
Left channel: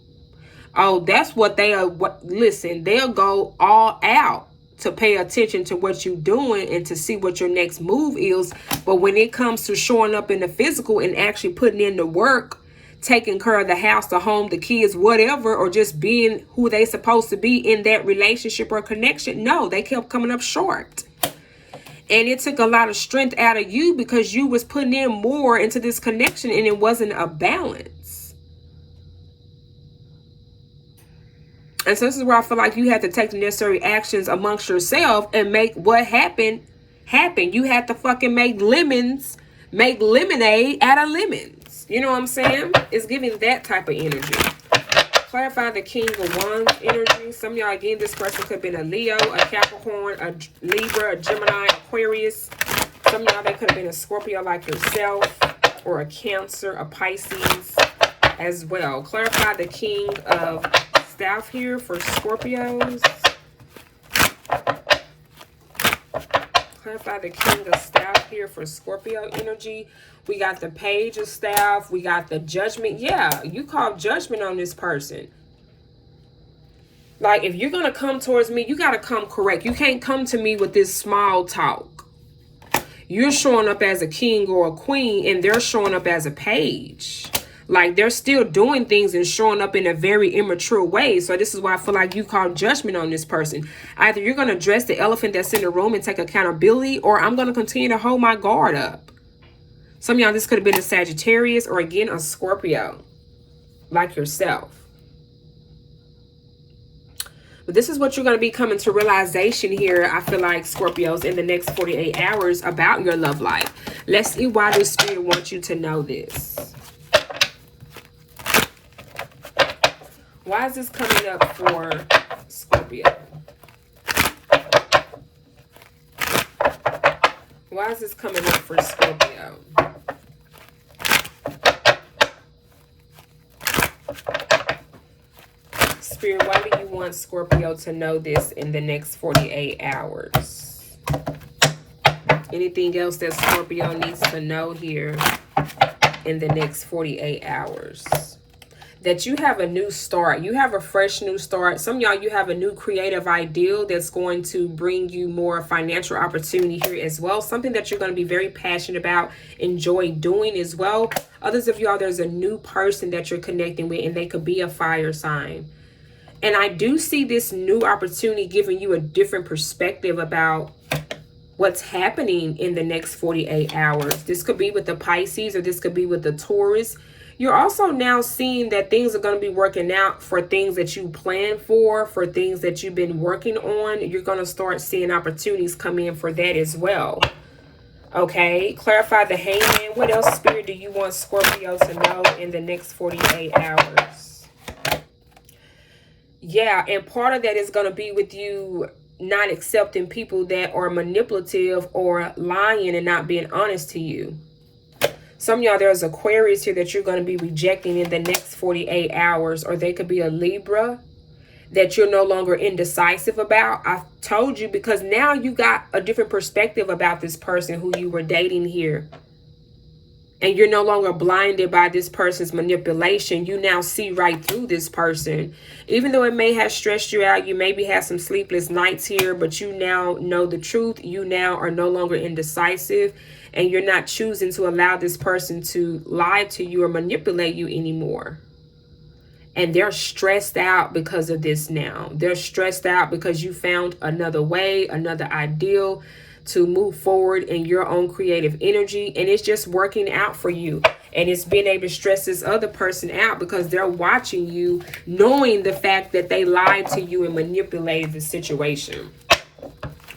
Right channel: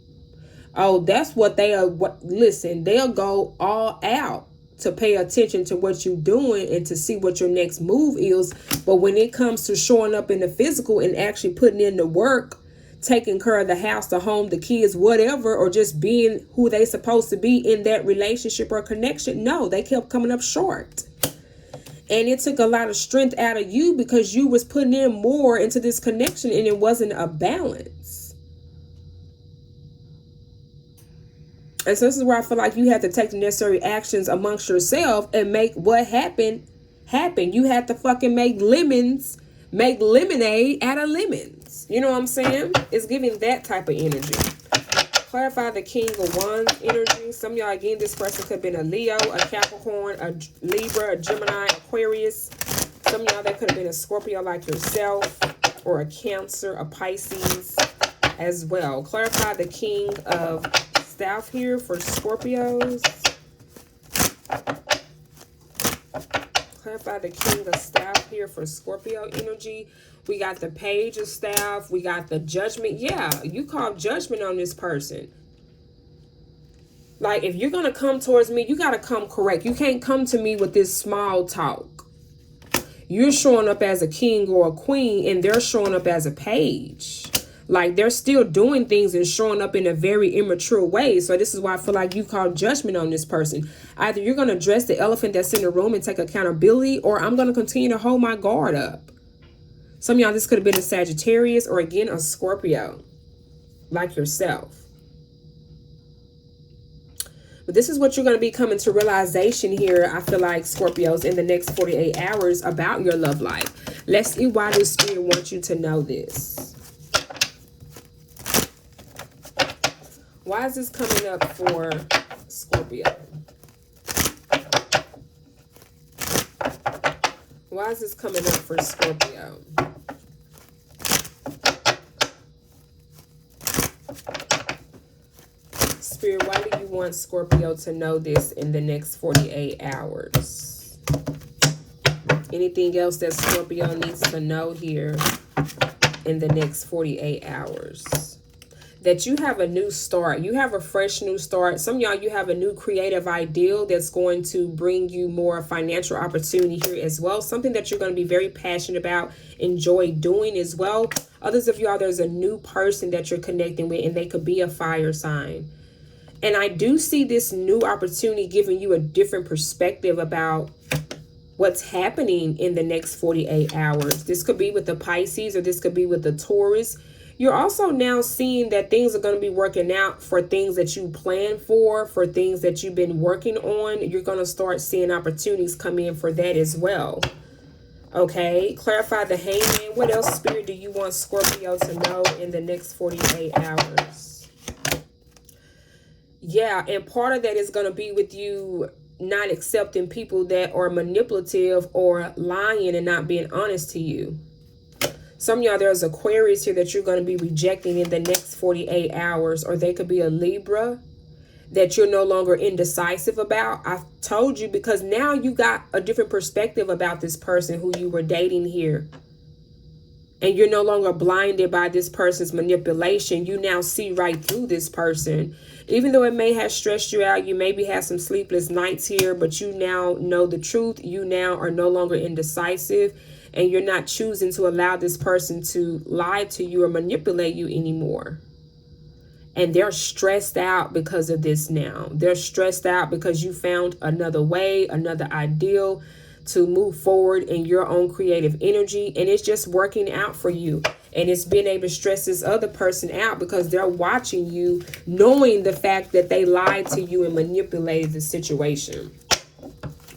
Oh, that's what they are. Listen, they'll go all out to pay attention to what you're doing and to see what your next move is. But when it comes to showing up in the physical and actually putting in the work, taking care of the house, the home, the kids, whatever, or just being who they supposed to be in that relationship or connection, no, they kept coming up short. And it took a lot of strength out of you because you was putting in more into this connection and it wasn't a balance. And so this is where I feel like you have to take the necessary actions amongst yourself and make what happened happen. You had to fucking make lemonade out of lemons. You know what I'm saying? It's giving that type of energy. Clarify the King of Wands energy. Some of y'all, again, this person could have been a Leo, a Capricorn, a Libra, a Gemini, Aquarius. Some of y'all, they could have been a Scorpio like yourself, or a Cancer, a Pisces as well. Clarify the King of Staff here for Scorpios. Clarify the King of Staff here for Scorpio energy. We got the Page of Staff. We got the Judgment. Yeah, you call judgment on this person. Like, if you're going to come towards me, you got to come correct. You can't come to me with this small talk. You're showing up as a king or a queen, and they're showing up as a page. Like, they're still doing things and showing up in a very immature way. So this is why I feel like you call judgment on this person. Either you're going to address the elephant that's in the room and take accountability, or I'm going to continue to hold my guard up. Some of y'all, this could have been a Sagittarius, or again, a Scorpio, like yourself. But this is what you're going to be coming to realization here, I feel like, Scorpios, in the next 48 hours about your love life. Let's see why the Spirit wants you to know this. Why is this coming up for Scorpio? Why is this coming up for Scorpio? Spirit, why do you want Scorpio to know this in the next 48 hours? Anything else that Scorpio needs to know here in the next 48 hours? That you have a new start. You have a fresh new start. Some of y'all, you have a new creative ideal that's going to bring you more financial opportunity here as well. Something that you're going to be very passionate about, enjoy doing as well. Others of y'all, there's a new person that you're connecting with, and they could be a fire sign. And I do see this new opportunity giving you a different perspective about what's happening in the next 48 hours. This could be with the Pisces, or this could be with the Taurus. You're also now seeing that things are going to be working out for things that you plan for things that you've been working on. You're going to start seeing opportunities come in for that as well. Okay, clarify the Hangman. What else, Spirit, do you want Scorpio to know in the next 48 hours? Yeah, and part of that is going to be with you not accepting people that are manipulative or lying and not being honest to you. Some of y'all, there's Aquarius here that you're going to be rejecting in the next 48 hours. Or they could be a Libra that you're no longer indecisive about. I told you, because now you got a different perspective about this person who you were dating here. And you're no longer blinded by this person's manipulation. You now see right through this person. Even though it may have stressed you out, you maybe have some sleepless nights here, but you now know the truth. You now are no longer indecisive. And you're not choosing to allow this person to lie to you or manipulate you anymore. And they're stressed out because of this now. They're stressed out because you found another way, another ideal to move forward in your own creative energy. And it's just working out for you. And it's being able to stress this other person out because they're watching you, knowing the fact that they lied to you and manipulated the situation.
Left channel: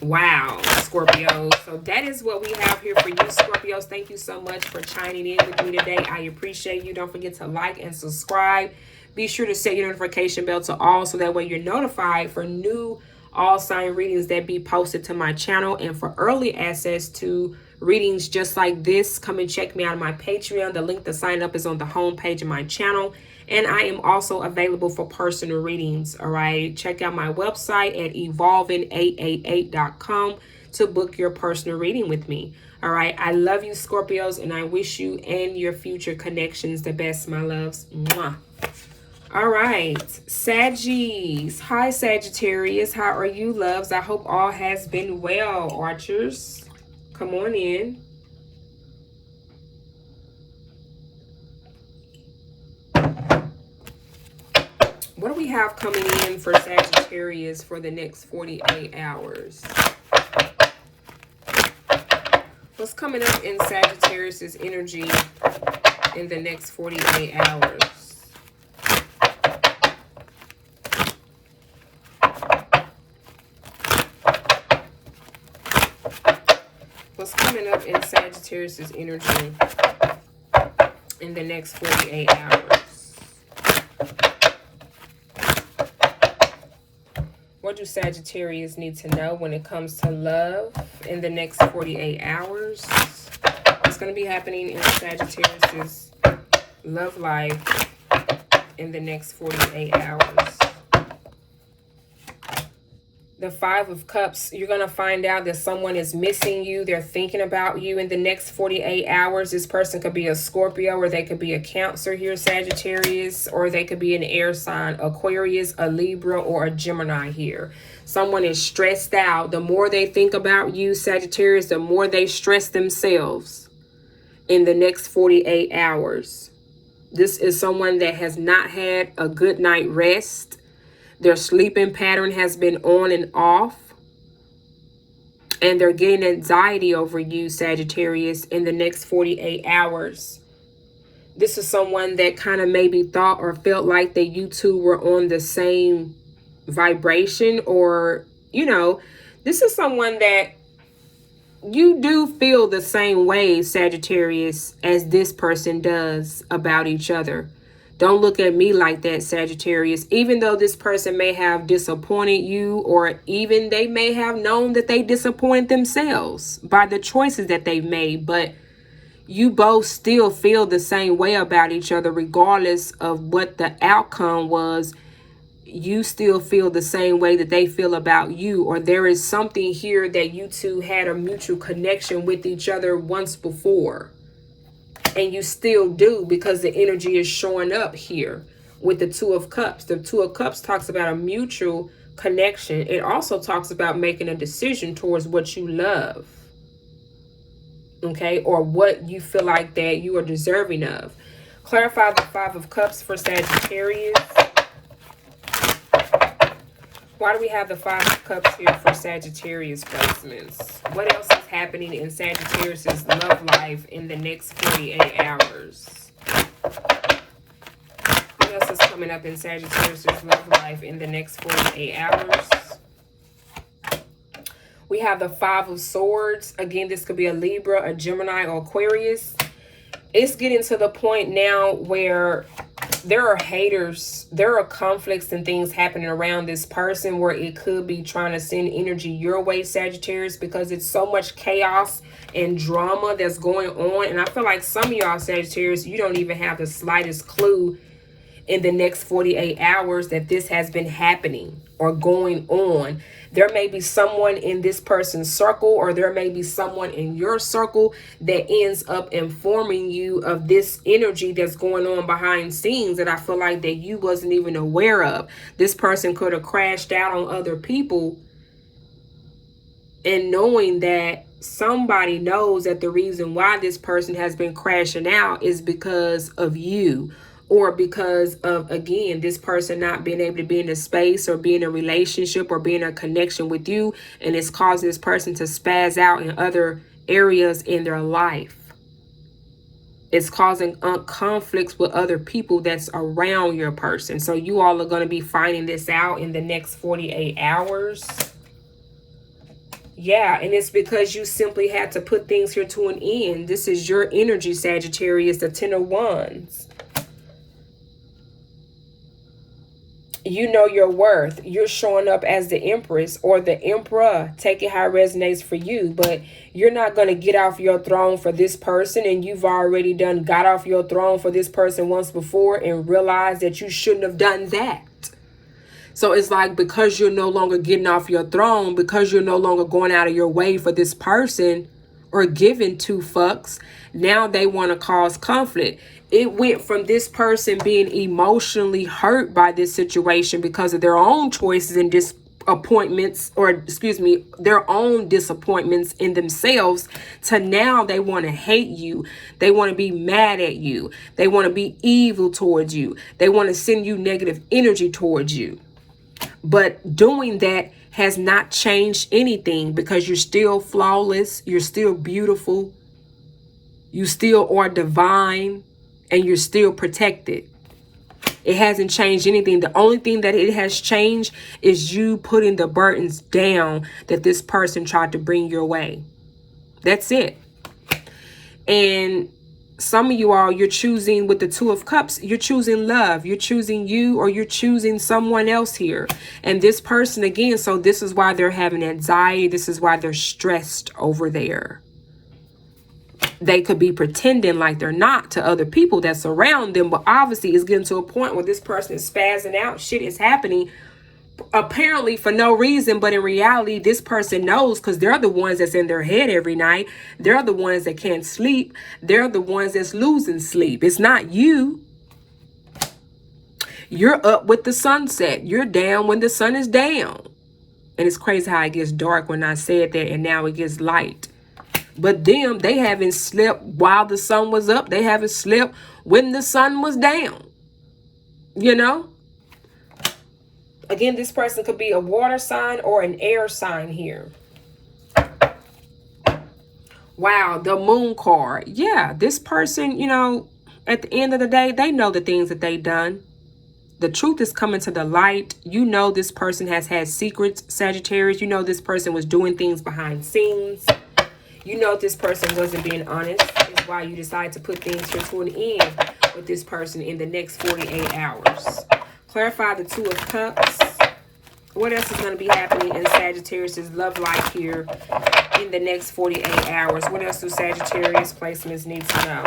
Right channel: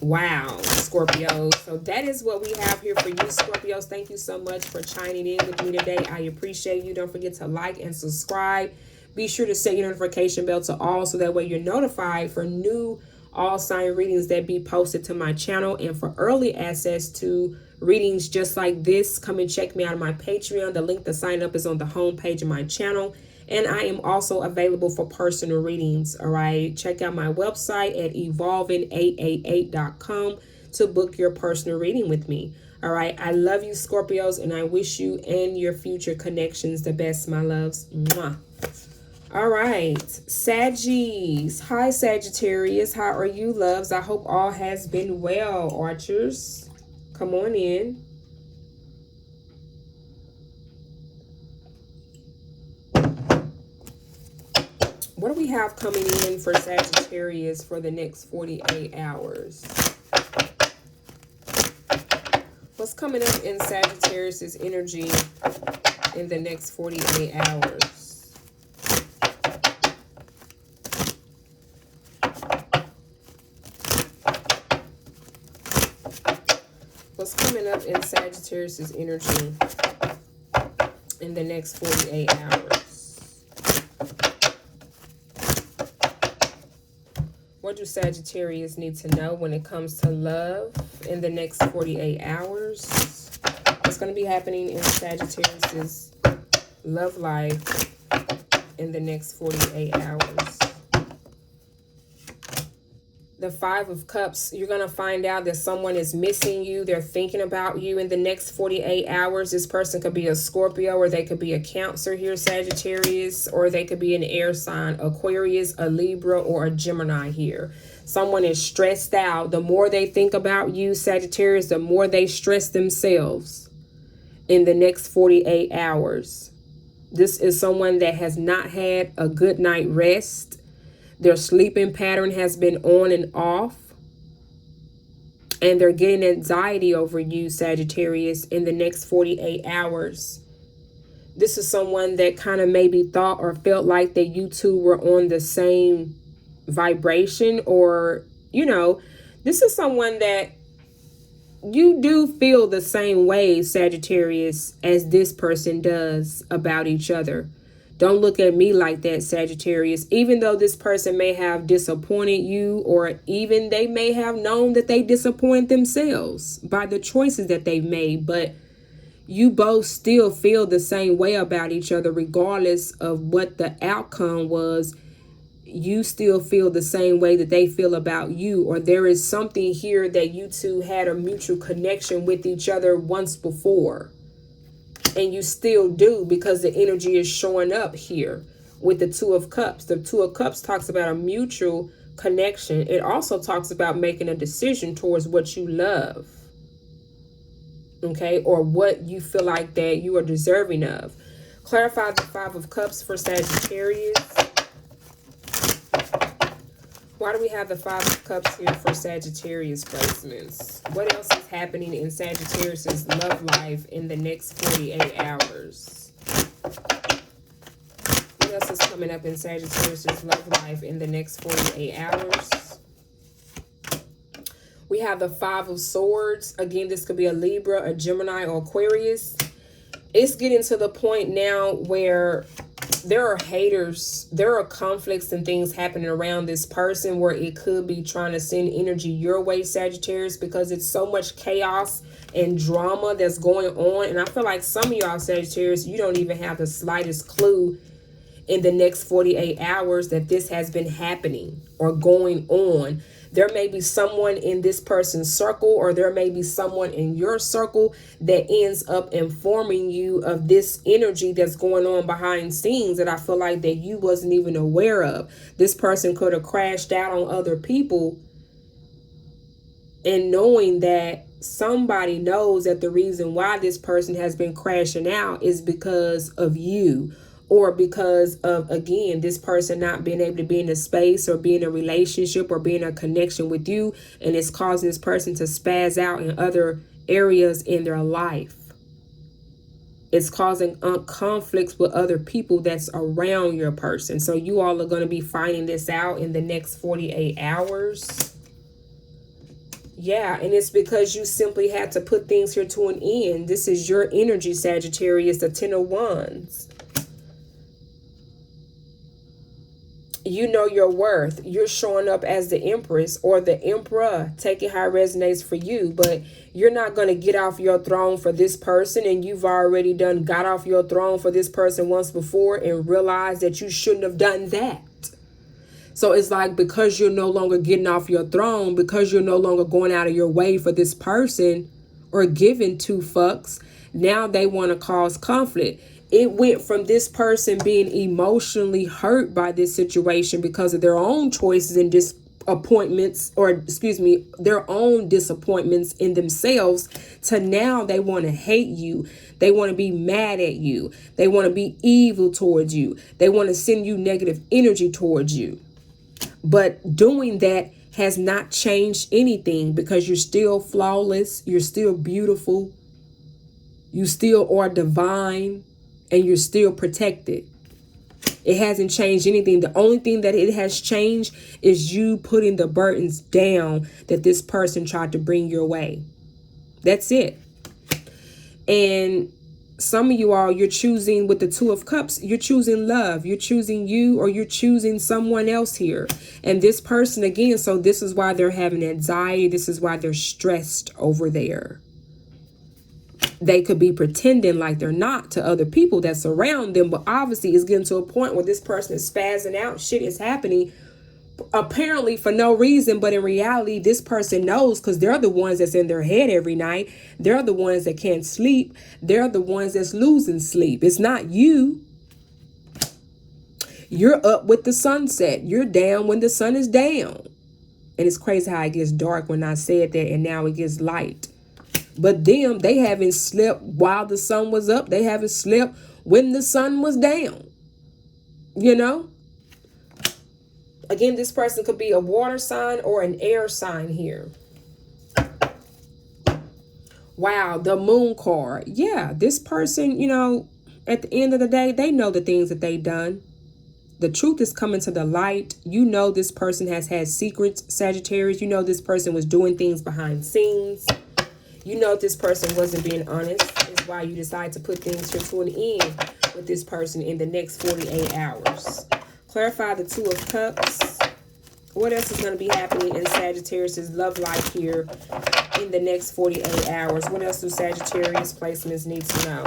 Wow, Scorpio. So that is what we have here for you, Scorpios. Thank you so much for chiming in with me today. I appreciate you. Don't forget to like and subscribe. Be sure to set your notification bell to all so that way you're notified for new all sign readings that be posted to my channel. And for early access to readings just like this, come and check me out on my Patreon. The link to sign up is on the homepage of my channel. And I am also available for personal readings, all right? Check out my website at evolving888.com to book your personal reading with me, all right? I love you, Scorpios, and I wish you and your future connections the best, my loves. Mwah. All right, Saggies. Hi, Sagittarius. How are you, loves? I hope all has been well, Archers. Come on in. What do we have coming in for Sagittarius for the next 48 hours? What's coming up in Sagittarius's energy in the next 48 hours? What's coming up in Sagittarius' energy in the next 48 hours? What do Sagittarius need to know when it comes to love in the next 48 hours? What's going to be happening in Sagittarius' love life in the next 48 hours? The Five of Cups, you're going to find out that someone is missing you. They're thinking about you in the next 48 hours. This person could be a Scorpio, or they could be a Cancer here, Sagittarius, or they could be an air sign, Aquarius, a Libra, or a Gemini here. Someone is stressed out. The more they think about you, Sagittarius, the more they stress themselves in the next 48 hours. This is someone that has not had a good night rest. Their sleeping pattern has been on and off. And they're getting anxiety over you, Sagittarius, in the next 48 hours. This is someone that kind of maybe thought or felt like that you two were on the same vibration. Or, you know, this is someone that you do feel the same way, Sagittarius, as this person does about each other. Don't look at me like that, Sagittarius. Even though this person may have disappointed you, or even they may have known that they disappointed themselves by the choices that they've made, but you both still feel the same way about each other, regardless of what the outcome was. You still feel the same way that they feel about you, or there is something here that you two had a mutual connection with each other once before. And you still do, because the energy is showing up here with the Two of Cups. The Two of Cups talks about a mutual connection. It also talks about making a decision towards what you love. Okay, or what you feel like that you are deserving of. Clarify the Five of Cups for Sagittarius. Why do we have the Five of Cups here for Sagittarius placements? What else is happening in Sagittarius' love life in the next 48 hours? What else is coming up in Sagittarius' love life in the next 48 hours? We have the Five of Swords. Again, this could be a Libra, a Gemini, or Aquarius. It's getting to the point now where there are haters, there are conflicts and things happening around this person where it could be trying to send energy your way, Sagittarius, because it's so much chaos and drama that's going on. And I feel like some of y'all, Sagittarius, you don't even have the slightest clue in the next 48 hours that this has been happening or going on. There may be someone in this person's circle, or there may be someone in your circle that ends up informing you of this energy that's going on behind scenes that I feel like that you wasn't even aware of. This person could have crashed out on other people, and knowing that somebody knows that the reason why this person has been crashing out is because of you. Or because of, again, this person not being able to be in a space or be in a relationship or be in a connection with you. And it's causing this person to spaz out in other areas in their life. It's causing conflicts with other people that's around your person. So you all are going to be finding this out in the next 48 hours. Yeah, and it's because you simply had to put things here to an end. This is your energy, Sagittarius, the Ten of Wands. You know your worth. You're showing up as the Empress or the Emperor. Take it how it resonates for you. But you're not going to get off your throne for this person. And you've already got off your throne for this person once before and realized that you shouldn't have done that. So it's like, because you're no longer getting off your throne, because you're no longer going out of your way for this person or giving two fucks, now they want to cause conflict. It went from this person being emotionally hurt by this situation because of their own choices and disappointments, or excuse me, their own disappointments in themselves, to now they want to hate you. They want to be mad at you. They want to be evil towards you. They want to send you negative energy towards you. But doing that has not changed anything, because you're still flawless. You're still beautiful. You still are divine. And you're still protected. It hasn't changed anything. The only thing that it has changed is you putting the burdens down that this person tried to bring your way. That's it. And some of you all, you're choosing with the Two of Cups, you're choosing love, you're choosing you, or you're choosing someone else here. And this person again, so this is why they're having anxiety. This is why they're stressed over there. They could be pretending like they're not to other people that surround them, but obviously it's getting to a point where this person is spazzing out. Shit is happening apparently for no reason, but in reality this person knows, because they're the ones that's in their head every night. They're the ones that can't sleep. They're the ones that's losing sleep. It's not you. You're up with the sunset. You're down when the sun is down. And it's crazy how it gets dark when I said that, and now it gets light. But them, they haven't slept while the sun was up. They haven't slept when the sun was down. You know? Again, this person could be a water sign or an air sign here. Wow, the moon card. Yeah, this person, you know, at the end of the day, they know the things that they've done. The truth is coming to the light. You know this person has had secrets, Sagittarius. You know this person was doing things behind scenes. You know this person wasn't being honest. It's why you decide to put things here to an end with this person in the next 48 hours. Clarify the Two of Cups. What else is going to be happening in Sagittarius' love life here in the next 48 hours? What else do Sagittarius placements need to know?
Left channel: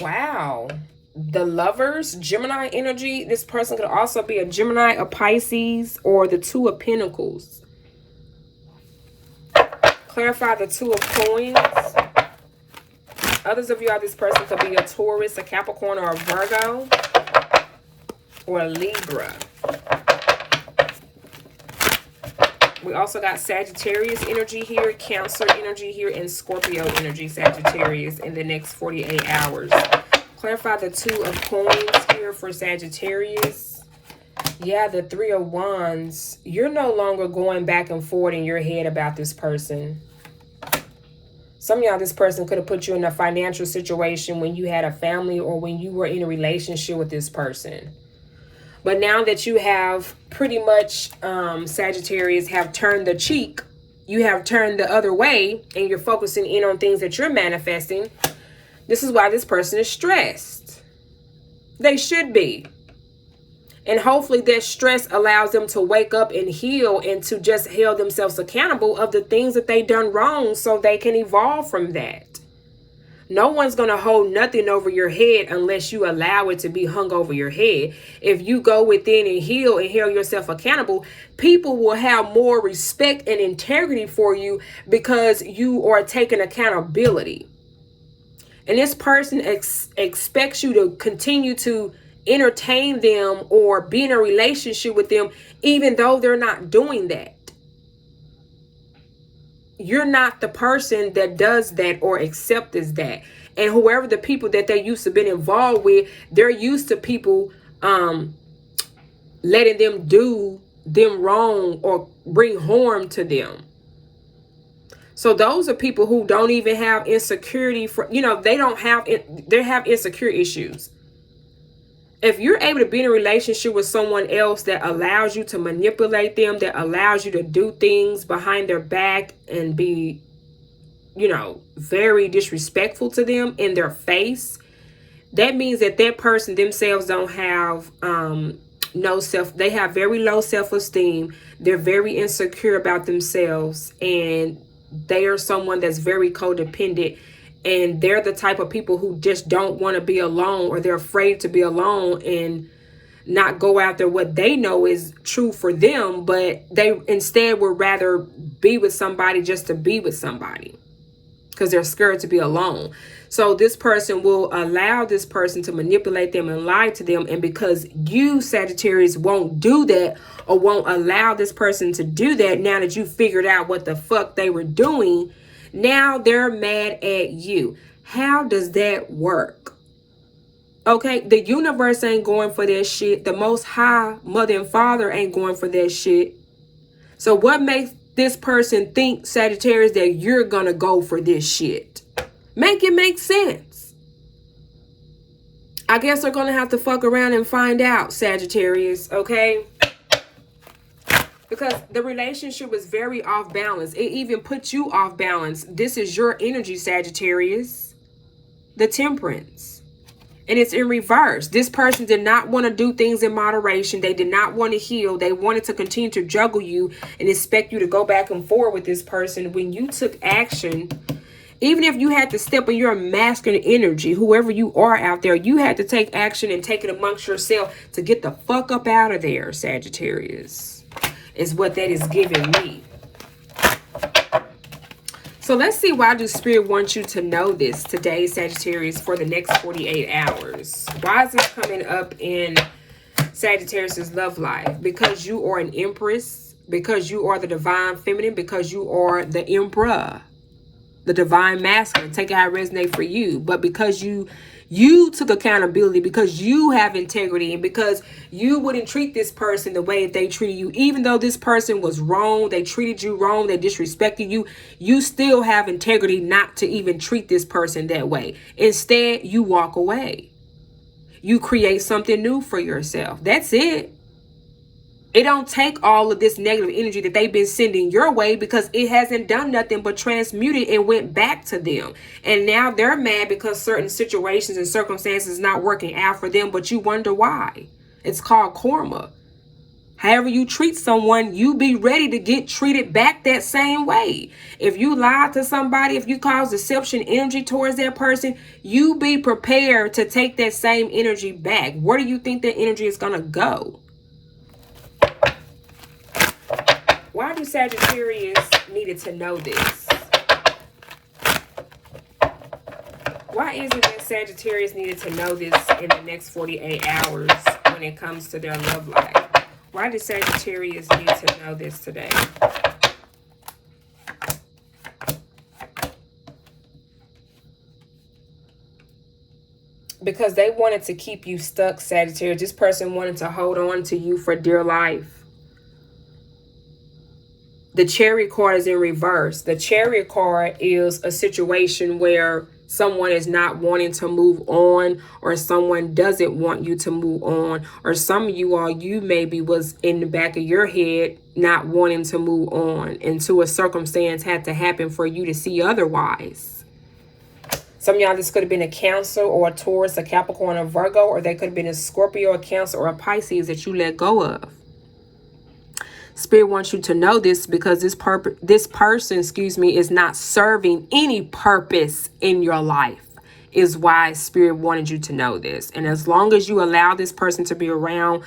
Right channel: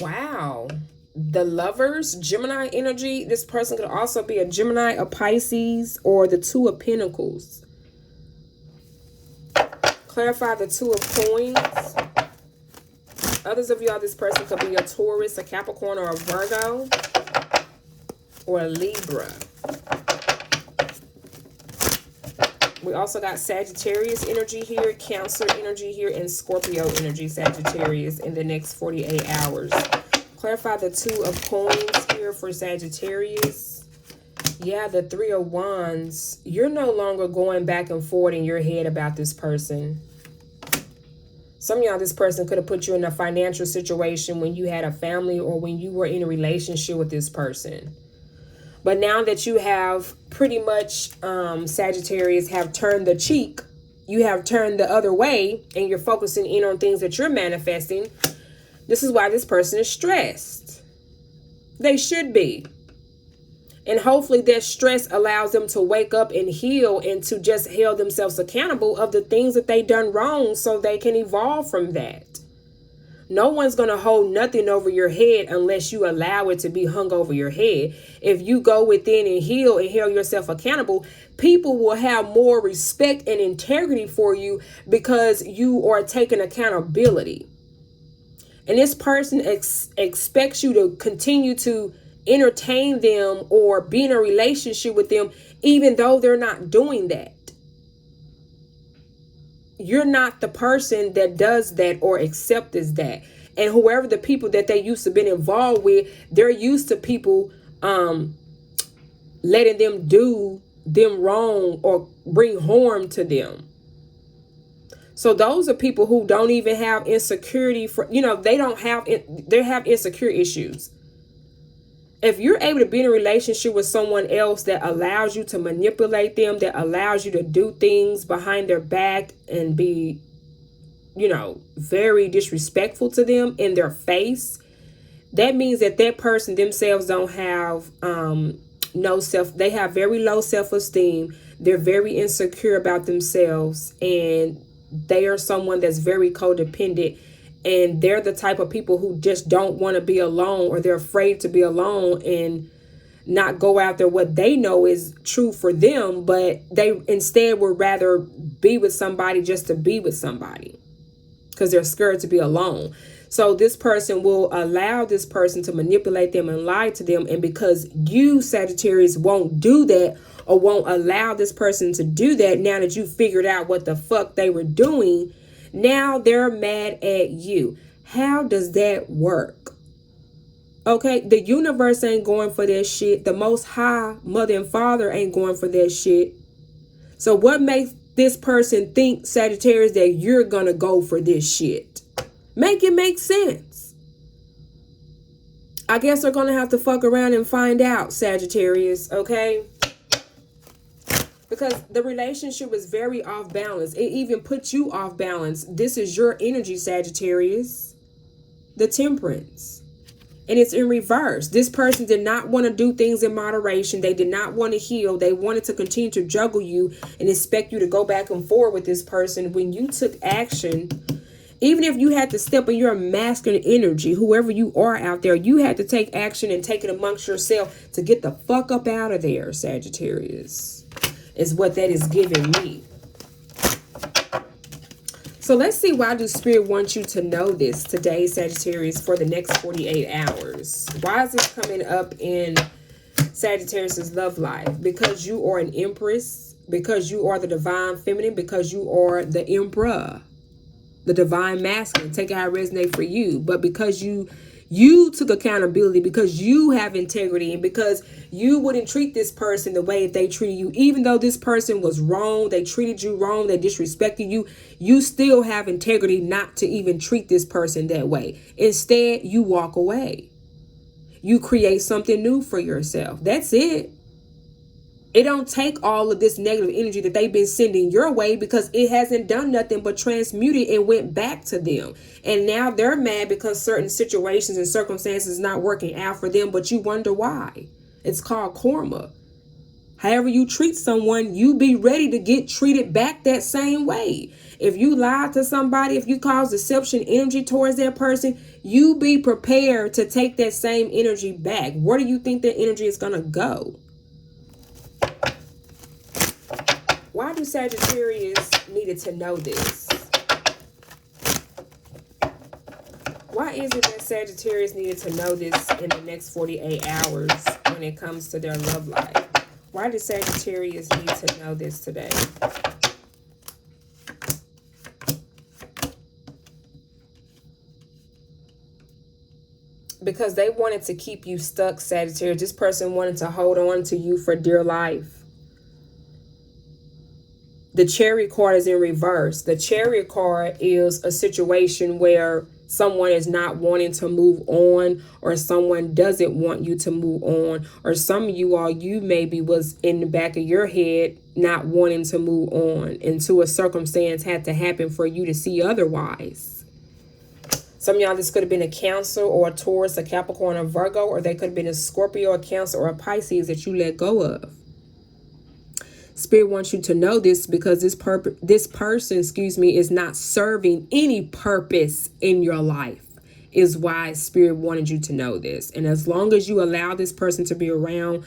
Wow. The Lovers, Gemini energy. This person could also be a Gemini, a Pisces, or the Two of Pentacles. Clarify the Two of Coins. Others of y'all, this person could be a Taurus, a Capricorn, or a Virgo, or a Libra. We also got Sagittarius energy here, Cancer energy here, and Scorpio energy, Sagittarius, in the next 48 hours. Clarify the Two of Coins here for Sagittarius. Yeah, the Three of Wands. You're no longer going back and forth in your head about this person. Some of y'all, this person could have put you in a financial situation when you had a family or when you were in a relationship with this person. But now that you have pretty much, Sagittarius, have turned the cheek, you have turned the other way, and you're focusing in on things that you're manifesting. This is why this person is stressed. They should be. And hopefully that stress allows them to wake up and heal and to just hold themselves accountable of the things that they done wrong so they can evolve from that. No one's going to hold nothing over your head unless you allow it to be hung over your head. If you go within and heal and hold yourself accountable, people will have more respect and integrity for you because you are taking accountability. And this person expects you to continue to entertain them or be in a relationship with them, even though they're not doing that. You're not the person that does that or accepts that. And whoever the people that they used to been involved with, they're used to people letting them do them wrong or bring harm to them. So those are people who don't even have insecurity for, they have insecure issues. If you're able to be in a relationship with someone else that allows you to manipulate them, that allows you to do things behind their back and be, very disrespectful to them in their face, that means that that person themselves don't have they have very low self-esteem. They're very insecure about themselves, and they are someone that's very codependent. And they're the type of people who just don't want to be alone, or they're afraid to be alone and not go after what they know is true for them. But they instead would rather be with somebody just to be with somebody because they're scared to be alone. So this person will allow this person to manipulate them and lie to them. And because you, Sagittarius, won't do that or won't allow this person to do that, now that you figured out what the fuck they were doing, now they're mad at you. How does that work? Okay, the universe ain't going for that shit. The Most High, Mother and Father, ain't going for that shit. So what makes this person think, Sagittarius, that you're gonna go for this shit? Make it make sense. I guess they're going to have to fuck around and find out, Sagittarius, okay? Because the relationship was very off balance. It even puts you off balance. This is your energy, Sagittarius. The Temperance. And it's in reverse. This person did not want to do things in moderation. They did not want to heal. They wanted to continue to juggle you and expect you to go back and forth with this person. When you took action, even if you had to step in your masculine energy, whoever you are out there, you had to take action and take it amongst yourself to get the fuck up out of there, Sagittarius. Is what that is giving me. So let's see, why do Spirit want you to know this today, Sagittarius, for the next 48 hours? Why is this coming up in Sagittarius's love life? Because you are an Empress, because you are the divine feminine, because you are the Emperor, the divine masculine. Take it how it resonates for you. But because you took accountability, because you have integrity, and because you wouldn't treat this person the way they treated you, even though this person was wrong, they treated you wrong, they disrespected you, you still have integrity not to even treat this person that way. Instead, you walk away. You create something new for yourself. That's it. It don't take all of this negative energy that they've been sending your way, because it hasn't done nothing but transmuted and went back to them. And now they're mad because certain situations and circumstances not working out for them, but you wonder why. It's called karma. However you treat someone, you be ready to get treated back that same way. If you lie to somebody, if you cause deception energy towards that person, you be prepared to take that same energy back. Where do you think that energy is going to go? Why do Sagittarius needed to know this? Why is it that Sagittarius needed to know this in the next 48 hours when it comes to their love life? Why did Sagittarius need to know this today? Because they wanted to keep you stuck, Sagittarius. This person wanted to hold on to you for dear life. The Chariot card is in reverse. The Chariot card is a situation where someone is not wanting to move on, or someone doesn't want you to move on, or some of you all, you maybe was in the back of your head not wanting to move on until a circumstance had to happen for you to see otherwise. Some of y'all, this could have been a Cancer or a Taurus, a Capricorn, or Virgo, or they could have been a Scorpio, a Cancer, or a Pisces that you let go of. Spirit wants you to know this because this person, is not serving any purpose in your life, is why Spirit wanted you to know this. And as long as you allow this person to be around,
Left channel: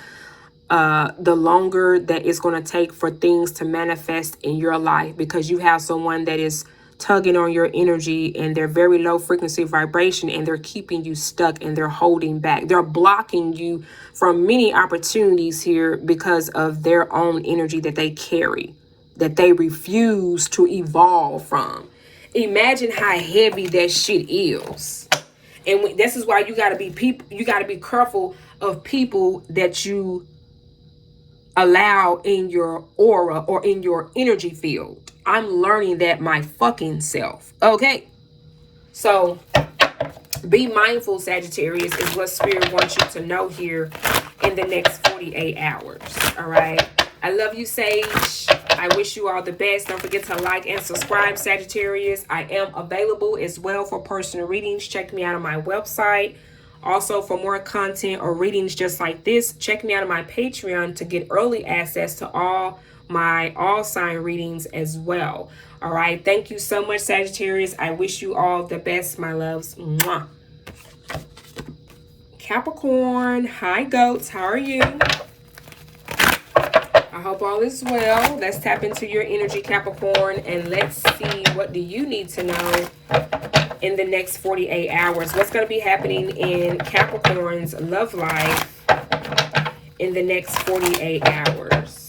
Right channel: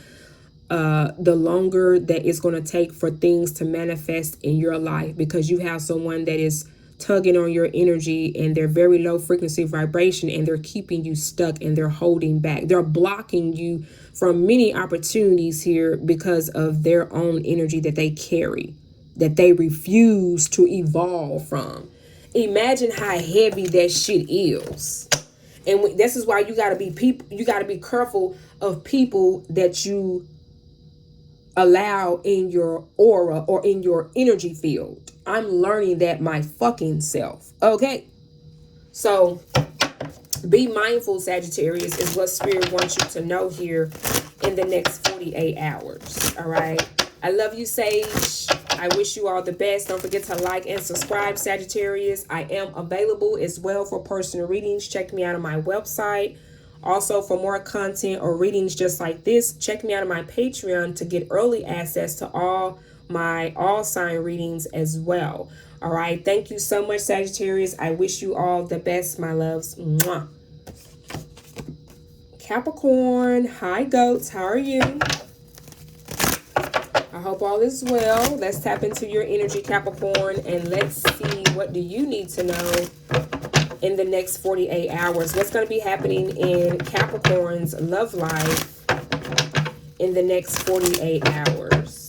the longer that it's going to take for things to manifest in your life, because you have someone that is tugging on your energy and they're very low frequency vibration, and they're keeping you stuck and they're holding back. They're blocking you from many opportunities here because of their own energy that they carry, that they refuse to evolve from. Imagine how heavy that shit is. And this is why you got to be careful of people that you allow in your aura or in your energy field. I'm learning that my fucking self. Okay. So be mindful, Sagittarius, is what Spirit wants you to know here in the next 48 hours. All right. I love you, Sage. I wish you all the best. Don't forget to like and subscribe, Sagittarius. I am available as well for personal readings. Check me out on my website. Also, for more content or readings just like this, check me out on my Patreon to get early access to all my all sign readings as well. All right. Thank you so much, Sagittarius. I wish you all the best, my loves. Mwah. Capricorn. Hi, goats. How are you? I hope all is well. Let's tap into your energy, Capricorn, and let's see, what do you need to know in the next 48 hours? What's going to be happening in Capricorn's love life in the next 48 hours?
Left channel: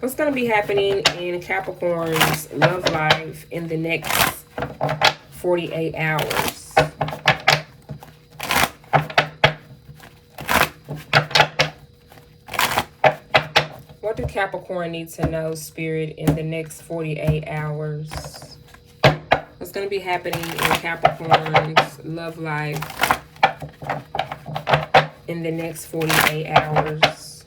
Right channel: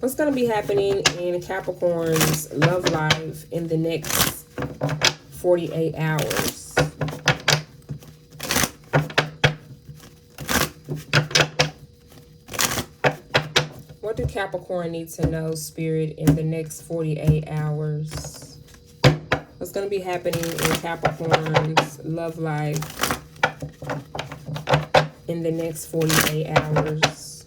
What's going to be happening in Capricorn's love life in the next 48 hours? What do Capricorn need to know, Spirit, in the next 48 hours? What's going to be happening in Capricorn's love life in the next 48 hours?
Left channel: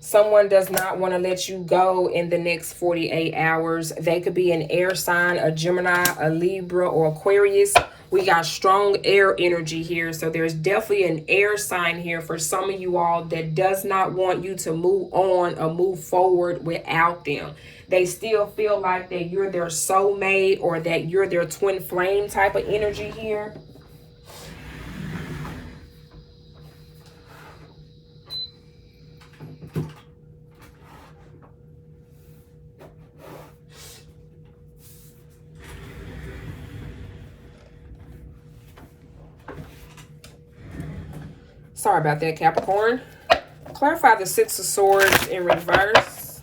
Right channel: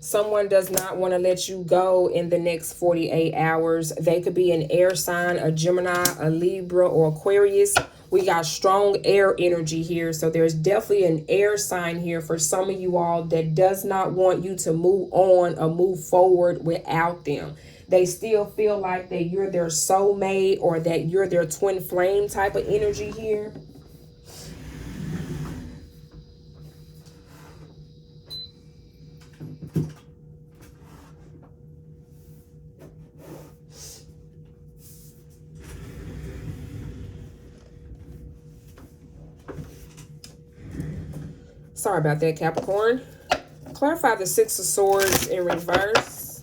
Someone does not want to let you go in the next 48 hours. They could be an air sign, a Gemini, a Libra, or Aquarius. We got strong air energy here. So there's definitely an air sign here for some of you all that does not want you to move on or move forward without them. They still feel like that you're their soulmate or that you're their twin flame type of energy here. Sorry about that, Capricorn. Clarify the Six of Swords in reverse.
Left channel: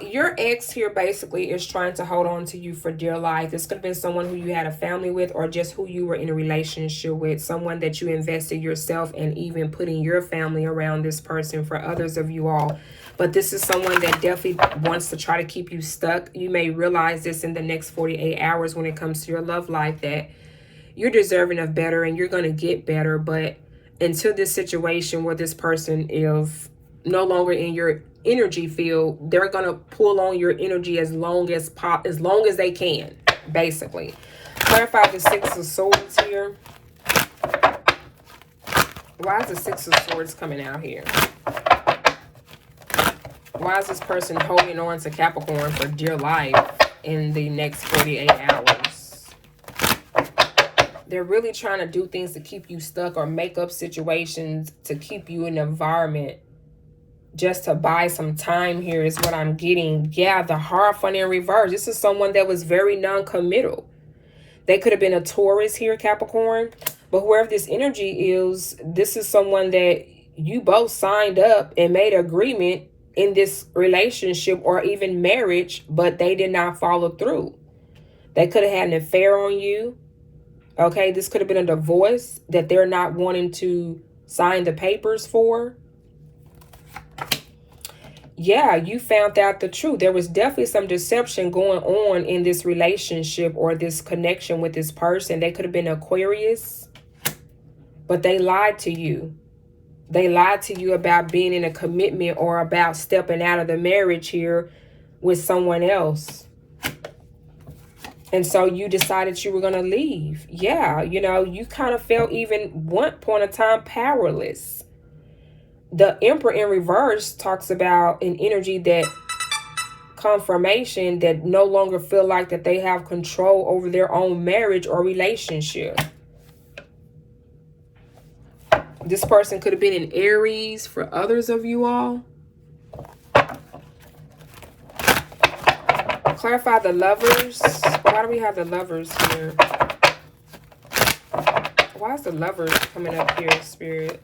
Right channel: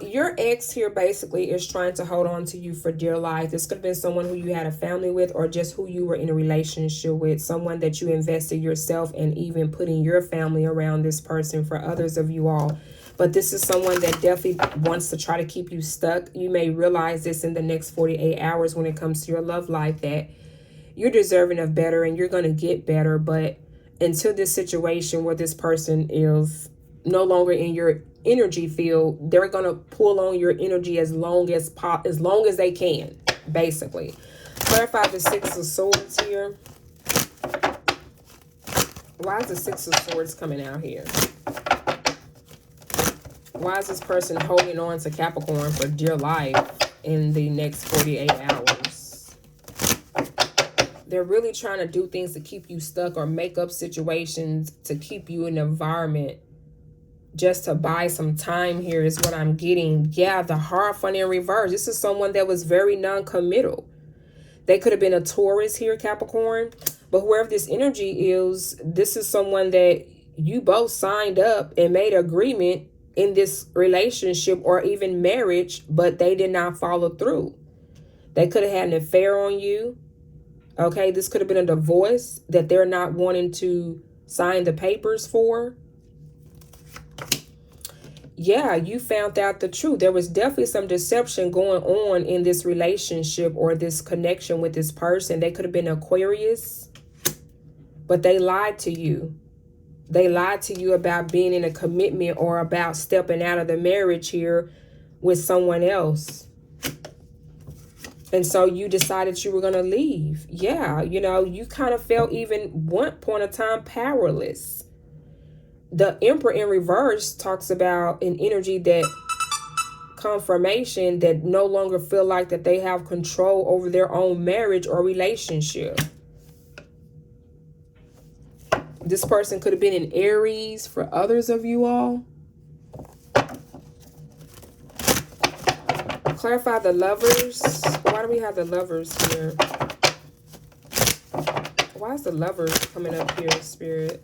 Your ex here basically is trying to hold on to you for dear life. This could have been someone who you had a family with or just who you were in a relationship with. Someone that you invested yourself and even putting your family around this person for others of you all. But this is someone that definitely wants to try to keep you stuck. You may realize this in the next 48 hours when it comes to your love life, that you're deserving of better and you're going to get better. But until this situation where this person is no longer in your energy field, they're going to pull on your energy as long as they can, basically. Clarify the Six of Swords here. Why is the Six of Swords coming out here? Why is this person holding on to Capricorn for dear life in the next 48 hours? They're really trying to do things to keep you stuck or make up situations to keep you in an environment just to buy some time here is what I'm getting. Yeah, the Hierophant in reverse. This is someone that was very non-committal. They could have been a Taurus here, Capricorn. But whoever this energy is, this is someone that you both signed up and made an agreement in this relationship or even marriage, but they did not follow through. They could have had an affair on you. Okay, this could have been a divorce that they're not wanting to sign the papers for. Yeah, you found out the truth. There was definitely some deception going on in this relationship or this connection with this person. They could have been Aquarius, but they lied to you. They lied to you about being in a commitment or about stepping out of the marriage here with someone else. And so you decided you were going to leave. Yeah, you know, you kind of felt even one point of time powerless. The Emperor in reverse talks about an energy that confirmation that no longer feel like that they have control over their own marriage or relationship. This person could have been in Aries for others of you all. Clarify the Lovers. Why do we have the Lovers here? Why is the Lovers coming up here, Spirit?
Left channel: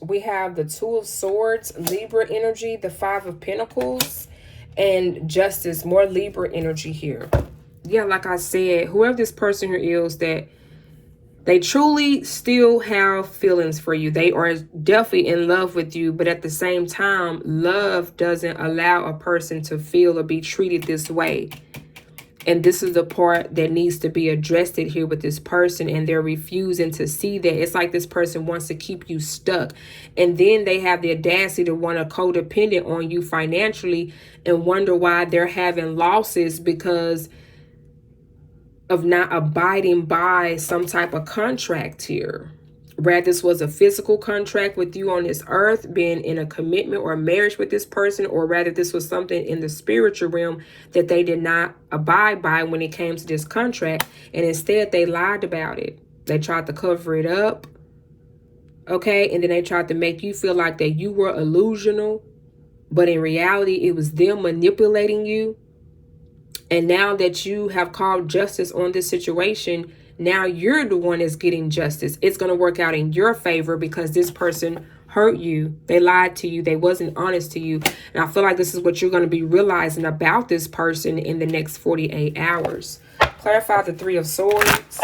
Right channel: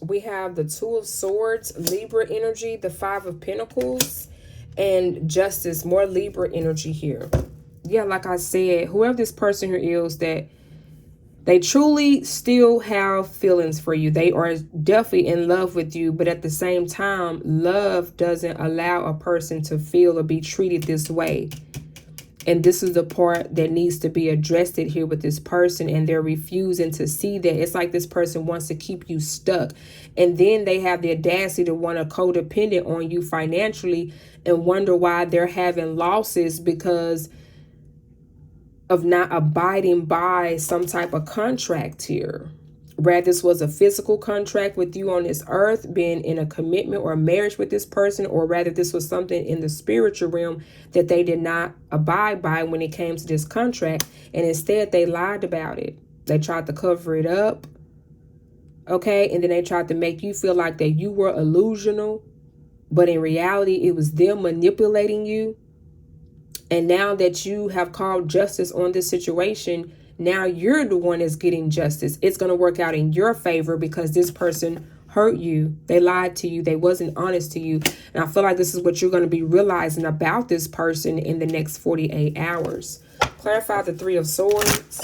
We have the Two of Swords, Libra energy, the Five of Pentacles, and Justice, more Libra energy here. Yeah, like I said, whoever this person here is, that they truly still have feelings for you. They are definitely in love with you, but at the same time, love doesn't allow a person to feel or be treated this way. And this is the part that needs to be addressed here with this person, and they're refusing to see that. It's like this person wants to keep you stuck. And then they have the audacity to want to codependent on you financially and wonder why they're having losses because of not abiding by some type of contract here. Whether this was a physical contract with you on this earth, being in a commitment or a marriage with this person, or rather this was something in the spiritual realm that they did not abide by when it came to this contract, and instead they lied about it. They tried to cover it up, okay, and then they tried to make you feel like that you were illusional, but in reality it was them manipulating you. And now that you have called justice on this situation, now you're the one that's getting justice. It's going to work out in your favor because this person hurt you. They lied to you. They wasn't honest to you. And I feel like this is what you're going to be realizing about this person in the next 48 hours. Clarify the Three of Swords.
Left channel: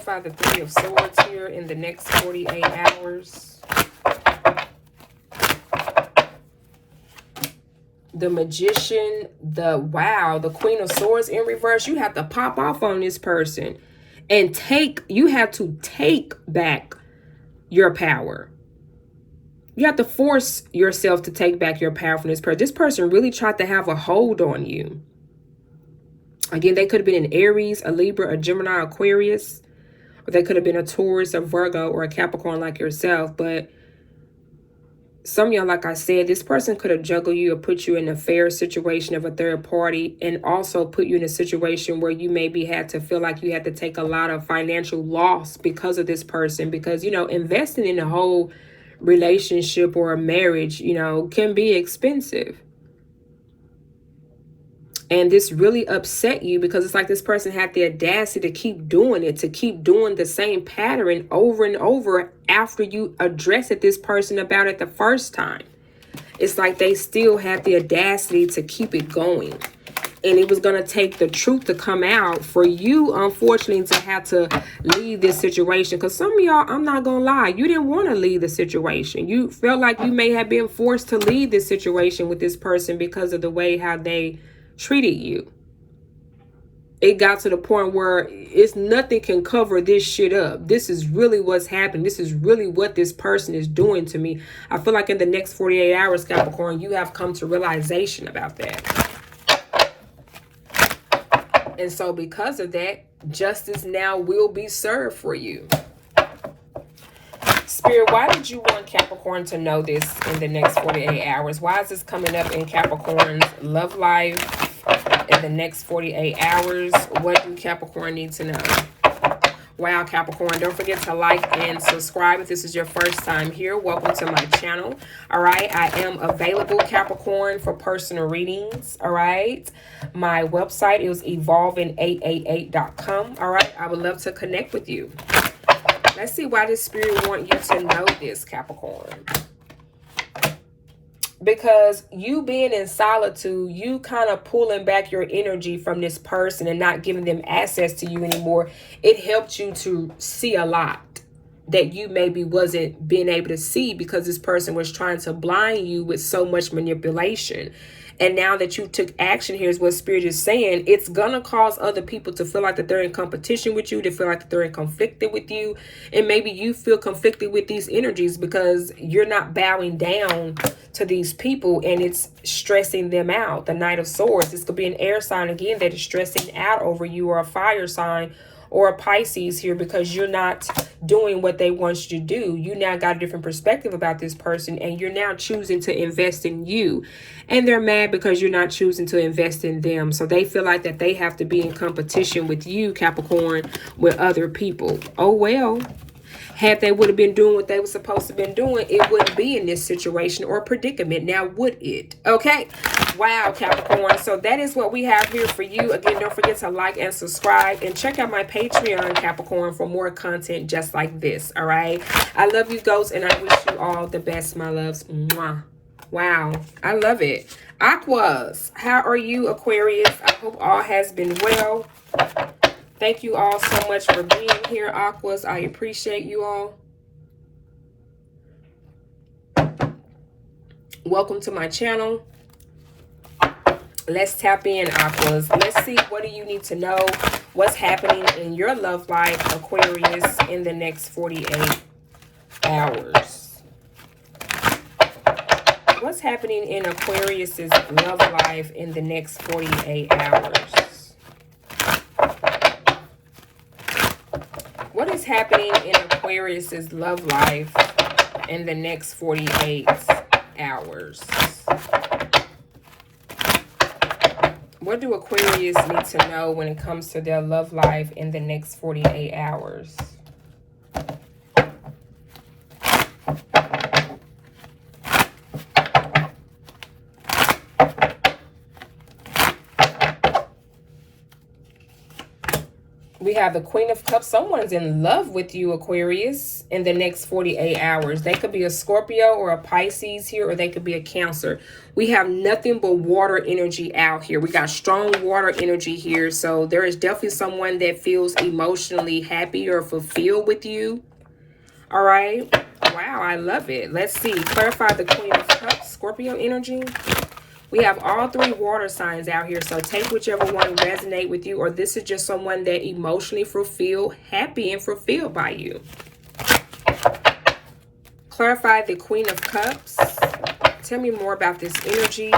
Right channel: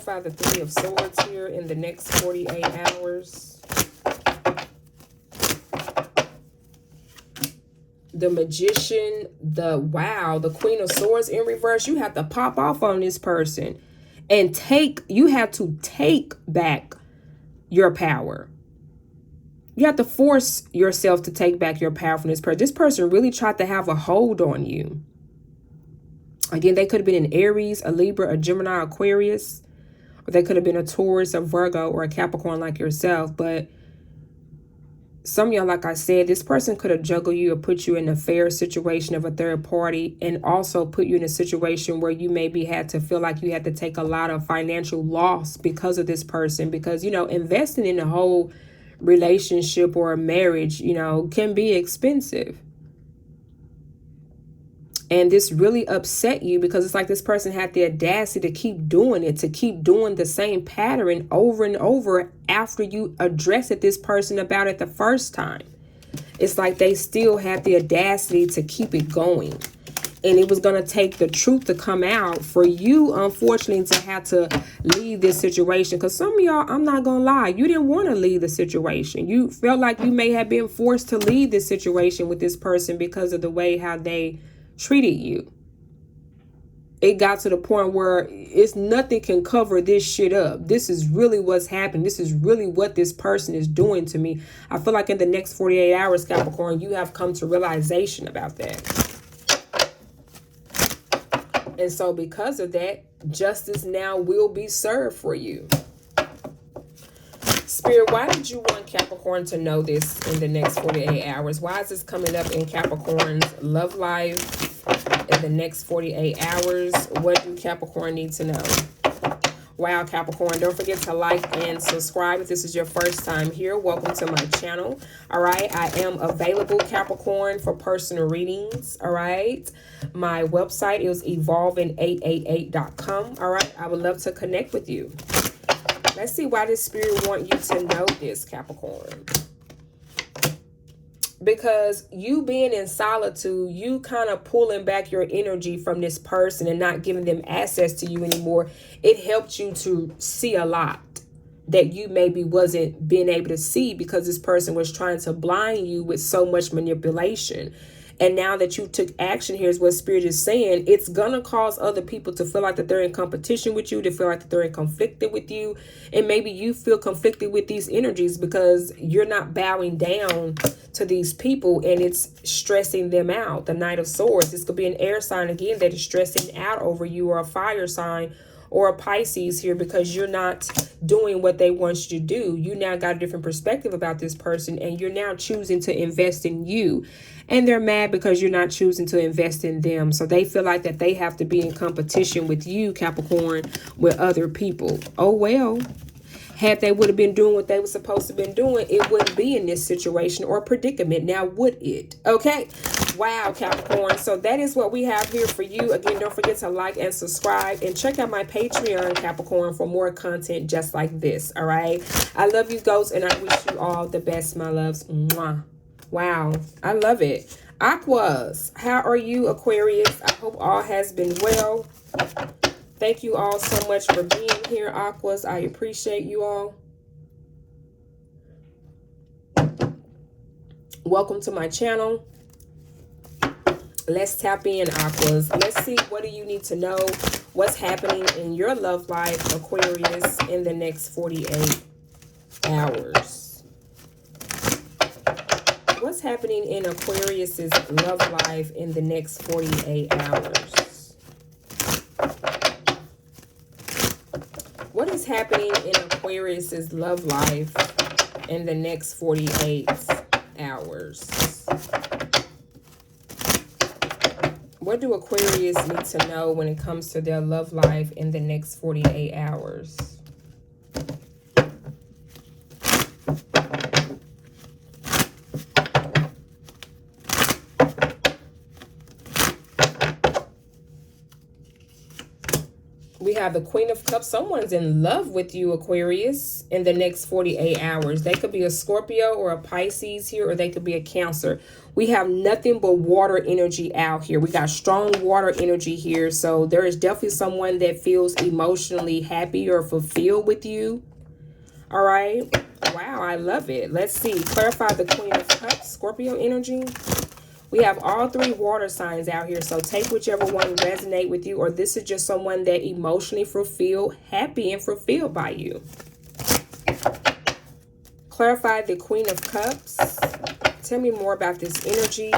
clarify the Three of Swords here in the next 48 hours. The Magician, the Queen of Swords in reverse. You have to pop off on this person and you have to take back your power. You have to force yourself to take back your power from this person. This person really tried to have a hold on you. Again, they could have been an Aries, a Libra, a Gemini, Aquarius. Or they could have been a Taurus, a Virgo, or a Capricorn like yourself. But some of y'all, like I said, this person could have juggled you or put you in a fair situation of a third party, and also put you in a situation where you maybe had to feel like you had to take a lot of financial loss because of this person. Because, you know, investing in a whole relationship or a marriage, you know, can be expensive. And this really upset you because it's like this person had the audacity to keep doing it, to keep doing the same pattern over and over after you addressed this person about it the first time. It's like they still had the audacity to keep it going. And it was going to take the truth to come out for you, unfortunately, to have to leave this situation. Because some of y'all, I'm not going to lie, you didn't want to leave the situation. You felt like you may have been forced to leave this situation with this person because of the way how they treated you. It got to the point where it's nothing can cover this shit up. This is really what's happening. This is really what this person is doing to me. I feel like in the next 48 hours, Capricorn, you have come to realization about that. And so because of that, justice now will be served for you. Spirit, why did you want Capricorn to know this in the next 48 hours? Why is this coming up in Capricorn's love life in the next 48 hours? What do Capricorn need to know? Wow, Capricorn, don't forget to like and subscribe if this is your first time here. Welcome to my channel. All right, I am available, Capricorn, for personal readings. All right, my website is evolving888.com. All right, I would love to connect with you. Let's see why this spirit want you to know this, Capricorn. Because you being in solitude, you kind of pulling back your energy from this person and not giving them access to you anymore. It helped you to see a lot that you maybe wasn't being able to see because this person was trying to blind you with so much manipulation. And now that you took action, here's what Spirit is saying. It's going to cause other people to feel like that they're in competition with you, to feel like that they're in conflicted with you. And maybe you feel conflicted with these energies because you're not bowing down to these people and it's stressing them out. The Knight of Swords. This could be an air sign again that is stressing out over you, or a fire sign, or a Pisces here, because you're not doing what they want you to do. You now got a different perspective about this person and you're now choosing to invest in you. And they're mad because you're not choosing to invest in them. So they feel like that they have to be in competition with you, Capricorn, with other people. Oh, well, had they would have been doing what they were supposed to have been doing, it wouldn't be in this situation or predicament. Now, would it? Okay. Wow, Capricorn. So that is what we have here for you. Again, don't forget to like and subscribe and check out my Patreon, Capricorn, for more content just like this. All right. I love you, ghosts, and I wish you all the best, my loves. Mwah. Wow, I love it. Aquas, how are you, Aquarius? I hope all has been well. Thank you all so much for being here, Aquas. I appreciate you all. Welcome to my channel. Let's tap in, Aquas. Let's see, what do you need to know? What's happening in your love life, Aquarius, in the next 48 hours? What's happening in Aquarius's love life in the next 48 hours? What is happening in Aquarius's love life in the next 48 hours? What do Aquarius need to know when it comes to their love life in the next 48 hours? We have the Queen of Cups. Someone's in love with you, Aquarius, in the next 48 hours. They could be a Scorpio or a Pisces here, or they could be a Cancer. We have nothing but water energy out here. We got strong water energy here. So there is definitely someone that feels emotionally happy or fulfilled with you. All right. Wow, I love it. Let's see. Clarify the Queen of Cups, Scorpio energy. We have all three water signs out here, so take whichever one resonate with you, or this is just someone that emotionally fulfilled, happy and fulfilled by you. Clarify the Queen of Cups. Tell me more about this energy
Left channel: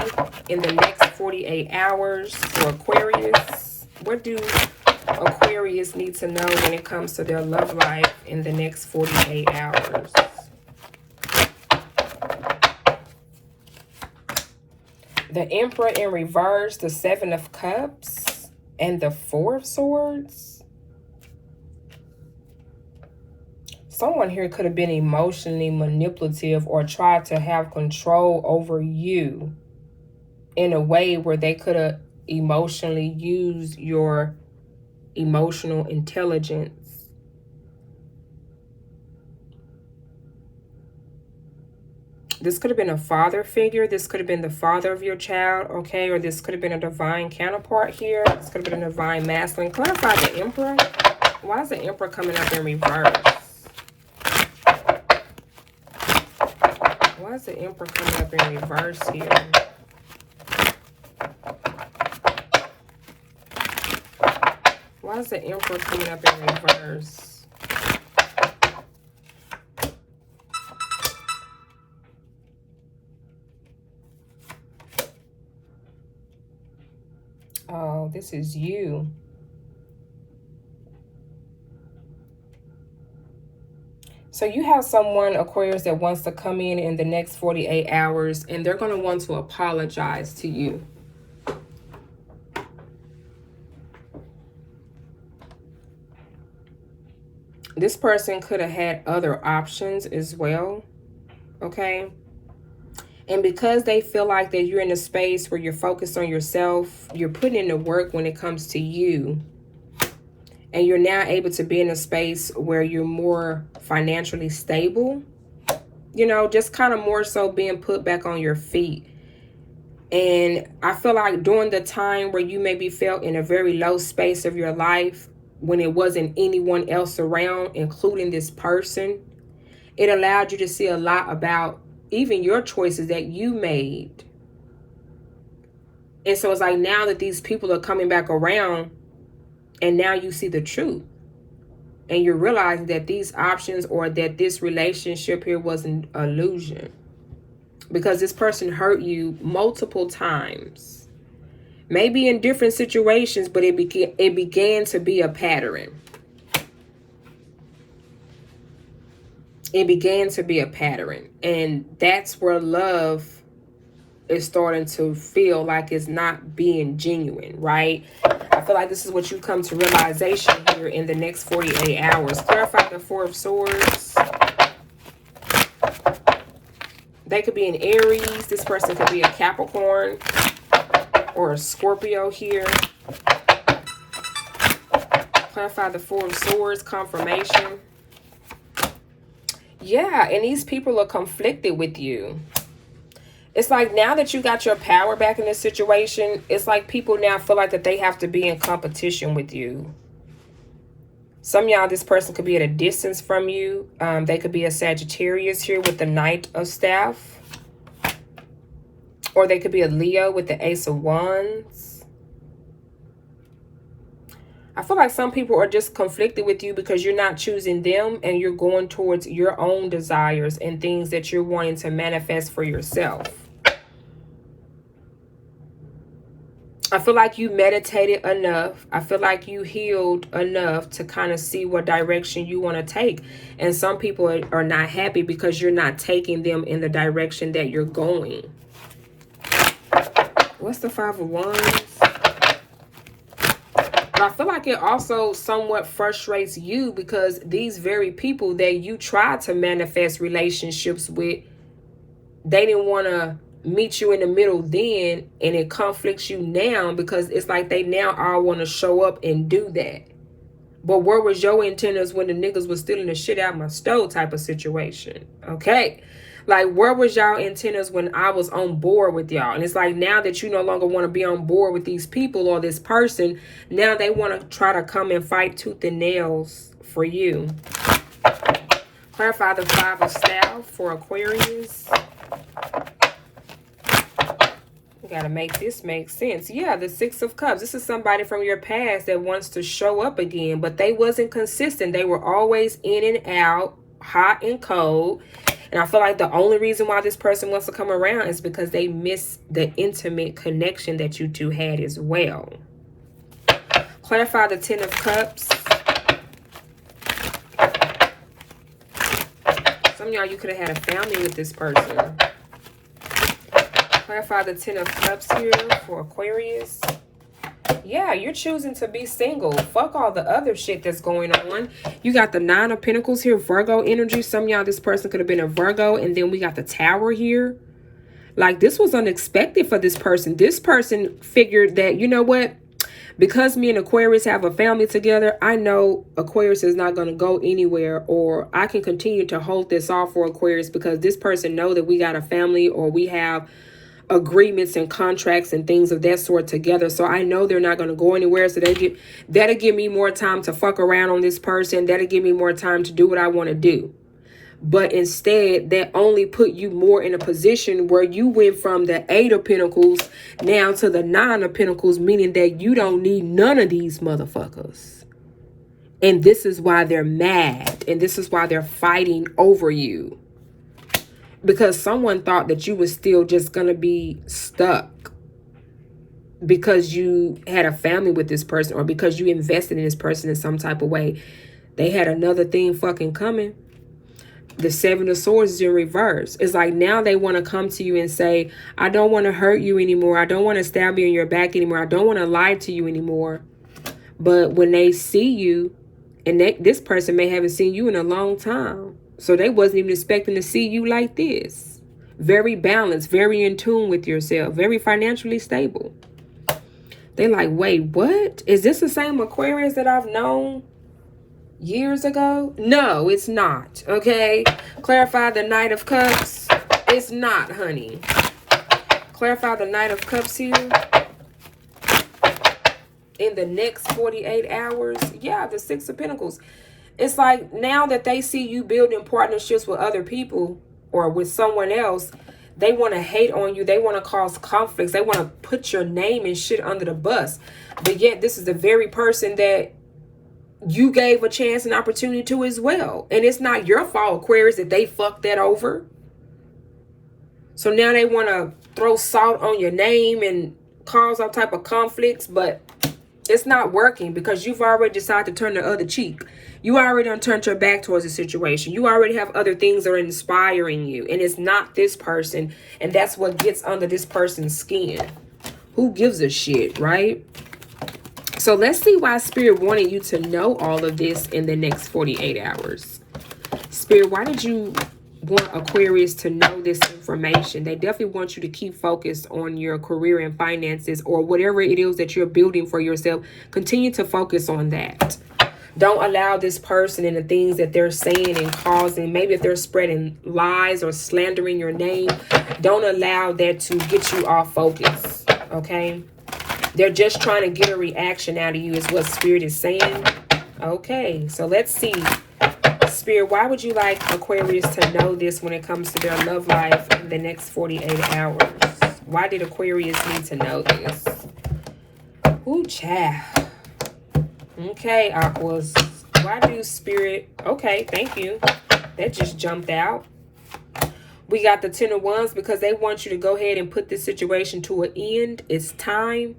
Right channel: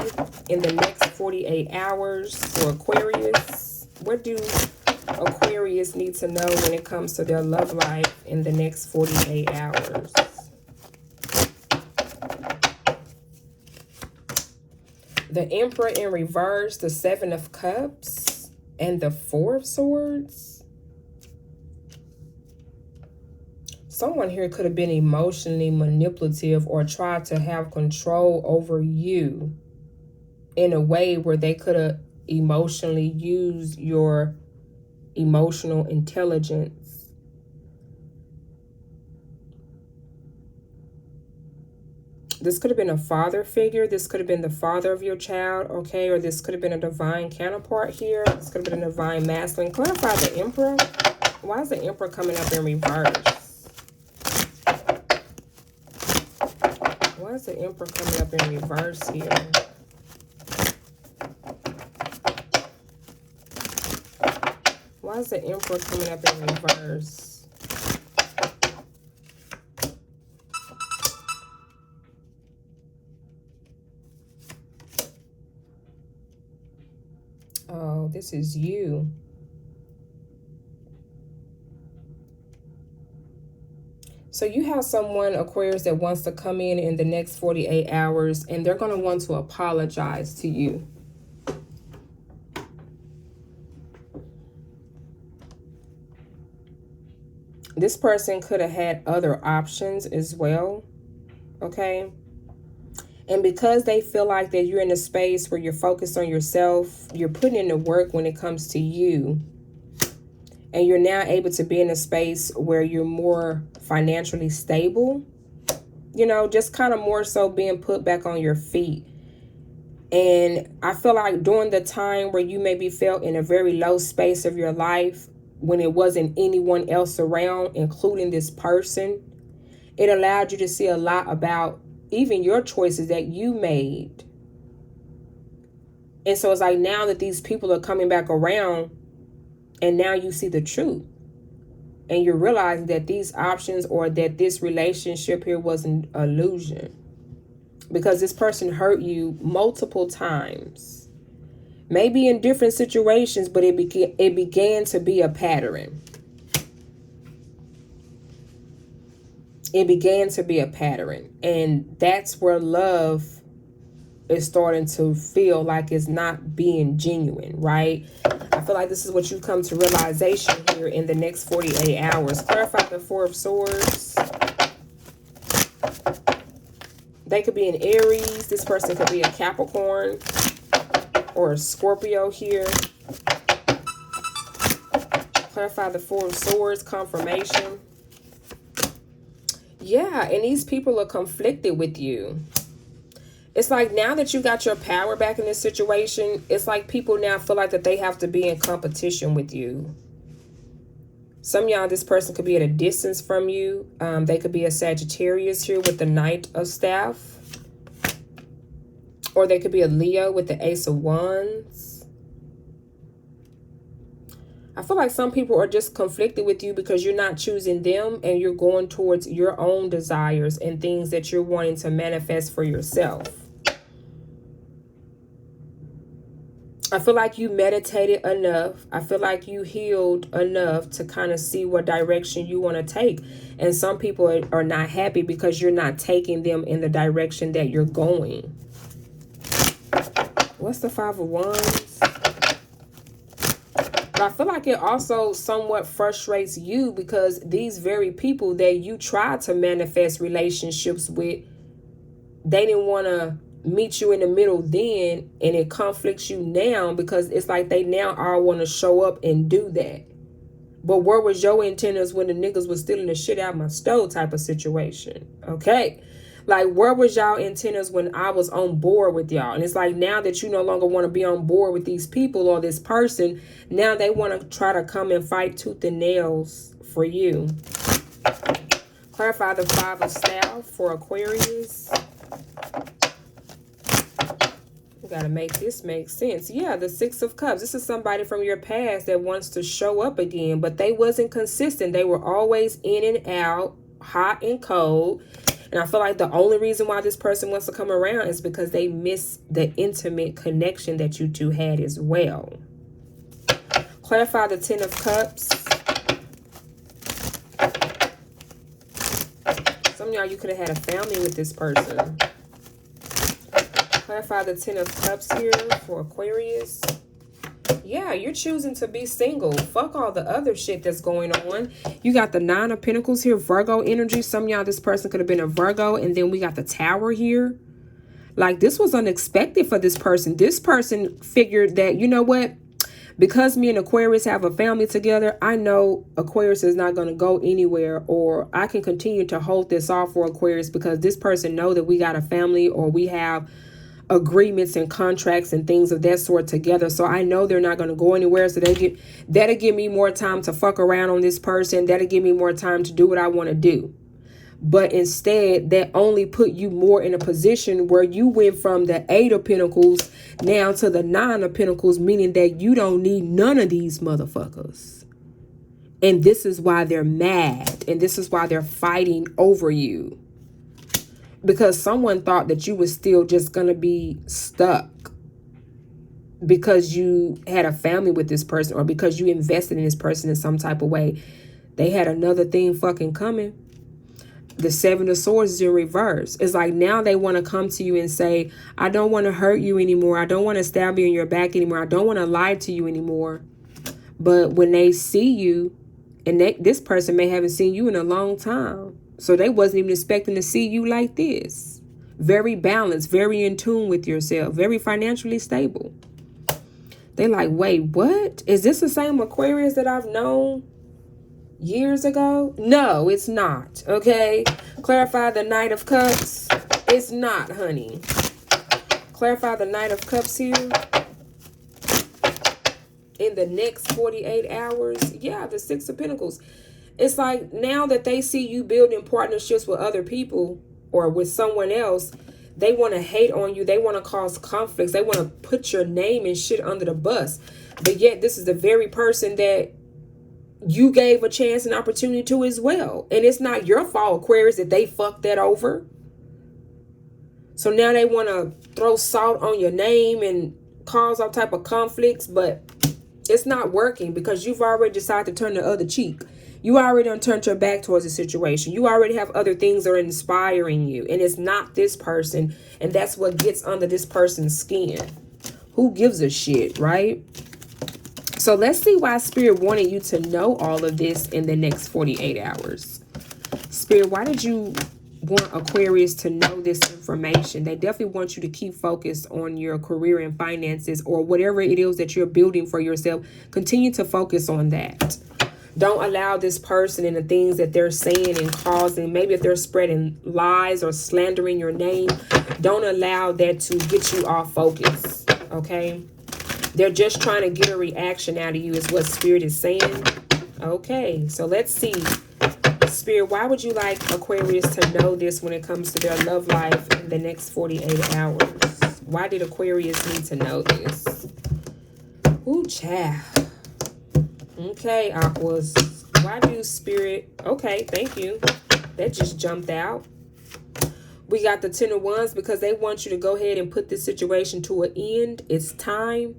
in the next 48 hours for Aquarius. What do Aquarius need to know when it comes to their love life in the next 48 hours? The Emperor in reverse, the Seven of Cups, and the Four of Swords. Someone here could have been emotionally manipulative or tried to have control over you in a way where they could have emotionally used your emotional intelligence. This could have been a father figure. This could have been the father of your child, okay? Or this could have been a divine counterpart here. This could have been a divine masculine. Clarify the Emperor. Why is the Emperor coming up in reverse? Why is the Emperor coming up in reverse here? Why is the Emperor coming up in reverse? Oh, this is you. So you have someone, Aquarius, that wants to come in the next 48 hours, and they're going to want to apologize to you. This person could have had other options as well, okay? And because they feel like that you're in a space where you're focused on yourself, you're putting in the work when it comes to you, and you're now able to be in a space where you're more financially stable, you know, just kind of more so being put back on your feet. And I feel like during the time where you maybe felt in a very low space of your life, when it wasn't anyone else around, including this person, it allowed you to see a lot about even your choices that you made. And so it's like now that these people are coming back around, and now you see the truth, and you're realizing that these options or that this relationship here was an illusion, because this person hurt you multiple times, maybe in different situations, but it began to be a pattern. It began to be a pattern. And that's where love is starting to feel like it's not being genuine, right? I feel like this is what you come to realization here in the next 48 hours. Clarify the Four of Swords. They could be an Aries. This person could be a Capricorn or a Scorpio here. Clarify the Four of Swords, confirmation. Yeah, and these people are conflicted with you. It's like now that you got your power back in this situation, it's like people now feel like that they have to be in competition with you. Some of y'all, this person could be at a distance from you. They could be a Sagittarius here with the Knight of Staff. Or they could be a Leo with the Ace of Wands. I feel like some people are just conflicted with you because you're not choosing them and you're going towards your own desires and things that you're wanting to manifest for yourself. I feel like you meditated enough. I feel like you healed enough to kind of see what direction you want to take. And some people are not happy because you're not taking them in the direction that you're going. What's the Five of Wands? But I feel like it also somewhat frustrates you because these very people that you try to manifest relationships with, they didn't want to meet you in the middle then, and it conflicts you now because it's like they now all want to show up and do that. But where was your antennas when the niggas was stealing the shit out of my stove type of situation? Okay. Like, where was y'all antennas when I was on board with y'all? And it's like, now that you no longer want to be on board with these people or this person, now they want to try to come and fight tooth and nails for you. Clarify the Five of Staff for Aquarius. We got to make this make sense. Yeah, the Six of Cups. This is somebody from your past that wants to show up again, but they wasn't consistent. They were always in and out, hot and cold. And I feel like the only reason why this person wants to come around is because they miss the intimate connection that you two had as well. Clarify the Ten of Cups. Some of y'all, you could have had a family with this person. Clarify the Ten of Cups here for Aquarius. Yeah, you're choosing to be single. Fuck all the other shit that's going on. You got the Nine of Pentacles here, Virgo energy. Some of y'all, this person could have been a Virgo. And then we got the Tower here. Like, this was unexpected for this person. This person figured that, you know what? Because me and Aquarius have a family together, I know Aquarius is not going to go anywhere, or I can continue to hold this off for Aquarius because this person know that we got a family, or we have agreements and contracts and things of that sort together. So I know they're not going to go anywhere. So that'll give me more time to fuck around on this person. That'll give me more time to do what I want to do. But instead, that only put you more in a position where you went from the Eight of Pentacles now to the Nine of Pentacles, meaning that you don't need none of these motherfuckers. And this is why they're mad. And this is why they're fighting over you. Because someone thought that you were still just going to be stuck because you had a family with this person, or because you invested in this person in some type of way. They had another thing fucking coming. The Seven of Swords is in reverse. It's like now they want to come to you and say, I don't want to hurt you anymore. I don't want to stab you in your back anymore. I don't want to lie to you anymore. But when they see you, and this person may haven't seen you in a long time. So they wasn't even expecting to see you like this. Very balanced, very in tune with yourself, very financially stable. They're like, wait, what? Is this the same Aquarius that I've known years ago? No, it's not. Okay. Clarify the Knight of Cups. It's not, honey. Clarify the Knight of Cups here. In the next 48 hours. Yeah, the Six of Pentacles. It's like now that they see you building partnerships with other people or with someone else, they want to hate on you. They want to cause conflicts. They want to put your name and shit under the bus. But yet this is the very person that you gave a chance and opportunity to as well. And it's not your fault, Aquarius, that they fucked that over. So now they want to throw salt on your name and cause all type of conflicts. But it's not working because you've already decided to turn the other cheek. You already done turned your back towards the situation. You already have other things that are inspiring you. And it's not this person. And that's what gets under this person's skin. Who gives a shit, right? So let's see why Spirit wanted you to know all of this in the next 48 hours. Spirit, why did you want Aquarius to know this information? They definitely want you to keep focused on your career and finances, or whatever it is that you're building for yourself. Continue to focus on that. Don't allow this person and the things that they're saying and causing, maybe if they're spreading lies or slandering your name, don't allow that to get you off focus, okay? They're just trying to get a reaction out of you is what Spirit is saying. Okay, so let's see. Spirit, why would you like Aquarius to know this when it comes to their love life in the next 48 hours? Why did Aquarius need to know this? Ooh, child. Okay, Aquas. Why do Spirit... Okay, thank you. That just jumped out. We got the Ten of Wands because they want you to go ahead and put this situation to an end. It's time.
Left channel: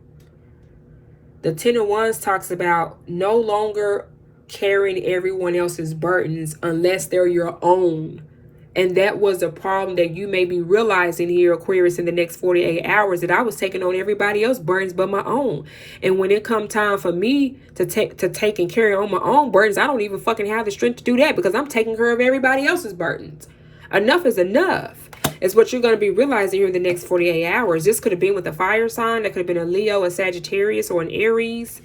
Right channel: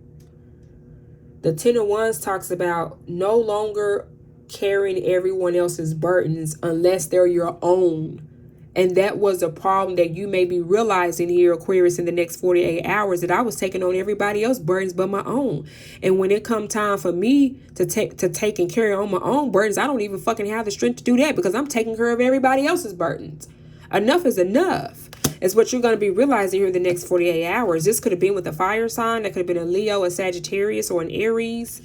The Ten of Wands talks about no longer carrying everyone else's burdens unless they're your own. And that was a problem that you may be realizing here, Aquarius, in the next 48 hours, that I was taking on everybody else's burdens but my own. And when it come time for me to take and carry on my own burdens, I don't even fucking have the strength to do that because I'm taking care of everybody else's burdens. Enough is enough. It's what you're going to be realizing here in the next 48 hours. This could have been with a fire sign. That could have been a Leo, a Sagittarius, or an Aries.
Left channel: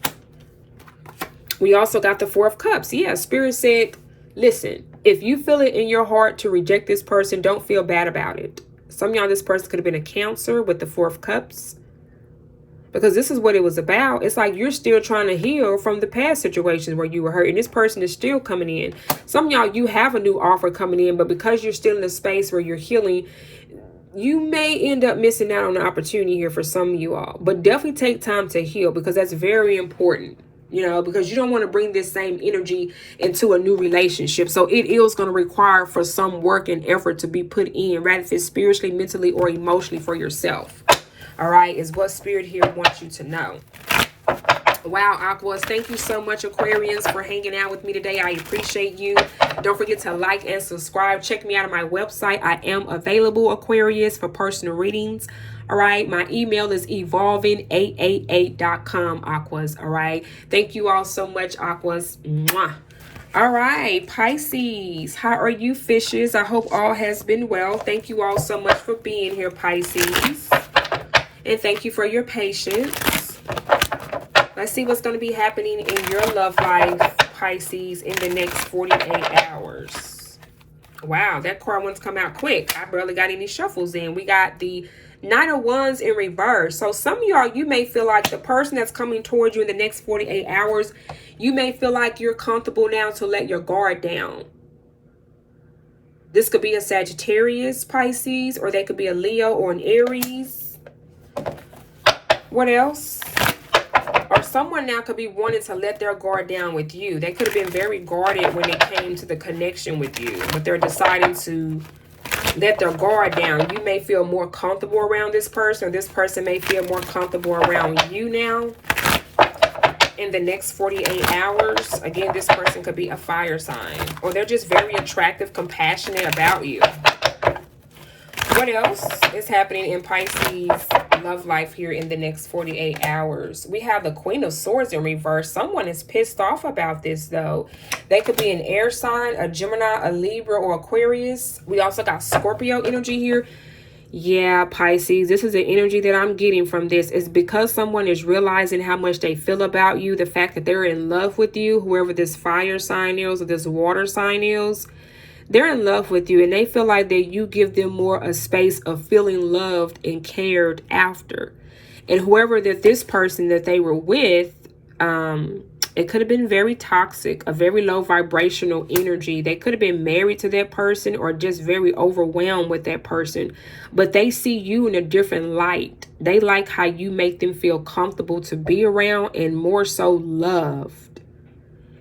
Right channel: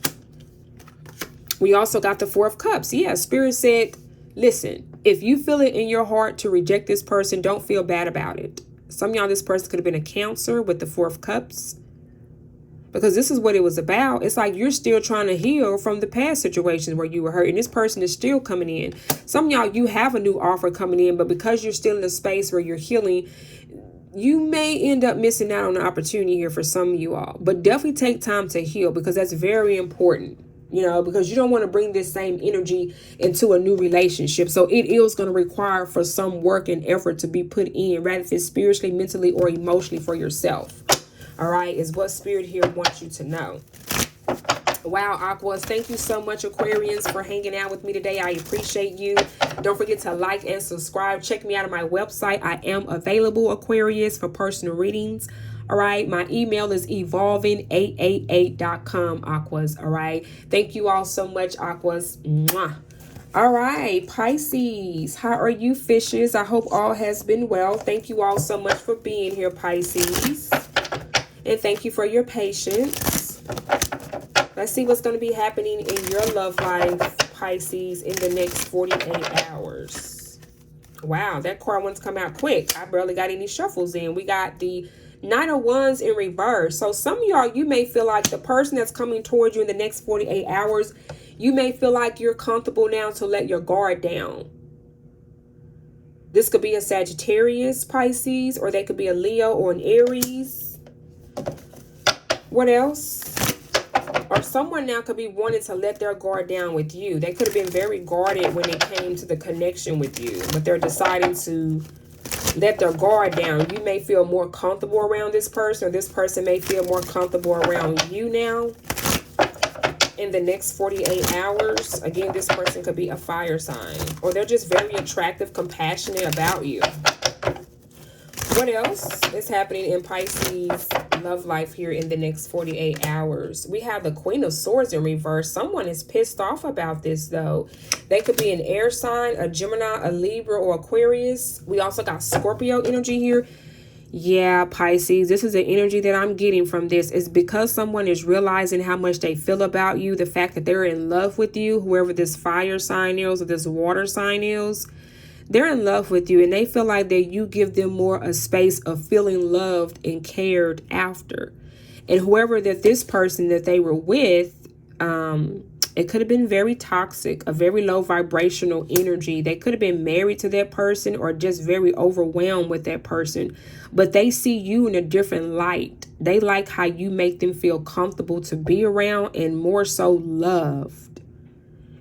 We also got the Four of Cups. Yeah, Spirit said, listen, if you feel it in your heart to reject this person, don't feel bad about it. Some of y'all, this person could have been a Cancer with the Four of Cups. Because this is what it was about. It's like you're still trying to heal from the past situations where you were hurt. And this person is still coming in. Some of y'all, you have a new offer coming in. But because you're still in a space where you're healing, you may end up missing out on an opportunity here for some of you all. But definitely take time to heal, because that's very important. You know, because you don't want to bring this same energy into a new relationship. So it is going to require for some work and effort to be put in, rather if it's spiritually, mentally, or emotionally for yourself. All right, is what Spirit here wants you to know. Wow, Aquas, thank you so much, Aquarians, for hanging out with me today. I appreciate you. Don't forget to like and subscribe. Check me out on my website. I am available, Aquarius, for personal readings. All right, my email is evolving888.com, Aquas. All right, thank you all so much, Aquas. Mwah. All right, Pisces, how are you, fishes? I hope all has been well. Thank you all so much for being here, Pisces. And thank you for your patience. Let's see what's going to be happening in your love life, Pisces, in the next 48 hours. Wow, that card wants to come out quick. I barely got any shuffles in. We got the Nine of Wands in reverse. So some of y'all, you may feel like the person that's coming towards you in the next 48 hours, you may feel like you're comfortable now to let your guard down. This could be a Sagittarius, Pisces, or they could be a Leo or an Aries. What else? Or someone now could be wanting to let their guard down with you. They could have been very guarded when it came to the connection with you, but they're deciding to let their guard down. You may feel more comfortable around this person, or this person may feel more comfortable around you now in the next 48 hours. Again, this person could be a fire sign, or they're just very attractive, compassionate about you. What else is happening in Pisces love life here in the next 48 hours? We have the Queen of Swords in reverse. Someone is pissed off about this, though. They could be an air sign, a Gemini, a Libra, or Aquarius. We also got Scorpio energy here. Yeah, Pisces, this is the energy that I'm getting from this. It's because someone is realizing how much they feel about you, the fact that they're in love with you, whoever this fire sign is or this water sign is. They're in love with you, and they feel like that you give them more a space of feeling loved and cared after. And whoever that this person that they were with, it could have been very toxic, a very low vibrational energy. They could have been married to that person or just very overwhelmed with that person. But they see you in a different light. They like how you make them feel comfortable to be around, and more so loved,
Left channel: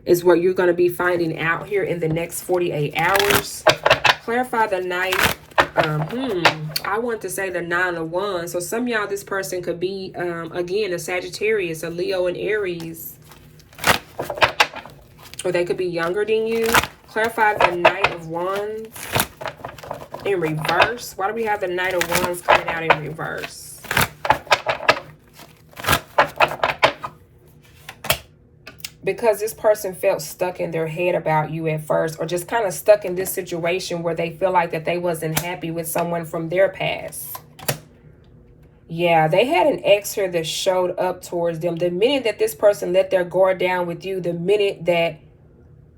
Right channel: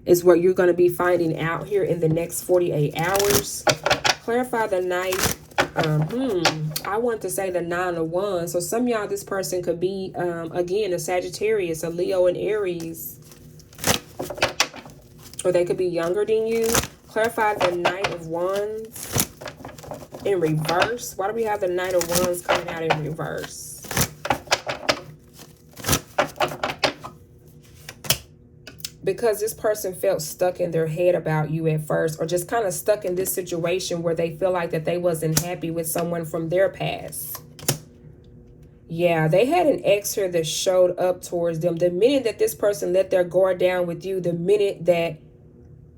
is what you're going to be finding out here in the next 48 hours. Clarify the Knight. I want to say the Nine of Wands. So some of y'all, this person could be, again, a Sagittarius, a Leo, and Aries. Or they could be younger than you. Clarify the Knight of Wands in reverse. Why do we have the Knight of Wands coming out in reverse? Because this person felt stuck in their head about you at first, or just kind of stuck in this situation where they feel like that they wasn't happy with someone from their past. Yeah, they had an ex here that showed up towards them. The minute that this person let their guard down with you, the minute that,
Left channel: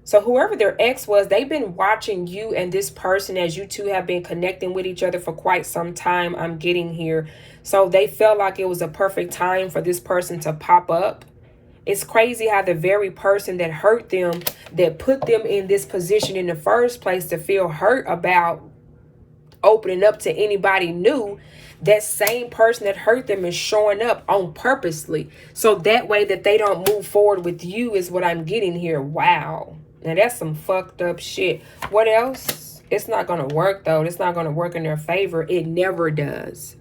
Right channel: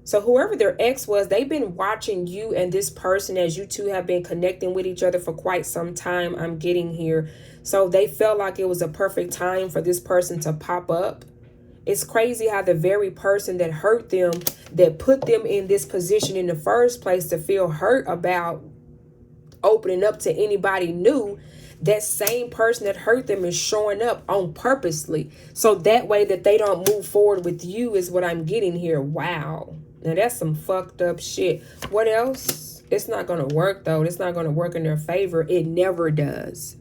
so whoever their ex was, they've been watching you and this person as you two have been connecting with each other for quite some time, I'm getting here. So they felt like it was a perfect time for this person to pop up. It's crazy how the very person that hurt them, that put them in this position in the first place to feel hurt about opening up to anybody new, that same person that hurt them is showing up on purposely. So that way that they don't move forward with you is what I'm getting here. Wow. Now that's some fucked up shit. What else? It's not going to work, though. It's not going to work in their favor. It never does.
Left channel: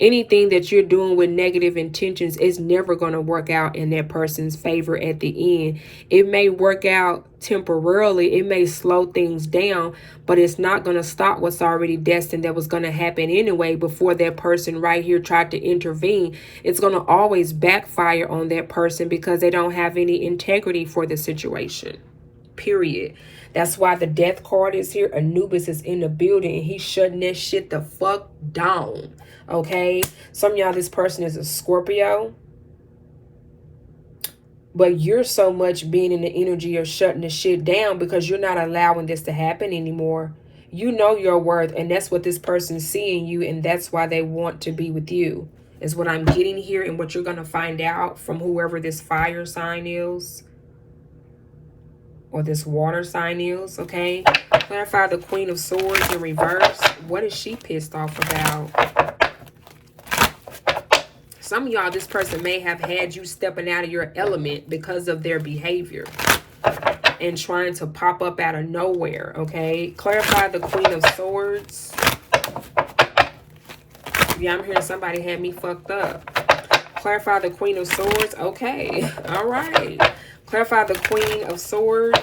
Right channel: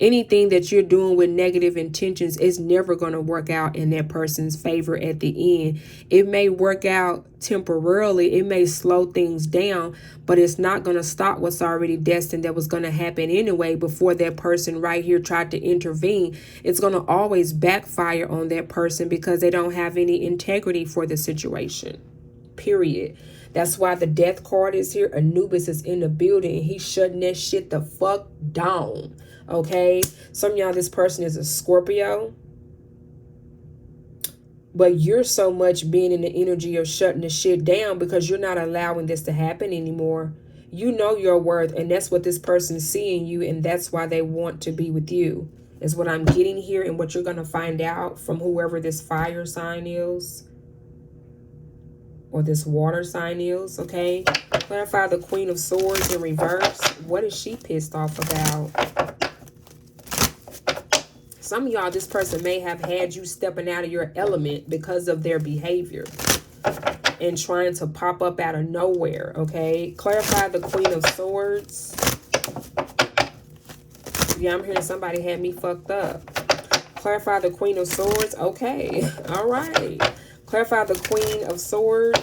Anything that you're doing with negative intentions is never going to work out in that person's favor at the end. It may work out temporarily. It may slow things down, but it's not going to stop what's already destined that was going to happen anyway before that person right here tried to intervene. It's going to always backfire on that person because they don't have any integrity for the situation. Period. That's why the death card is here. Anubis is in the building and he's shutting that shit the fuck down. Okay, some of y'all, this person is a Scorpio. But you're so much being in the energy of shutting the shit down because you're not allowing this to happen anymore. You know your worth, and that's what this person's seeing you, and that's why they want to be with you, is what I'm getting here, and what you're going to find out from whoever this fire sign is, or this water sign is, okay? Clarify the Queen of Swords in reverse. What is she pissed off about? Some of y'all, this person may have had you stepping out of your element because of their behavior and trying to pop up out of nowhere, okay? Clarify the Queen of Swords. Yeah, I'm hearing somebody had me fucked up. Clarify the Queen of Swords. Okay, all right. Clarify the Queen of Swords.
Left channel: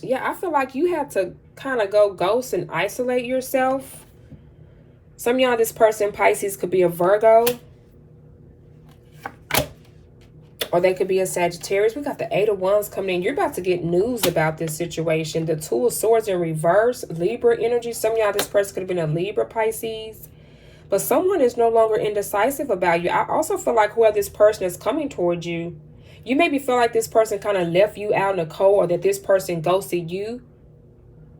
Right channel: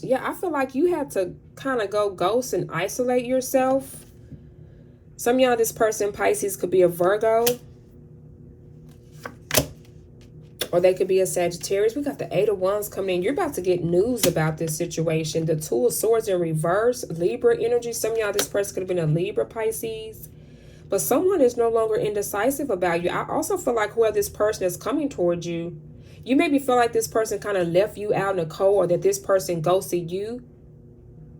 Yeah, I feel like you have to kind of go ghost and isolate yourself. Some of y'all, this person, Pisces, could be a Virgo. Or they could be a Sagittarius. We got the Eight of Wands coming in. You're about to get news about this situation. The Two of Swords in reverse. Libra energy. Some of y'all, this person could have been a Libra, Pisces. But someone is no longer indecisive about you. I also feel like whoever this person is coming towards you, you maybe feel like this person kind of left you out in the cold, or that this person ghosted you.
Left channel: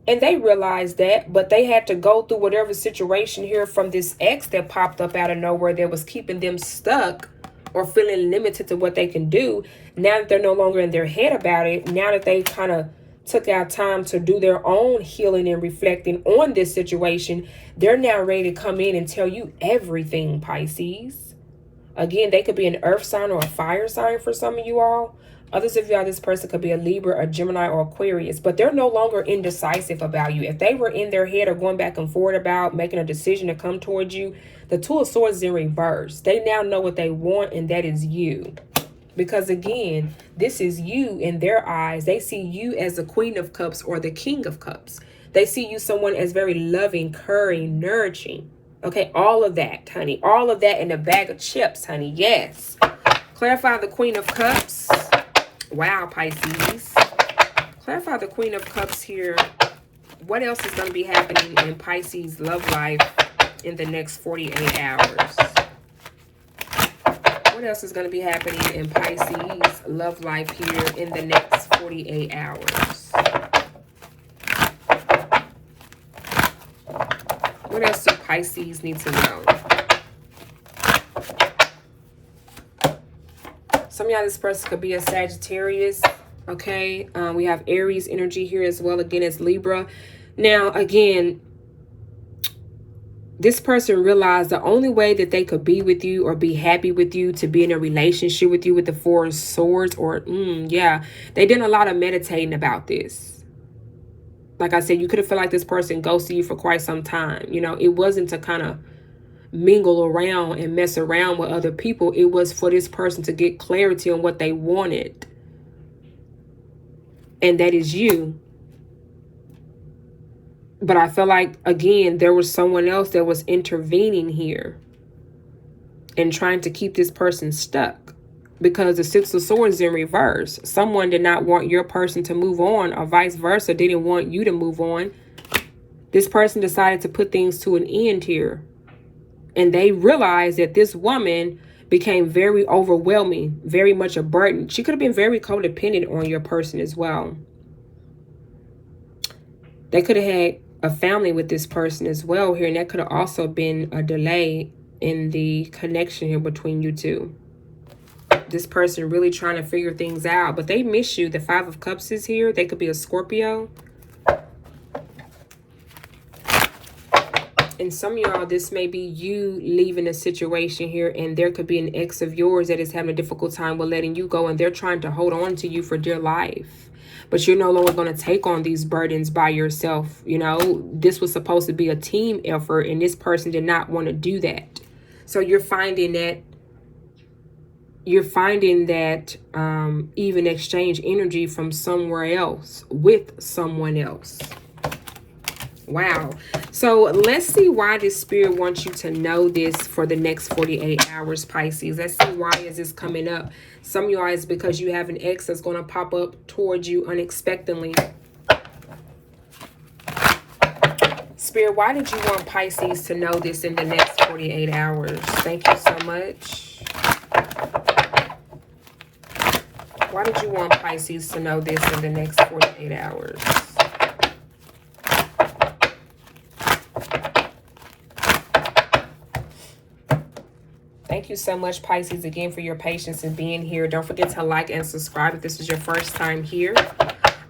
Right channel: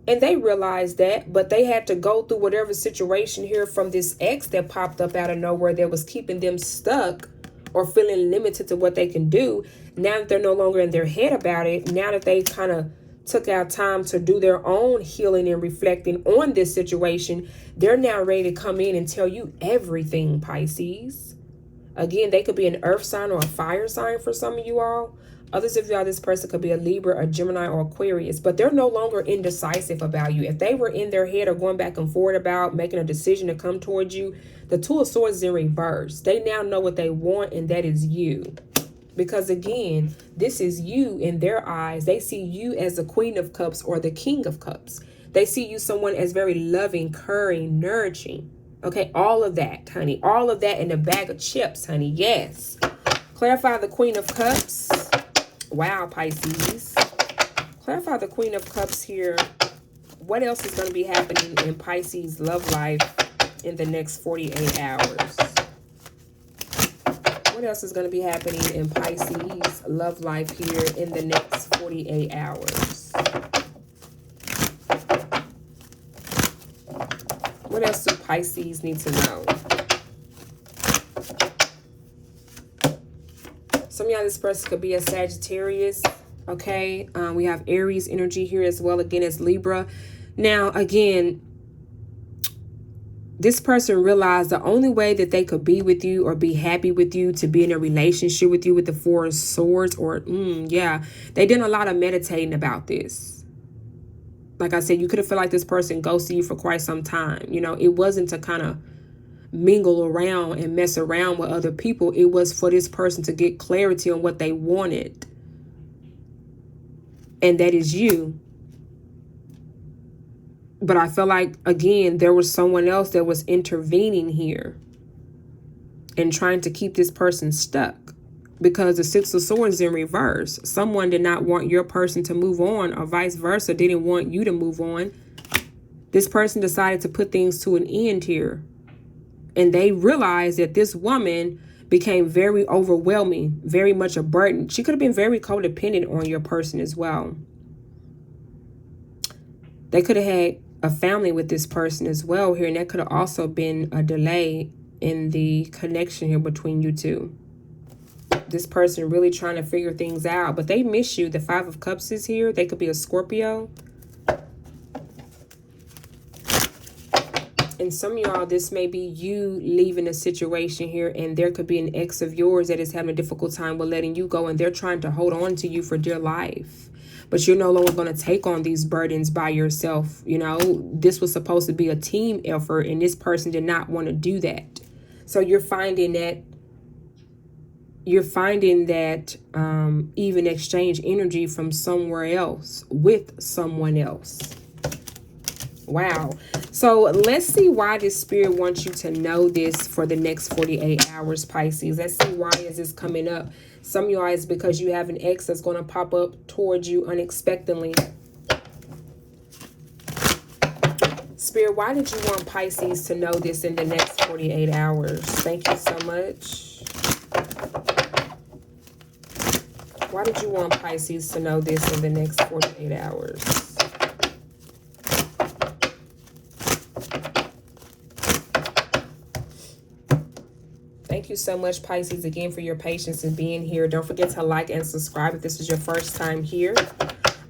And they realized that, but they had to go through whatever situation here from this ex that popped up out of nowhere that was keeping them stuck or feeling limited to what they can do. Now that they're no longer in their head about it, now that they kind of took out time to do their own healing and reflecting on this situation, they're now ready to come in and tell you everything, Pisces. Again, they could be an earth sign or a fire sign for some of you all. Others of y'all, this person could be a Libra, a Gemini, or Aquarius, but they're no longer indecisive about you. If they were in their head or going back and forth about making a decision to come towards you, the Two of Swords is in reverse. They now know what they want, and that is you. Because again, this is you in their eyes. They see you as the Queen of Cups or the King of Cups. They see you someone as very loving, caring, nurturing. Okay, all of that, honey. All of that in a bag of chips, honey. Yes. Clarify the Queen of Cups. Wow, Pisces. Clarify the Queen of Cups here. What else is going to be happening in Pisces' love life in the next 48 hours? What else is going to be happening in Pisces' love life here in the next 48 hours? What else do Pisces need to know? Some of y'all, this person could be a Sagittarius. Okay. We have Aries energy here as well. Again, it's Libra. Now, again, this person realized the only way that they could be with you or be happy with you, to be in a relationship with you with the Four of Swords, or yeah, they did a lot of meditating about this. Like I said, you could have felt like this person ghosted you for quite some time. You know, it wasn't to kind of mingle around and mess around with other people. It was for this person to get clarity on what they wanted. And that is you. But I feel like, again, there was someone else that was intervening here and trying to keep this person stuck. Because the Six of Swords is in reverse. Someone did not want your person to move on, or vice versa. They didn't want you to move on. This person decided to put things to an end here. And they realized that this woman became very overwhelming, very much a burden. She could have been very codependent on your person as well. They could have had a family with this person as well here. And that could have also been a delay in the connection here between you two. This person really trying to figure things out, but they miss you. The Five of Cups is here. They could be a Scorpio. And some of y'all, this may be you leaving a situation here, and there could be an ex of yours that is having a difficult time with letting you go, and they're trying to hold on to you for dear life. But you're no longer going to take on these burdens by yourself. You know, this was supposed to be a team effort, and this person did not want to do that. So you're finding that even exchange energy from somewhere else with someone else. Wow. So let's see why this spirit wants you to know this for the next 48 hours, Pisces. Let's see why is this coming up. Some of y'all is because you have an ex that's going to pop up towards you unexpectedly. Spirit, why did you want Pisces to know this in the next 48 hours? Thank you so much. Why did you want Pisces to know this in the next 48 hours? Thank you so much, Pisces, again, for your patience and being here. Don't forget to like and subscribe if this is your first time here.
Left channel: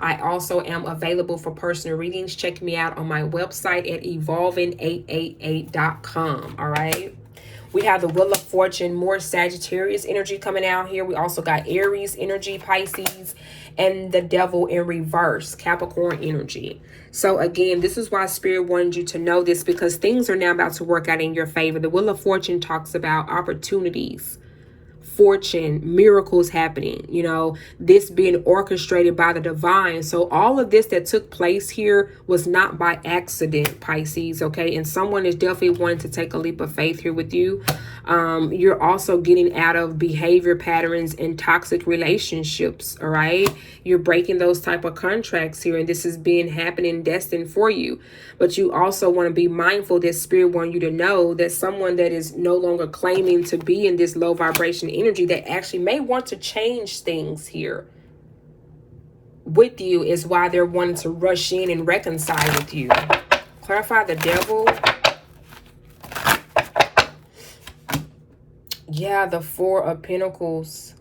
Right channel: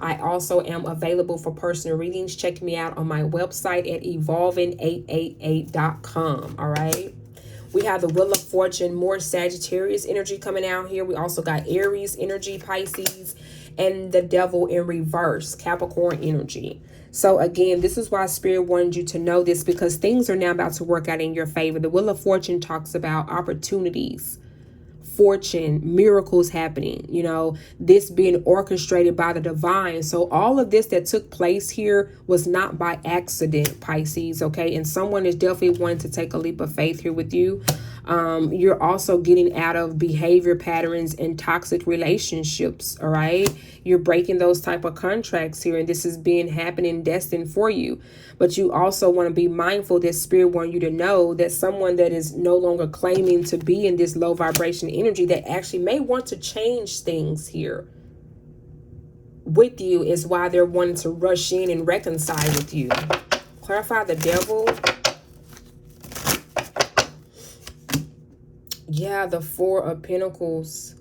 I also am available for personal readings. Check me out on my website at evolving888.com. All right. We have the Wheel of Fortune, more Sagittarius energy coming out here. We also got Aries energy, Pisces, and the Devil in reverse, Capricorn energy. So again, this is why Spirit wanted you to know this, because things are now about to work out in your favor. The Wheel of Fortune talks about opportunities, fortune, miracles happening, you know, this being orchestrated by the divine. So all of this that took place here was not by accident, Pisces, okay? And someone is definitely wanting to take a leap of faith here with you. You're also getting out of behavior patterns and toxic relationships, all right? You're breaking those type of contracts here, and this is being happening destined for you. But you also want to be mindful that Spirit wants you to know that someone that is no longer claiming to be in this low vibration energy that actually may want to change things here with you is why they're wanting to rush in and reconcile with you. Clarify the Devil. Yeah, the Four of Pentacles.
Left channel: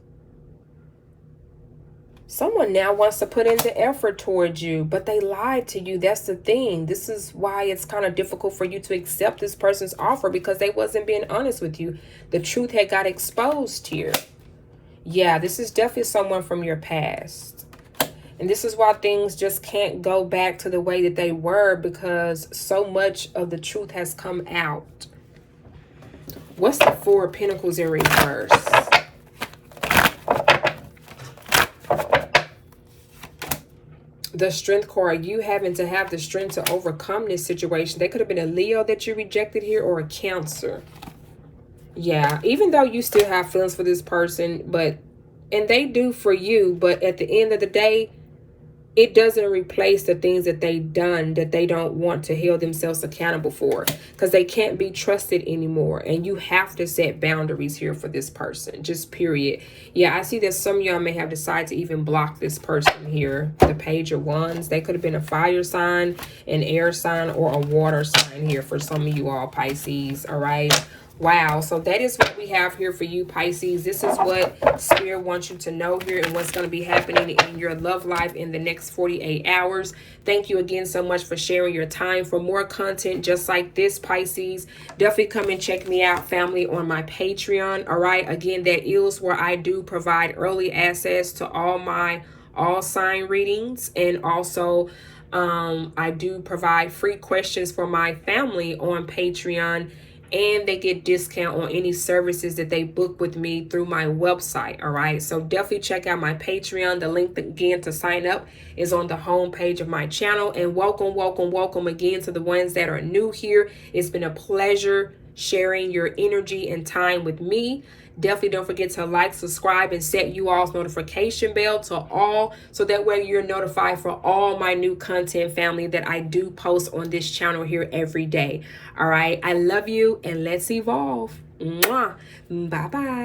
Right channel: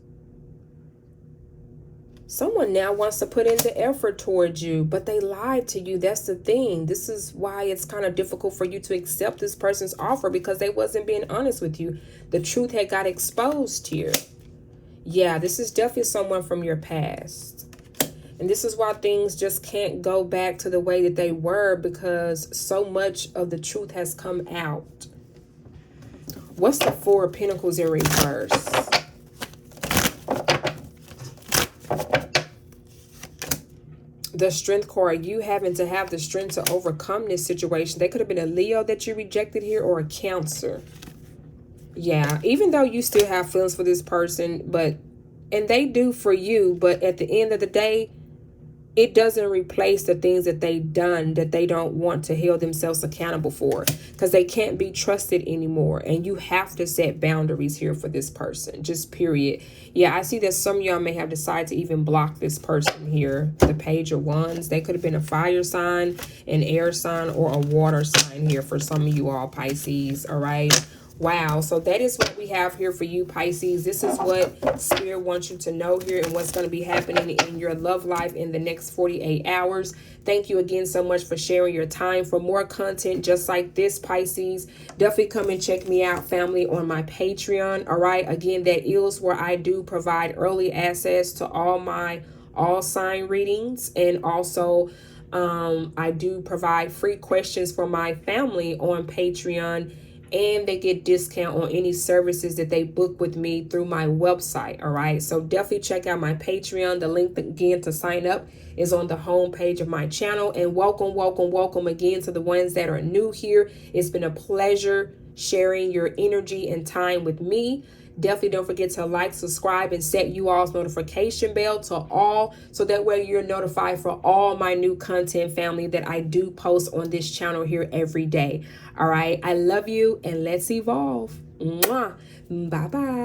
Someone now wants to put in the effort towards you, but they lied to you. That's the thing. This is why it's kind of difficult for you to accept this person's offer, because they wasn't being honest with you. The truth had got exposed here. Yeah, this is definitely someone from your past. And this is why things just can't go back to the way that they were, because so much of the truth has come out. What's the Four of Pentacles in reverse? The Strength card, you having to have the strength to overcome this situation. They could have been a Leo that you rejected here, or a Cancer. Yeah, even though you still have feelings for this person, and they do for you, but at the end of the day, it doesn't replace the things that they've done that they don't want to hold themselves accountable for, because they can't be trusted anymore. And you have to set boundaries here for this person, just period. Yeah, I see that some of y'all may have decided to even block this person here. The Page of Wands, they could have been a fire sign, an air sign, or a water sign here for some of you all, Pisces. All right. Wow, so that is what we have here for you, Pisces. This is what Spirit wants you to know here, and what's going to be happening in your love life in the next 48 hours. Thank you again so much for sharing your time. For more content just like this, Pisces, definitely come and check me out, family, on my Patreon. All right, again, that is where I do provide early access to all my all sign readings, and also I do provide free questions for my family on Patreon. And they get discount on any services that they book with me through my website. All right. So definitely check out my Patreon. The link again to sign up is on the home page of my channel. And welcome, welcome, welcome again to the ones that are new here. It's been a pleasure sharing your energy and time with me. Definitely don't forget to like, subscribe, and set you all's notification bell to all, so that way you're notified for all my new content, family, that I do post on this channel here every day. All right. I love you, and let's evolve. Mwah. Bye-bye.